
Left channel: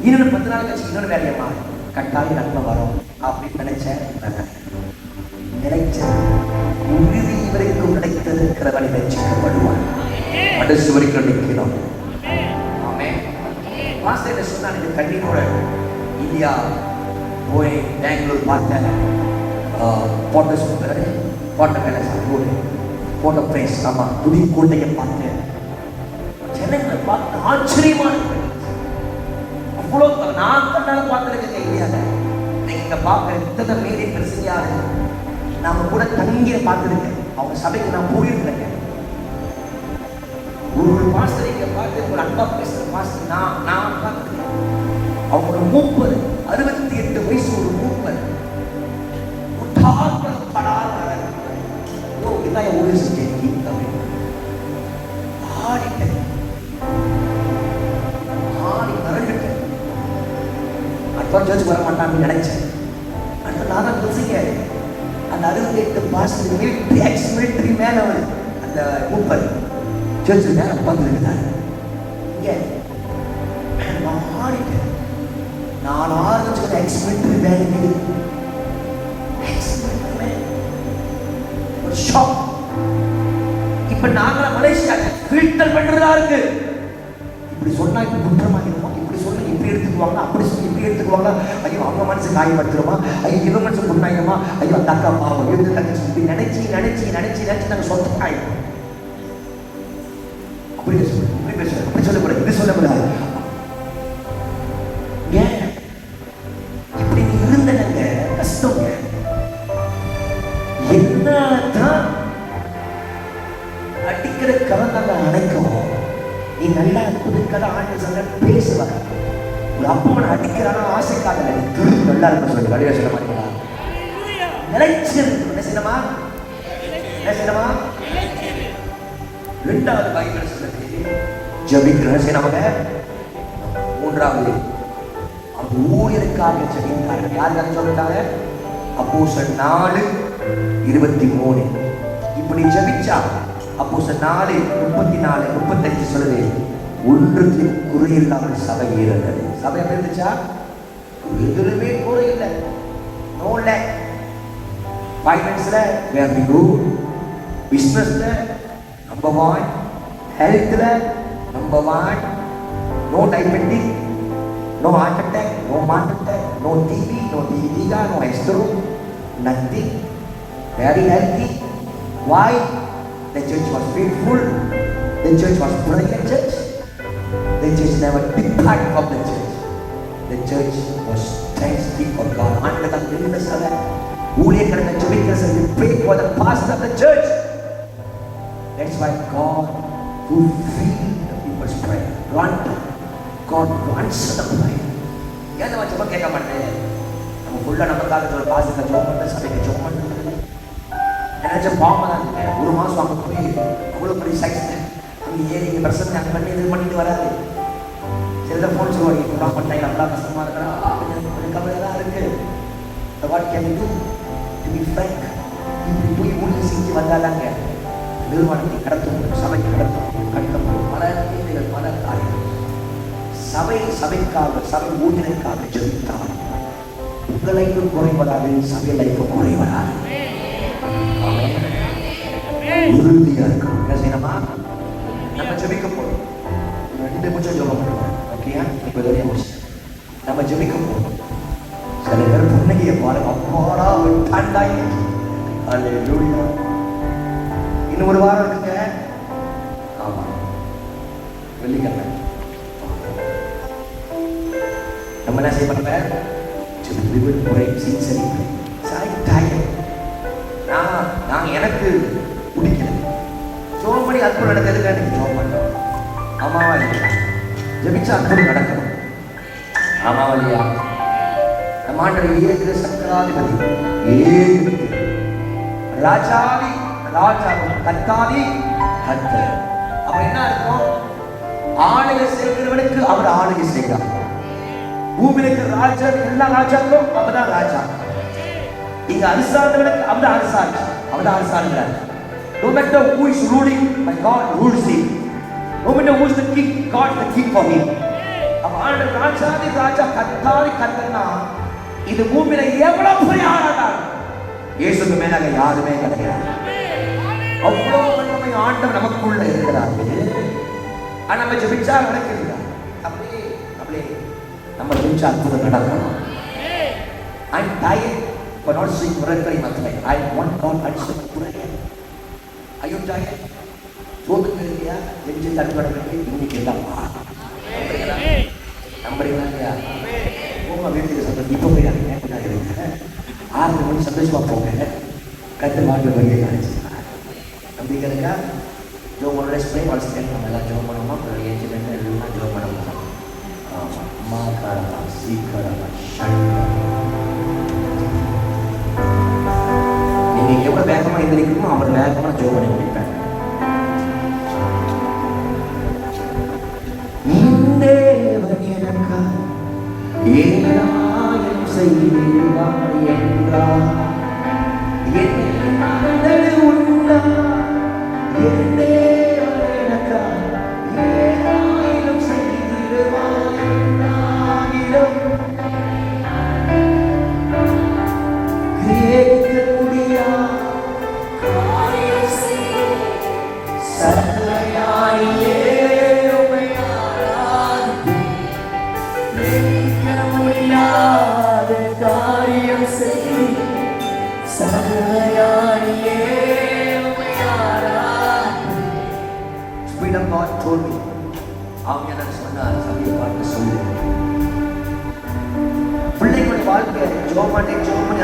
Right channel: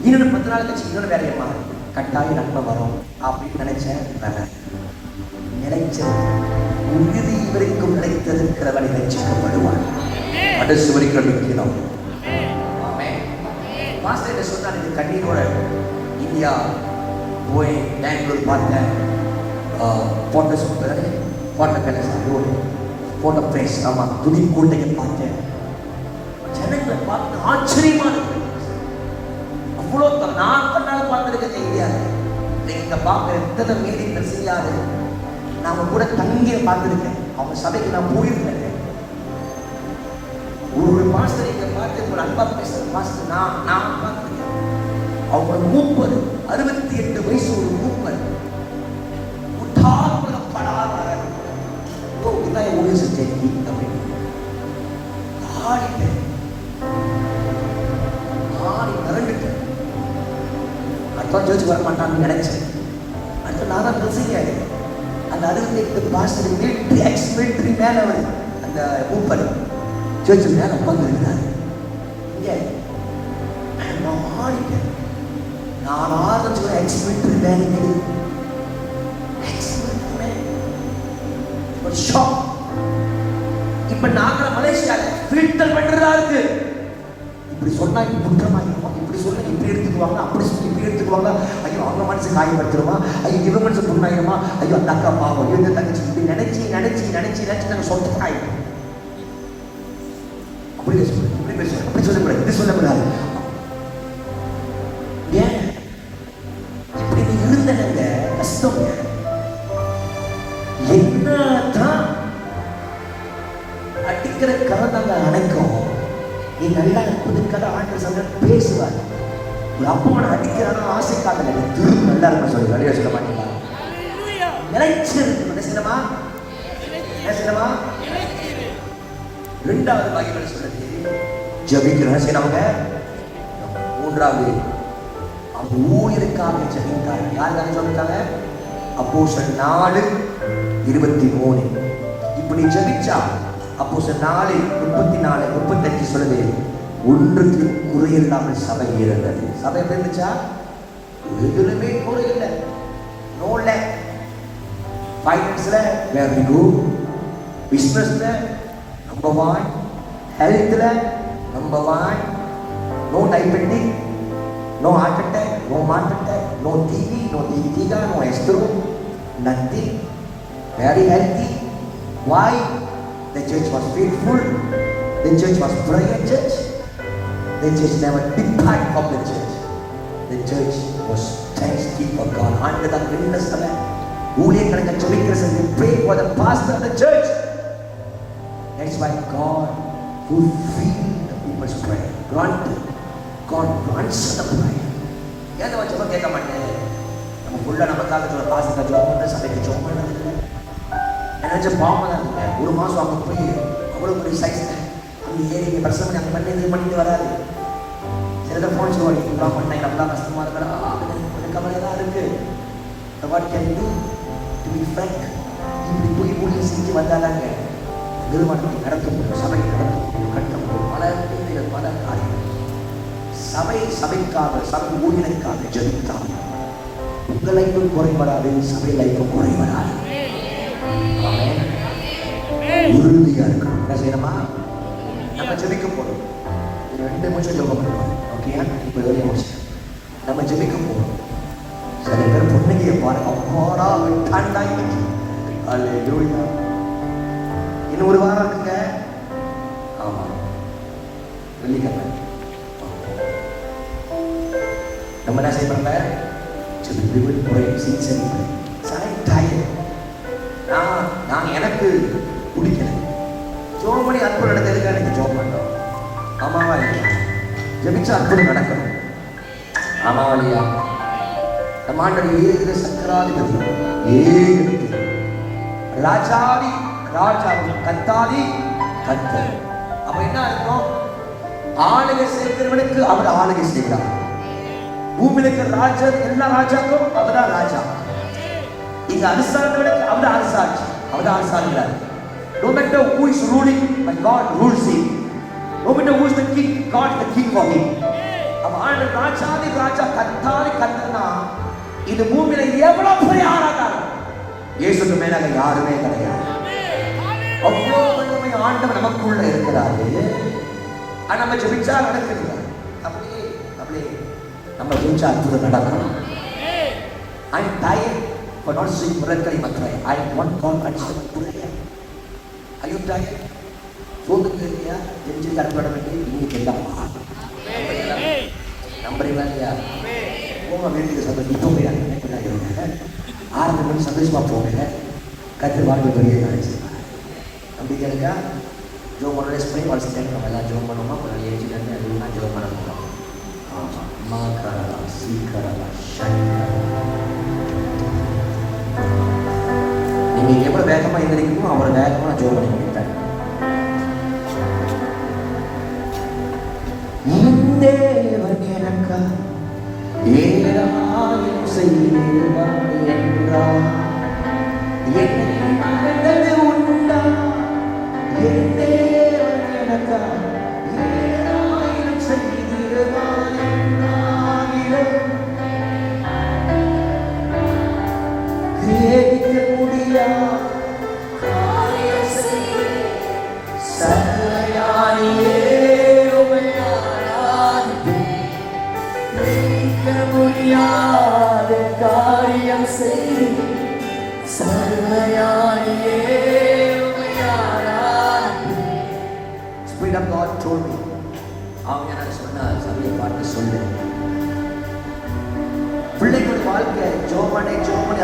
இன்னொரு 10 நாள் கழிச்சு இன்னொரு வேலையை மாறு, கட்டாயம் நன்மை வரும் அப்படின்னு நினைச்சேன். நினைச்ச உறுதி வரைக்கும் நினைத்திருக்கிறவனை ரட்சிக்கப்படுவார். கடைசி வரைக்கும் நிற்கிறோம். ஆமென். பாஸ்டர் சொன்னார், இந்த கண்ணீரோட இந்தியா போய் பெங்களூர் பார்த்தேன். Photo super, photo palace road, photo place. ஆமாம், புதுக்கோட்டையை பார்த்தேன். ஜனங்கள் பார்த்து ஆச்சரியமா இருக்கு. அவ்வளோ நான் கண்ணால பார்த்துருக்கேன் இந்தியாவில். இங்க பார்க்க எத்தனை மீறிங்கள் செய்யாது. நான் கூட தங்கிய பார்த்துருக்கேன். அவங்க சபைக்கு நான் போயிருக்கேன். ஒரு பாஸ்டர் இங்க பார்த்து ஒரு அன்பா பேசுற பாஸ்டர் நான் பார்த்துருக்கேன். அவங்க 68 வயசு ஒரு மூப்பர். உத்தார்ப்படப்படாத இதான் ஒரு ஸ்டேஜ் ஆடிட்டேன், ஆடி திரண்டுட்டேன். அடுத்த சர்ச் வர மாட்டான்னு நினைச்சேன். அடுத்து நான் தான் யோசிக்காது. அந்த 68 பாஸ்டர் மிலிட்ரி எக்ஸ் மிலிட்ரி மேல அவர் அந்த மூப்பர் சர்ச் மேல உட்கார்ந்துருக்கிறார். இங்கே நான் ஆடிட்டேன். நான் ஆரம்பிச்ச எக்ஸ் மிலிட்ரி மேல ஒரு ஷாக். இப்ப நாங்கள மலேசியால ஃபில்டர் பண்றதா இருக்கு. இப்படி சொன்னா இப்ப குற்றமாயிருமா, இப்படி சொன்னா இப்படி எடுத்துக்குவாங்க, அப்படி சொல்லி இப்படி எடுத்துக்குவாங்க. ஐயோ அவங்க மனசு காயப்படுத்துருமா, ஐயோ இவ மனசு புண்ணாயிருமா, ஐயோ அந்த அக்கா பாவம், ஐயோ இந்த தங்கச்சி, இப்படி நினைச்சு நினைச்சு நினைச்சு நினைச்சு நாங்க சொந்த ஆயிடும். அப்படி பேசுவோம், இப்படி பேசுவோம், அப்படி சொல்லக்கூடாது, இப்படி சொல்லக்கூடாது. ஏன் இப்படி இருந்தனங்க கஷ்டங்க. என்னதான் அடிக்கிற கரந்தாங்க அணைக்கும். நீ நல்லா புதுக்கதை ஆண்டு சொல்ல பேசுவார். ஒரு அப்பவனை அடிக்கிறான ஆசைக்காக திரும்ப நல்லா இருக்கும் சொல்லி அடியா சொல்ல மாட்டீங்களா? நினைச்சிருக்கு. என்ன செய்யணுமா? என்ன செய்யணுமா? 2வது பைபிள் சொல்லுது, ஜெபிக்கிறேன் செய்யணும். 3வது ஊழியருக்காக ஜெபித்தார். யாருக்காக சொல்லிட்டாங்க? அப்போஸ்தலர் 4:23. இப்படி ஜெபிச்சா அப்போஸ்தலர் 4:34-35 சொல்லுது, ஒன்றுக்கு குறையில்லாமல் சபை இருந்தது. சபை இருந்துச்சா? எதுவுமே குறையில்லை. No lack. ஃபைனான்ஸ்ல வேர் வி கோ, பிசினஸ்ல நம்பர் 1, ஹெல்த்ல number 1, no diabetic, no heart attack, no heart attack, no TB, no டிவிகா, நோ எஸ்ட்ரோ, nothing. Very healthy. Why? The church was faithful. The church was prayer church. The church never departed from the church. The church was ஊழியர்களுக்கு ஜெபிக்கிறது, we pray for the pastor of the church. That's why God fulfill the people's prayer. God answer the prayer. ஏன் நம்ம ஜெபம் கேட்க மாட்டேன்? நம்ம உள்ள நமக்காக ஒரு பாஸ்டர் ஜெபம் பண்ண சபைக்கு ஜெபம் பண்ணது நினைச்ச பாவம் தான். ஒரு மாசம் அவங்க போய் அவ்வளோ பெரிய சைஸ் அங்கே ஏறி இங்கே பிரசவம் அங்கே பண்ணி இது பண்ணிட்டு வராது. சில ஃபோன் சொல்லுவாங்க, இப்பெல்லாம் பண்ணேன் நல்லா கஷ்டமாக இருக்கிறேன், கவலையெல்லாம் இருக்கு. What can you to be frank, இப்படி போய் முடிவு செஞ்சு வந்தாதாங்க நிறுவனத்தை நடத்தும், சபையை நடத்தும், கட்டம் பல தேவைகள், பல காரியங்கள். சபைக்காக சபை ஊழியர்களுக்காக ஜெபித்தால் உங்கள் லைஃபும் குறைவராது, சபை லைஃபும் குறைவராது. உறுதியா இருக்கணும். என்ன செய்யணுமா? நம்ம ஜெபிக்க போறோம். 2 நிமிஷம் ஜெபம் பண்ணுவோம். ஓகேயா? இப்போ இதோடய முடிச்சு நம்ம ஜெபிக்க போறோம். சில பேர் புன்னகையை பாருங்க, அப்பாடா விட்டாண்டாய். அல்லேலூயா. இன்னும் ஒரு வாரம் இருக்குங்க. ஆமா, வெள்ளிக்கிழமை நம்ம என்ன செய்யணும்? ஜெபிக்க முறை சீசரி டயர். நான் எனக்கு பிடிக்கல ஜோமணி அற்புதம் நடக்கிறதுக்கு எனக்கு ஜோம் பண்ணோம். ஆமாவா இல்லையா? ஜெபிச்சா அற்புதம் நடக்கணும். ஆமாவா இல்லையா? நம்ம ஆண்டவர் ஏகிற சக்கராதிபதி, ஏகிற ராஜாதி ராஜா, கர்த்தாதி கர்த்தர். அப்ப என்ன அர்த்தம்? ஆளுகை செய்கிறவனுக்கு அவர் ஆளுகை செய்கிறார். பூமியில இருக்கிற ராஜா, எல்லா ராஜாக்கும் அவர்தான் ராஜா. இங்க அரசாங்கவனுக்கு அவர்தான் அரசாட்சி, அவர்தான் அரசாங்கிறார். No matter who is ruling, my God rules him. No matter who is the king, God is the king for him. அவ ஆண்ட ராஜாதி ராஜா, கர்த்தாதி கர்த்தர்னா இது பூமியில எவ்வளவு பெரிய ஆராதனை. இயேசுக்கு மேலாக யாருமே கிடையாது. அவ்வளவு வல்லமை ஆண்டவர் நமக்குள்ள இருக்கிறாரு. ஆனா நம்ம ஜெபிச்சா நடக்குது. அப்படியே நம்ம ஜெபிச்சா அற்புதம் நடக்கணும். I'm tired for not seeing miracle in my life. I want God to answer my prayer. Are you tired? சோதுங்க இல்லையா? ஜெபிச்சு தடுப்படம் இல்லை. இன்னைக்கு எல்லாம் நம்புறீங்களா இல்லையா? போக வேண்டியது சொல்றது. இப்போ போய் கேட்டுக்கா இருங்க. 6 மணி சந்தோஷமா போங்க. கத்து வாழ்வு பெரிய நினைச்சிருக்காங்க. நம்பிக்கை இருக்கா? ஜோமனோட ஸ்ப்ரே வளர்ச்சிட்டு நம்ம எல்லாம் ஜோம் பண்ணணுமா? ஒரு ஏஜென்ட் எல்லாம் ஜோம் பண்ணணும். ஆமாம், அம்மா காரமா சீக்கிரமா ஷட். நீங்க எவ்வளவு வேகமா எந்திரிக்கணுமோ அவர் வேகமா ஜோம் பண்ணி முடிப்பார். தேவன் எனக்கா ஏதாயம் செய்வாய் என்றார். என் மனதில் உண்டா என் தேவன் எனக்கா ஏதாயம் செய்வாய் என்றாகிலும் கிரேக்க முடியா காரியம் செய்ய சர்வயானியே காரியம் செய் சர்வயானியே Spirit of God told me. அவங்க நான் சொன்னார், சபையை பார்த்து சொல்லு. பிள்ளைகளுடைய வாழ்க்கை ஜோமனை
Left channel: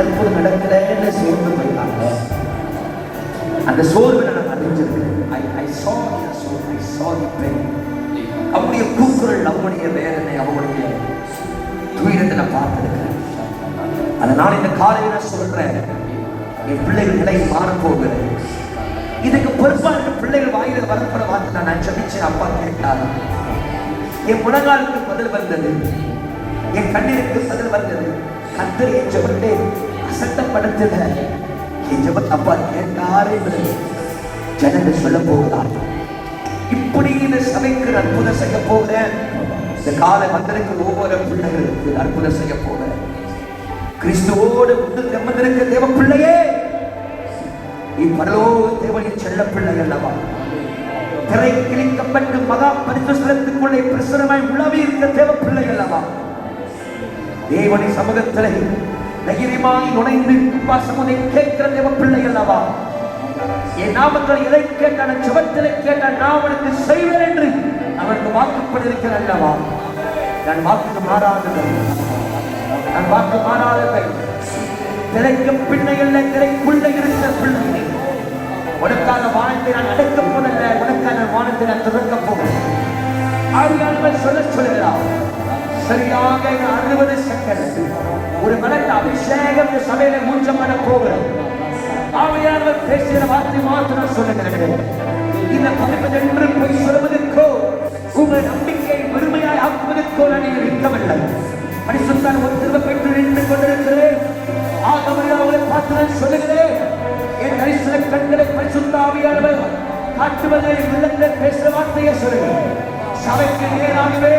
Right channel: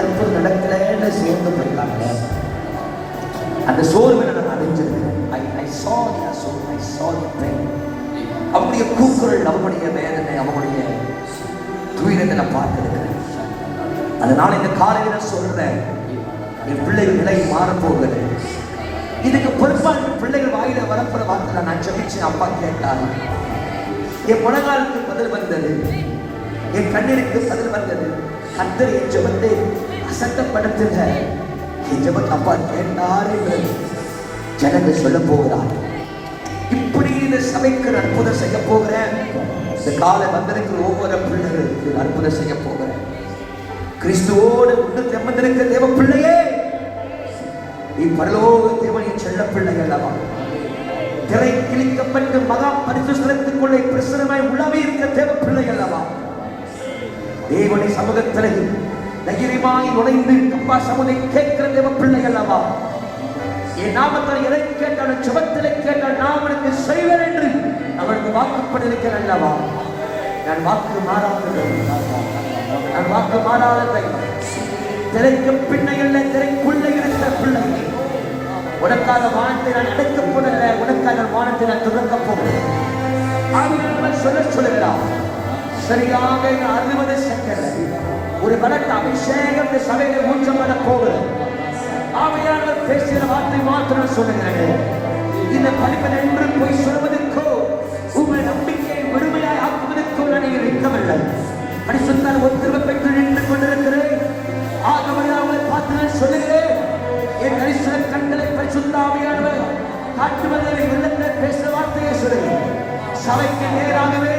அற்புதம் நடக்கலன்னு சோர்ந்து போயிட்டாங்க. அந்த சோர்வை நான் அறிஞ்சிருக்கேன். I saw the pain. அவனுடைய கூக்குரல், அவனுடைய வேதனை, அவனுடைய துயரத்தை நான் பார்த்திருக்கிறேன். அதனால இந்த காலையில நான் சொல்றேன், என் பிள்ளைகள் நிலை மாற போகுது. இதுக்கு பொறுப்பாக பிள்ளைகள் வாயில வரப்புற வார்த்தை நான் ஜெபிச்சு அப்பா கேட்டார். என் முழங்காலுக்கு பதில் வந்தது, என் கண்ணீருக்கு பதில் வந்தது. கர்த்தர் என் ஜெபத்தை அசட்டப்படுத்துக, என் ஜெபத்தை அப்பா கேட்டார் என்று ஜனங்கள் சொல்ல போகிறார். இப்படி இந்த சபைக்கு அற்புதம் செய்ய போகிறேன். இந்த காலை வந்திருக்கிற ஒவ்வொரு பிள்ளைகளுக்கு அற்புதம் செய்ய போகிறேன். கிறிஸ்துவோடு உங்கள் தெம்பந்திருக்க தேவ பிள்ளையே, இப்பரலோக தேவனின் செல்ல பிள்ளைகள் அல்லவா, திரை கிழிக்கப்பட்டு மகா பரிசுத்தலத்துக்குள்ளே பிரசுரமாய் உள்ளவே இருக்க தேவ பிள்ளைகள் அல்லவா, தேவனின் சமூகத்திலே தைரியமாய் நுழைந்து அப்பா சமுதை கேட்கிற தேவ பிள்ளைகள் அல்லவா, என் நாமத்தில் எதை கேட்டாலும் சுபத்திலே கேட்டால் நான் அவனுக்கு செய்வேன் என்று அவனுக்கு வாக்குப்பட்டிருக்கிறேன் அல்லவா. நான் வாக்கு மாறாததை திரைக்கு பின்னையில் திரைக்குள்ள இருக்கிற பிள்ளைகள் உனக்கான வானத்தை நான் அடக்கப் போதல்ல, உனக்கான வானத்தை நான் திறக்கப் போகிறேன். ஆவியானவர் சொல்லுகிறார், சரியாக 60 செகண்ட் ஒரு பலத்த அபிஷேகம் இந்த சபையில மூச்சம் பண்ண போகிறது. ஆவியானவர் பேசுகிற வார்த்தை மாத்திரம் சொல்லுகிறேன். இந்த பணிப்பது என்று போய் சொல்வதற்கோ உங்கள் நம்பிக்கையை முழுமையாய் ஆக்குவதற்கோ நான் நிற்கவில்லை. பரிசுத்தால் ஒரு திரும்ப பெற்று நின்று கொண்டிருக்கிறேன். அவங்களை பார்த்து நான் சொல்லுகிறேன், என் தரிசன கண்களை பரிசுத்த ஆவியானவர் காட்டுவதை உள்ளத்தில் பேச வார்த்தையை சொல்லுகிறேன். சபைக்கு நேராகவே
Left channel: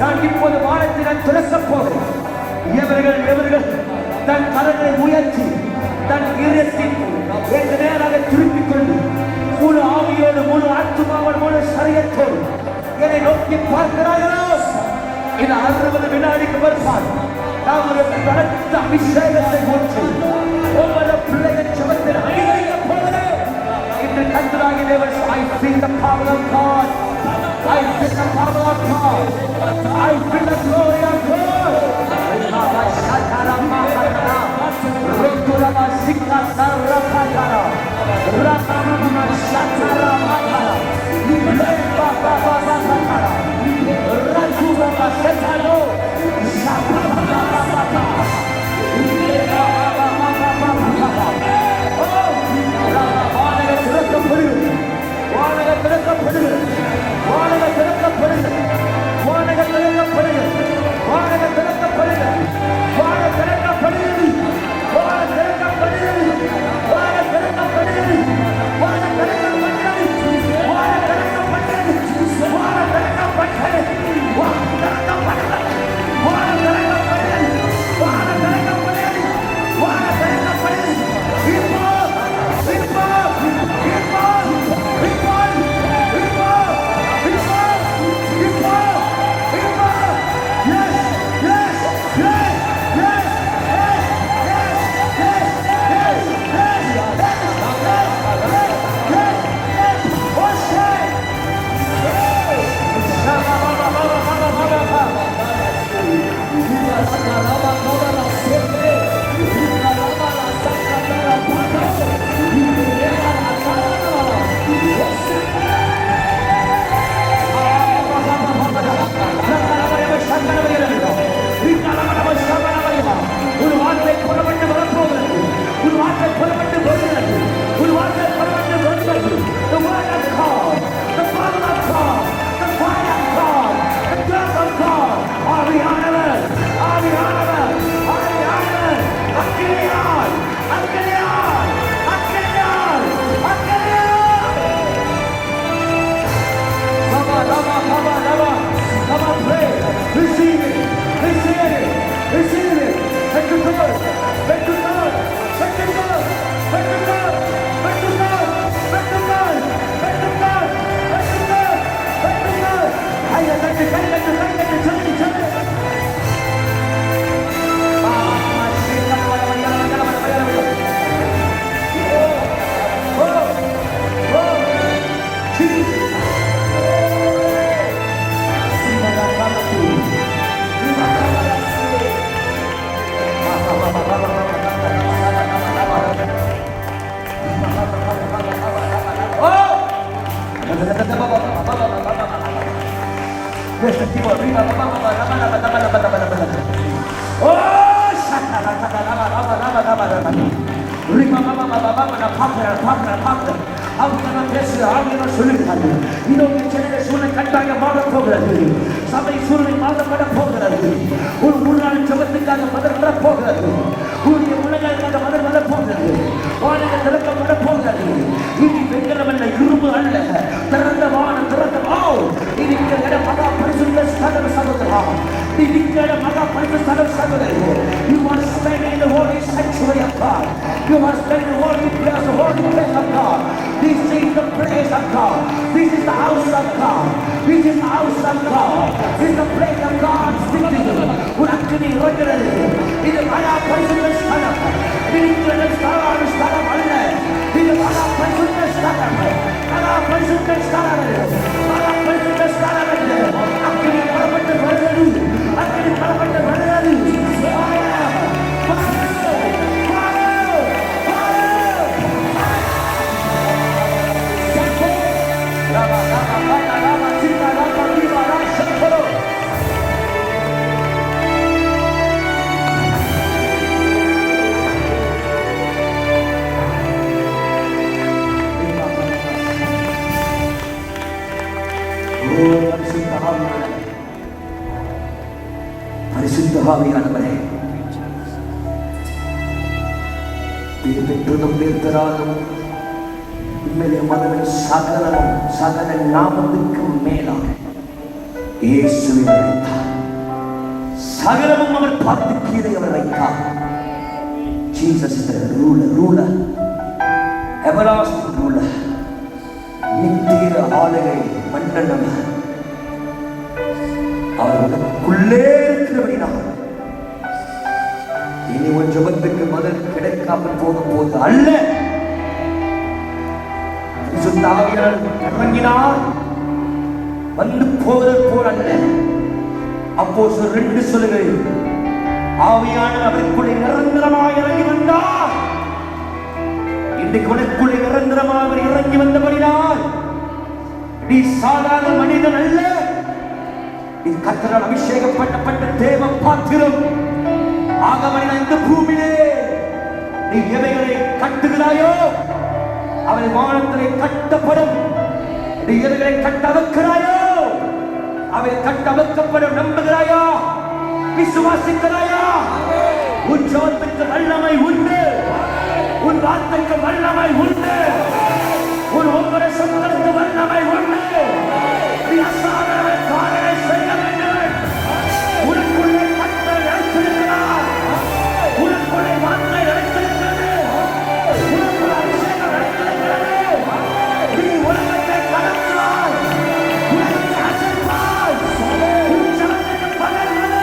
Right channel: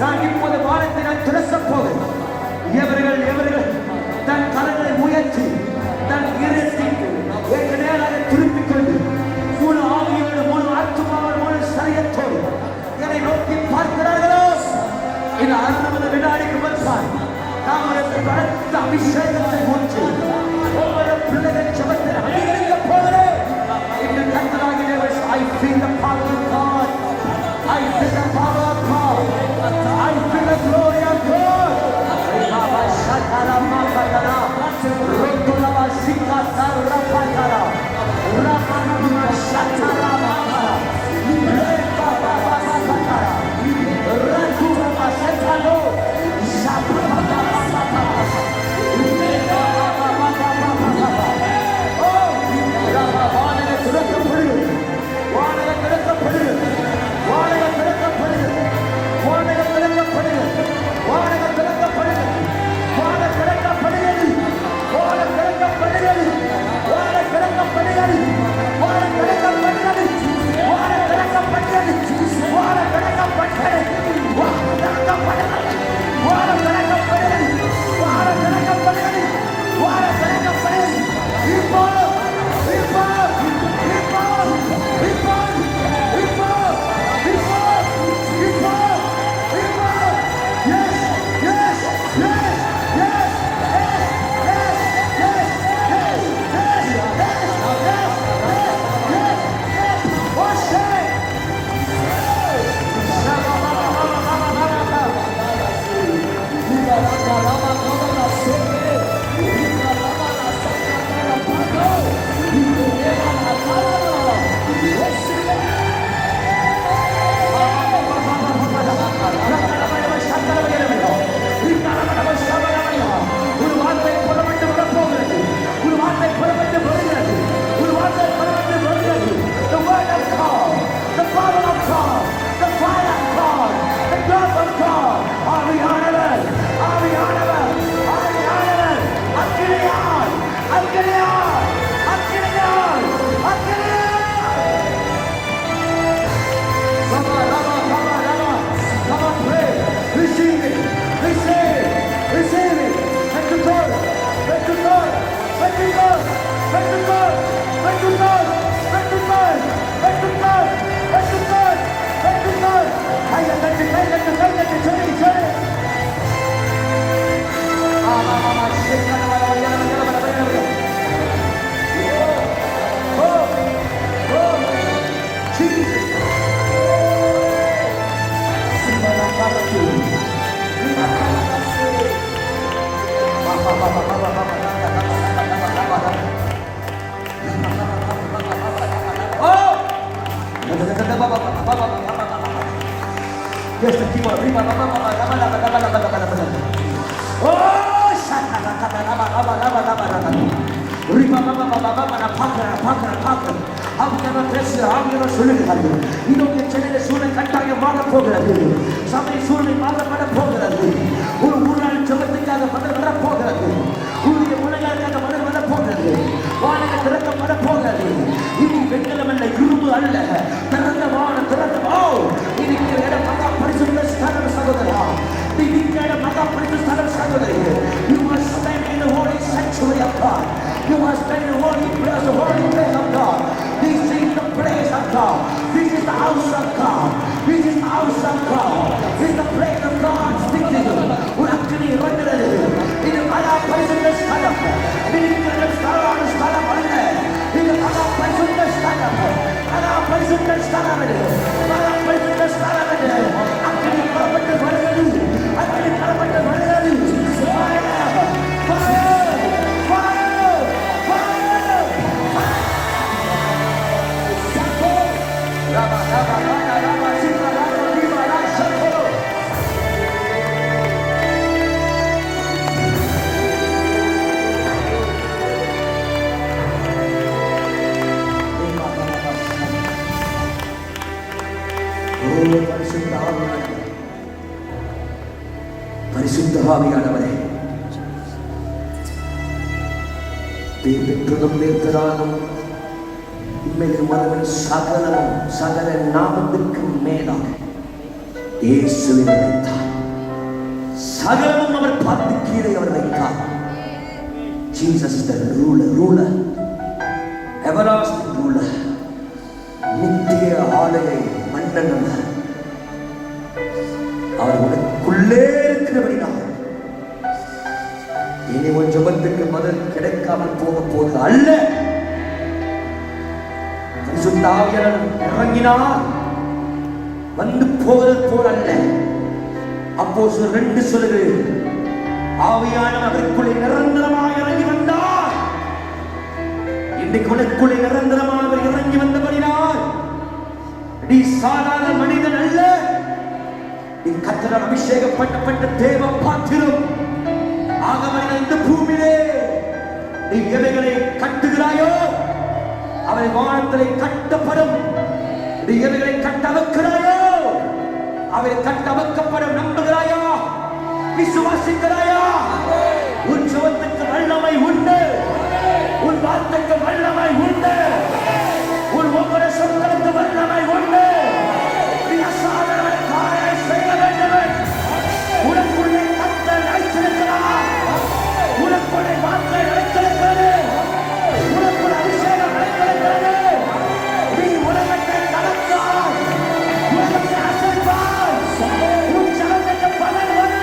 நான் இப்போது வானத்தை நான் திறக்கப் போகிறேன். எவர்கள் தன் கரங்களை உயர்த்தி தன் இதயத்தில் எங்க நேராக திருப்பிக் கொண்டு முழு ஆவியோடு முழு ஆத்துமாவோடு முழு சரியத்தோடு என்னை நோக்கி பார்க்கிறார்களோ இந்த 60 வினாடிக்கு வருவார். நாம் பலத்த அபிஷேகத்தை ஊற்றி ஒவ்வொரு பிள்ளைகள் சமத்தில் அணிவிக்க போகிறேன். இன்று கர்த்தராகிய தேவன், I feel the power of God. I feel the power of God. I feel the glory of God. Rama Shatara Makara, Roturava Sikata Rapakara, Rama Shatara Makara, Rama Makara, Raturava Setalo, Shatara Makara, Rama Makara. சபை சூழ்நிலை மாற்றப்பட போகிறது. ஒரு நாள் ஜபத்துக்காக பதில் வர போகிறது. உங்களுடைய முன்னேற்காக பதில் வர போகிறது. வானிலை திறக்கப்பட போகிறது. இது வெங்கலம் அல்ல, இரும்பு அல்ல, திறந்த வானம் திறக்கமோ இருக்கிற மகா பரிசுத்த ஸ்தல சகோதரா, இருக்கிற மகா பரிசுத்த ஸ்தல சகோதரி, you are standing in the holy sanctuary of God. You are standing in the holy place of God. This is the place of God. This is the house of God. This is the house of God. This is the place of God speaking. ஒரு அக்கினி வருகிறது. இது மகா பரிசுத்த ஸ்தலம். இருக்கிற ஸ்தலம் அல்ல. இது மகா பரிசுத்த ஸ்தலம். மகா பரிசுத்த ஸ்தலம். மகா பரிசுத்த ஸ்தலம். அக்கினி பரவட்டு வருகிறது. அக்கினி பரவட்டு வருகிறது. பேர் பெற்றதும் பேர் பெறாததும் உண்மையிலே மதமே சகலமும் சகல நாமத்துக்கு மேலாக இயேசுவை வைத்தார். சகலமும் அவர் பார்த்து கீழே அவர் வைத்தார். Jesus is the ruler, everlasting ruler, நித்திய ஆளுகை மன்னன். அவர் உனக்குள்ளே இருக்கிறபடினால் இனி உன் ஜெபத்துக்கு பதில் கிடைக்காமல் போக போது அல்ல. பரிசுத்த ஆவியானவர் இறங்கினார், வந்து போவது போல் அல்ல. அப்போஸ்தலர் 2 சொல்லுகிறது, ஆவியானவர் அவருக்குள்ளே நிரந்தரமாக இறங்கி வந்தார். இன்றைக்கு உனக்குள்ளே நிரந்தரமாக அவர் இறங்கி வந்தபடினால் நீ சாதாரண மனிதன் அல்ல. நீ கர்த்தரால் அபிஷேகப்பட்ட தேவ பாத்திரம். ஆகவே இந்த பூமியிலே நீ எவைகளை கட்டுகிறாயோ அவை வானத்திலே கட்டப்படும். நீ எவைகளை கட்ட வைக்கிறாயோ அவை கட்ட வைக்கப்படும். நம்புகிறாயா? விசுவாசிக்கிறாயா? உன் ஜெபத்துக்கு வல்லமை உண்டு, உன் வார்த்தைக்கு வல்லமை உண்டு, உன் ஒவ்வொரு சொற்களுக்கு வல்லமை உண்டு. நீ அசாதாரண காரியங்களை செய்ய வேண்டும். உனக்குள்ளே கர்த்தர் வைத்திருக்கிறார், உனக்குள்ளே வார்த்தை வைத்திருக்கிறது, உனக்குள்ளே அபிஷேகம் வைத்திருக்கிறது. நீ உலகத்தை கடந்தால், உலகத்தை அசைவால், உன் ஜெபத்துக்கு பலன் வரும்.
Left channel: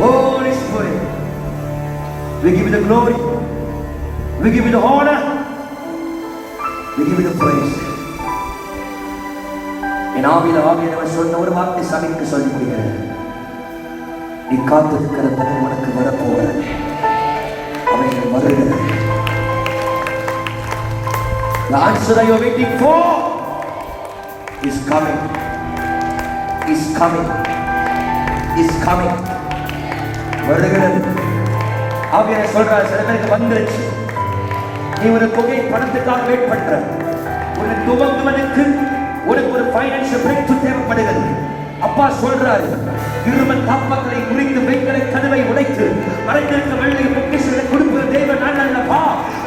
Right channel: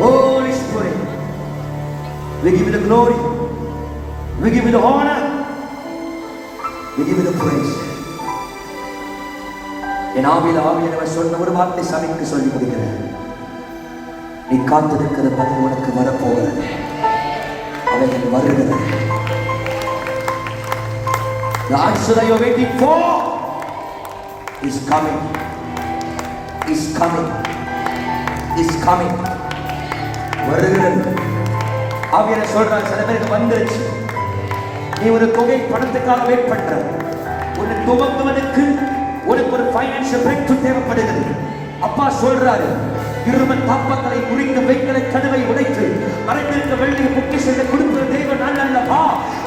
Holy Spirit, we give you the glory, we give you the honor, we give you the praise. என் ஆவியானவர் சொன்ன ஒரு வார்த்தை சபைக்கு சொல்லி முடிக்கிறேன். நீ காத்திருக்கிற பதில் உனக்கு வரப்போகிறது. அவைகள் வருகிறது. The answer that you are waiting for is coming, is coming, is coming. வருகிறது. ஆவியானவர் சொல்றார், சில பேருக்கு வந்துருச்சு. நீ ஒரு தொகை பணத்துக்காக வெயிட் பண்ற. உனக்கு துவங்குவதற்கு உனக்கு ஒரு ஃபைனான்சியல் பிரேக் த்ரூ தேவைப்படுகிறது. அப்பா சொல்றாரு, இரும தாப்பாக்களை குறித்து வெண்கல கனவை உடைத்து அரைந்திருக்க வெள்ளை பொக்கிஷத்தை கொடுக்கிற தேவன் நான் அல்லவா?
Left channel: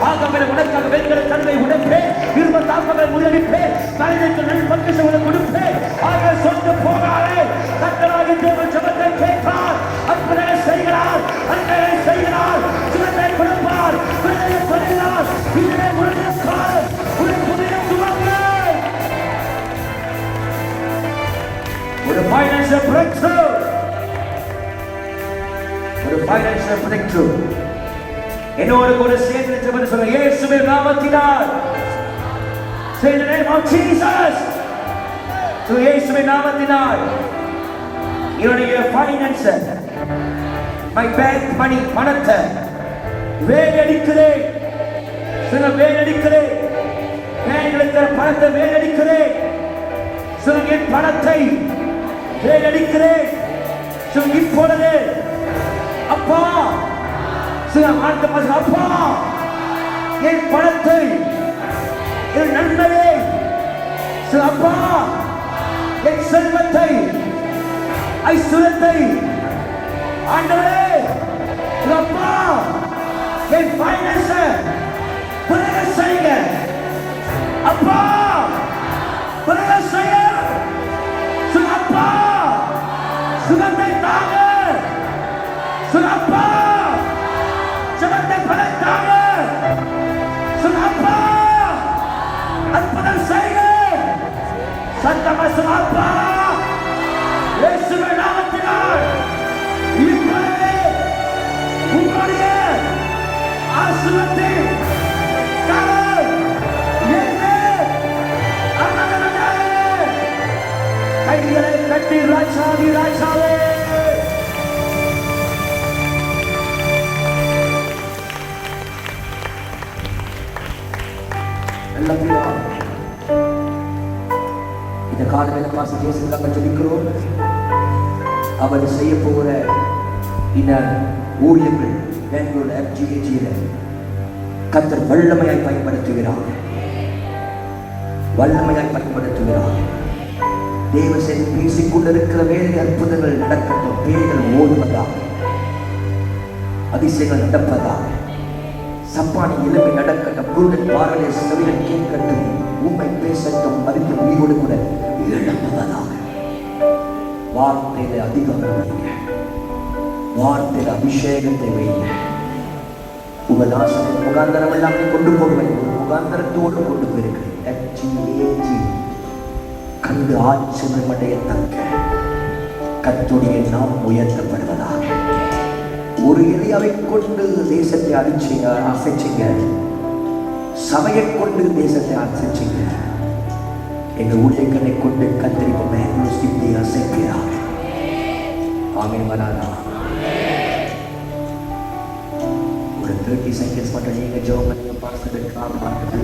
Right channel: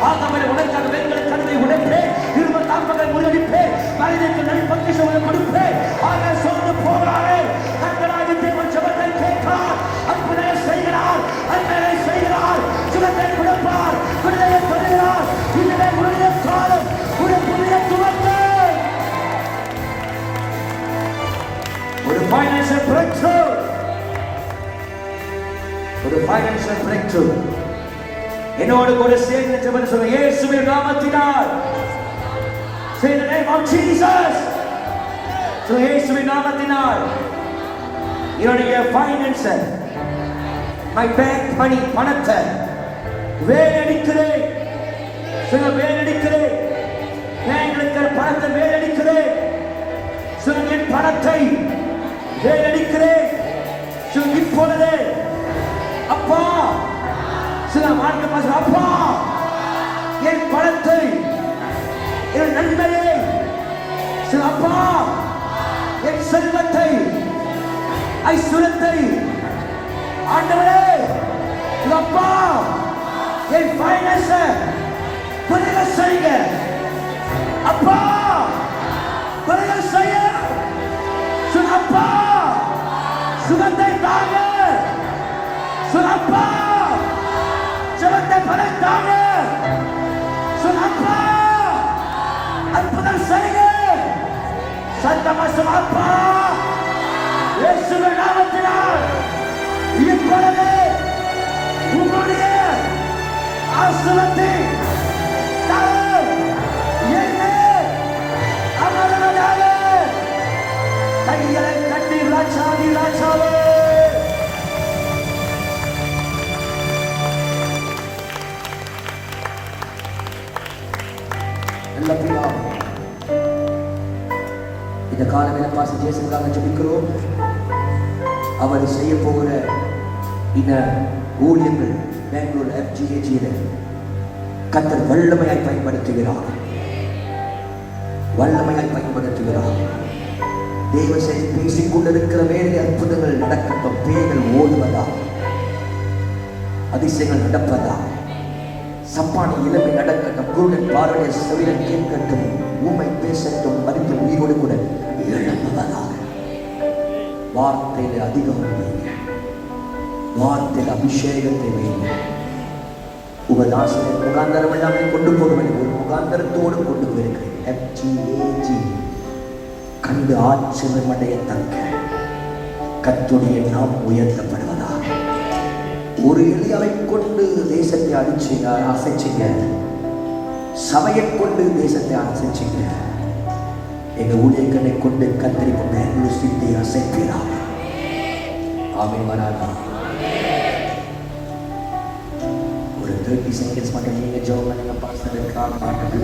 ஆகவே உனக்காக வெண்கல கனவை உடைப்பேன், இரும தாப்பாக்களை முறியடிப்பேன், மனிதனுக்கு நல் பொக்கிஷங்களை கொடுப்பேன். ஆக சொந்த போராடே கர்த்தராக தேவன் ஜெபத்தை கேட்கிறார், அற்புதத்தை செய்கிறார், அற்புதத்தை செய்கிறார், சுகத்தை கொடுப்பார், விடுதலை தருகிறார். இதுவே உடைய காலம், ஒரு புதிய துவக்கம், ஒரு ஃபைனான்சியல் பிரேக் த்ரூ, ஒரு ஃபைனான்சியல் பிரேக் த்ரூ. என்னோடு கூட சேர்ந்து ஜெபம் சொல்லுங்க. இயேசுவின் நாமத்தினால், say the name of Jesus. So இயேசுவின் நாமத்தினால் என்னுடைய ஃபைனான்ஸ், my bank money, பணத்தை வேலடிக்கிறேன். சொல்லுங்க, வேலடிக்கிறேன். பேங்க்ல இருக்கிற பணத்தை வேலடிக்கிறேன். சொல்லுங்க, என் பணத்தை வேலடிக்கிறேன். இப்பொழுது அப்பா சில நாட்கள் அப்பா என் பணத்தை என் நண்பரை அப்பா என் செல்வத்தை ஐஸ்வரத்தை ஆண்டவரே அப்பா என் ஃபைனான்ஸ் பிறக செய்யுங்க அப்பா பிறக செய்ய அப்பா சுகத்தை தாங்க அப்பா சுகத்தை படைத்தாங்க அப்பா அற்புதம் செய்ய சத்தமசம் அப்பா இயேசுவின் நாமத்தினால் இப்பொழுது உங்களுடைய ஆசீர்வாதத்தை கைகளை கட்டி ராஜாதி ராஜாவே நல்ல பிதா இந்த காலவேளை பாசி ஜேசுக்காக ஜெபிக்கிறோம். அவர் செய்ய போகிற இந்த ஊழியர்கள் பெங்களூர் FGAG கர்த்தர் வல்லமையாய் பயன்படுத்துகிறார். தேவ செய்தி பேசிக் கொண்டிருக்கிற வேலை அற்புதங்கள் நடக்கட்டும். பேய்கள் ஓடுவதாக, அதிசயங்கள் நடப்பதாக, சப்பானி இளமை நடக்கட்டும். குருடன் பார்வையை செவிடன் கேட்கட்டும். ஊமை பேசட்டும். அறிந்து உயிரோடு கூட எழுப்புவதாக. வார்த்தையில அதிகாரம் வைங்க, வார்த்தையில் அபிஷேகத்தை வைங்க. உபதாசனை முகாந்தரம் எல்லாமே கொண்டு போகிறேன். ஒரு முகாந்தரத்தோடு கொண்டு போயிருக்கிறேன். FGAG கண்டு ஆச்சரியமடையத்தக்க கர்த்தருடைய நாம் உயர்த்தப்படுவதாக. ஒரு எளியவை கொண்டு தேசத்தை அசைச்சிங்க, சபையை கொண்டு தேசத்தை அசைச்சிங்க. எங்க ஊழியர்களை கொண்டு கத்தரிப்பு பெங்களூர் சிட்டி அசைக்கிறார். ஆமென். வராதா ஒரு 30 செகண்ட்ஸ் மட்டும் நீங்க ஜெபம் பண்ணுங்க. பாஸ்டர்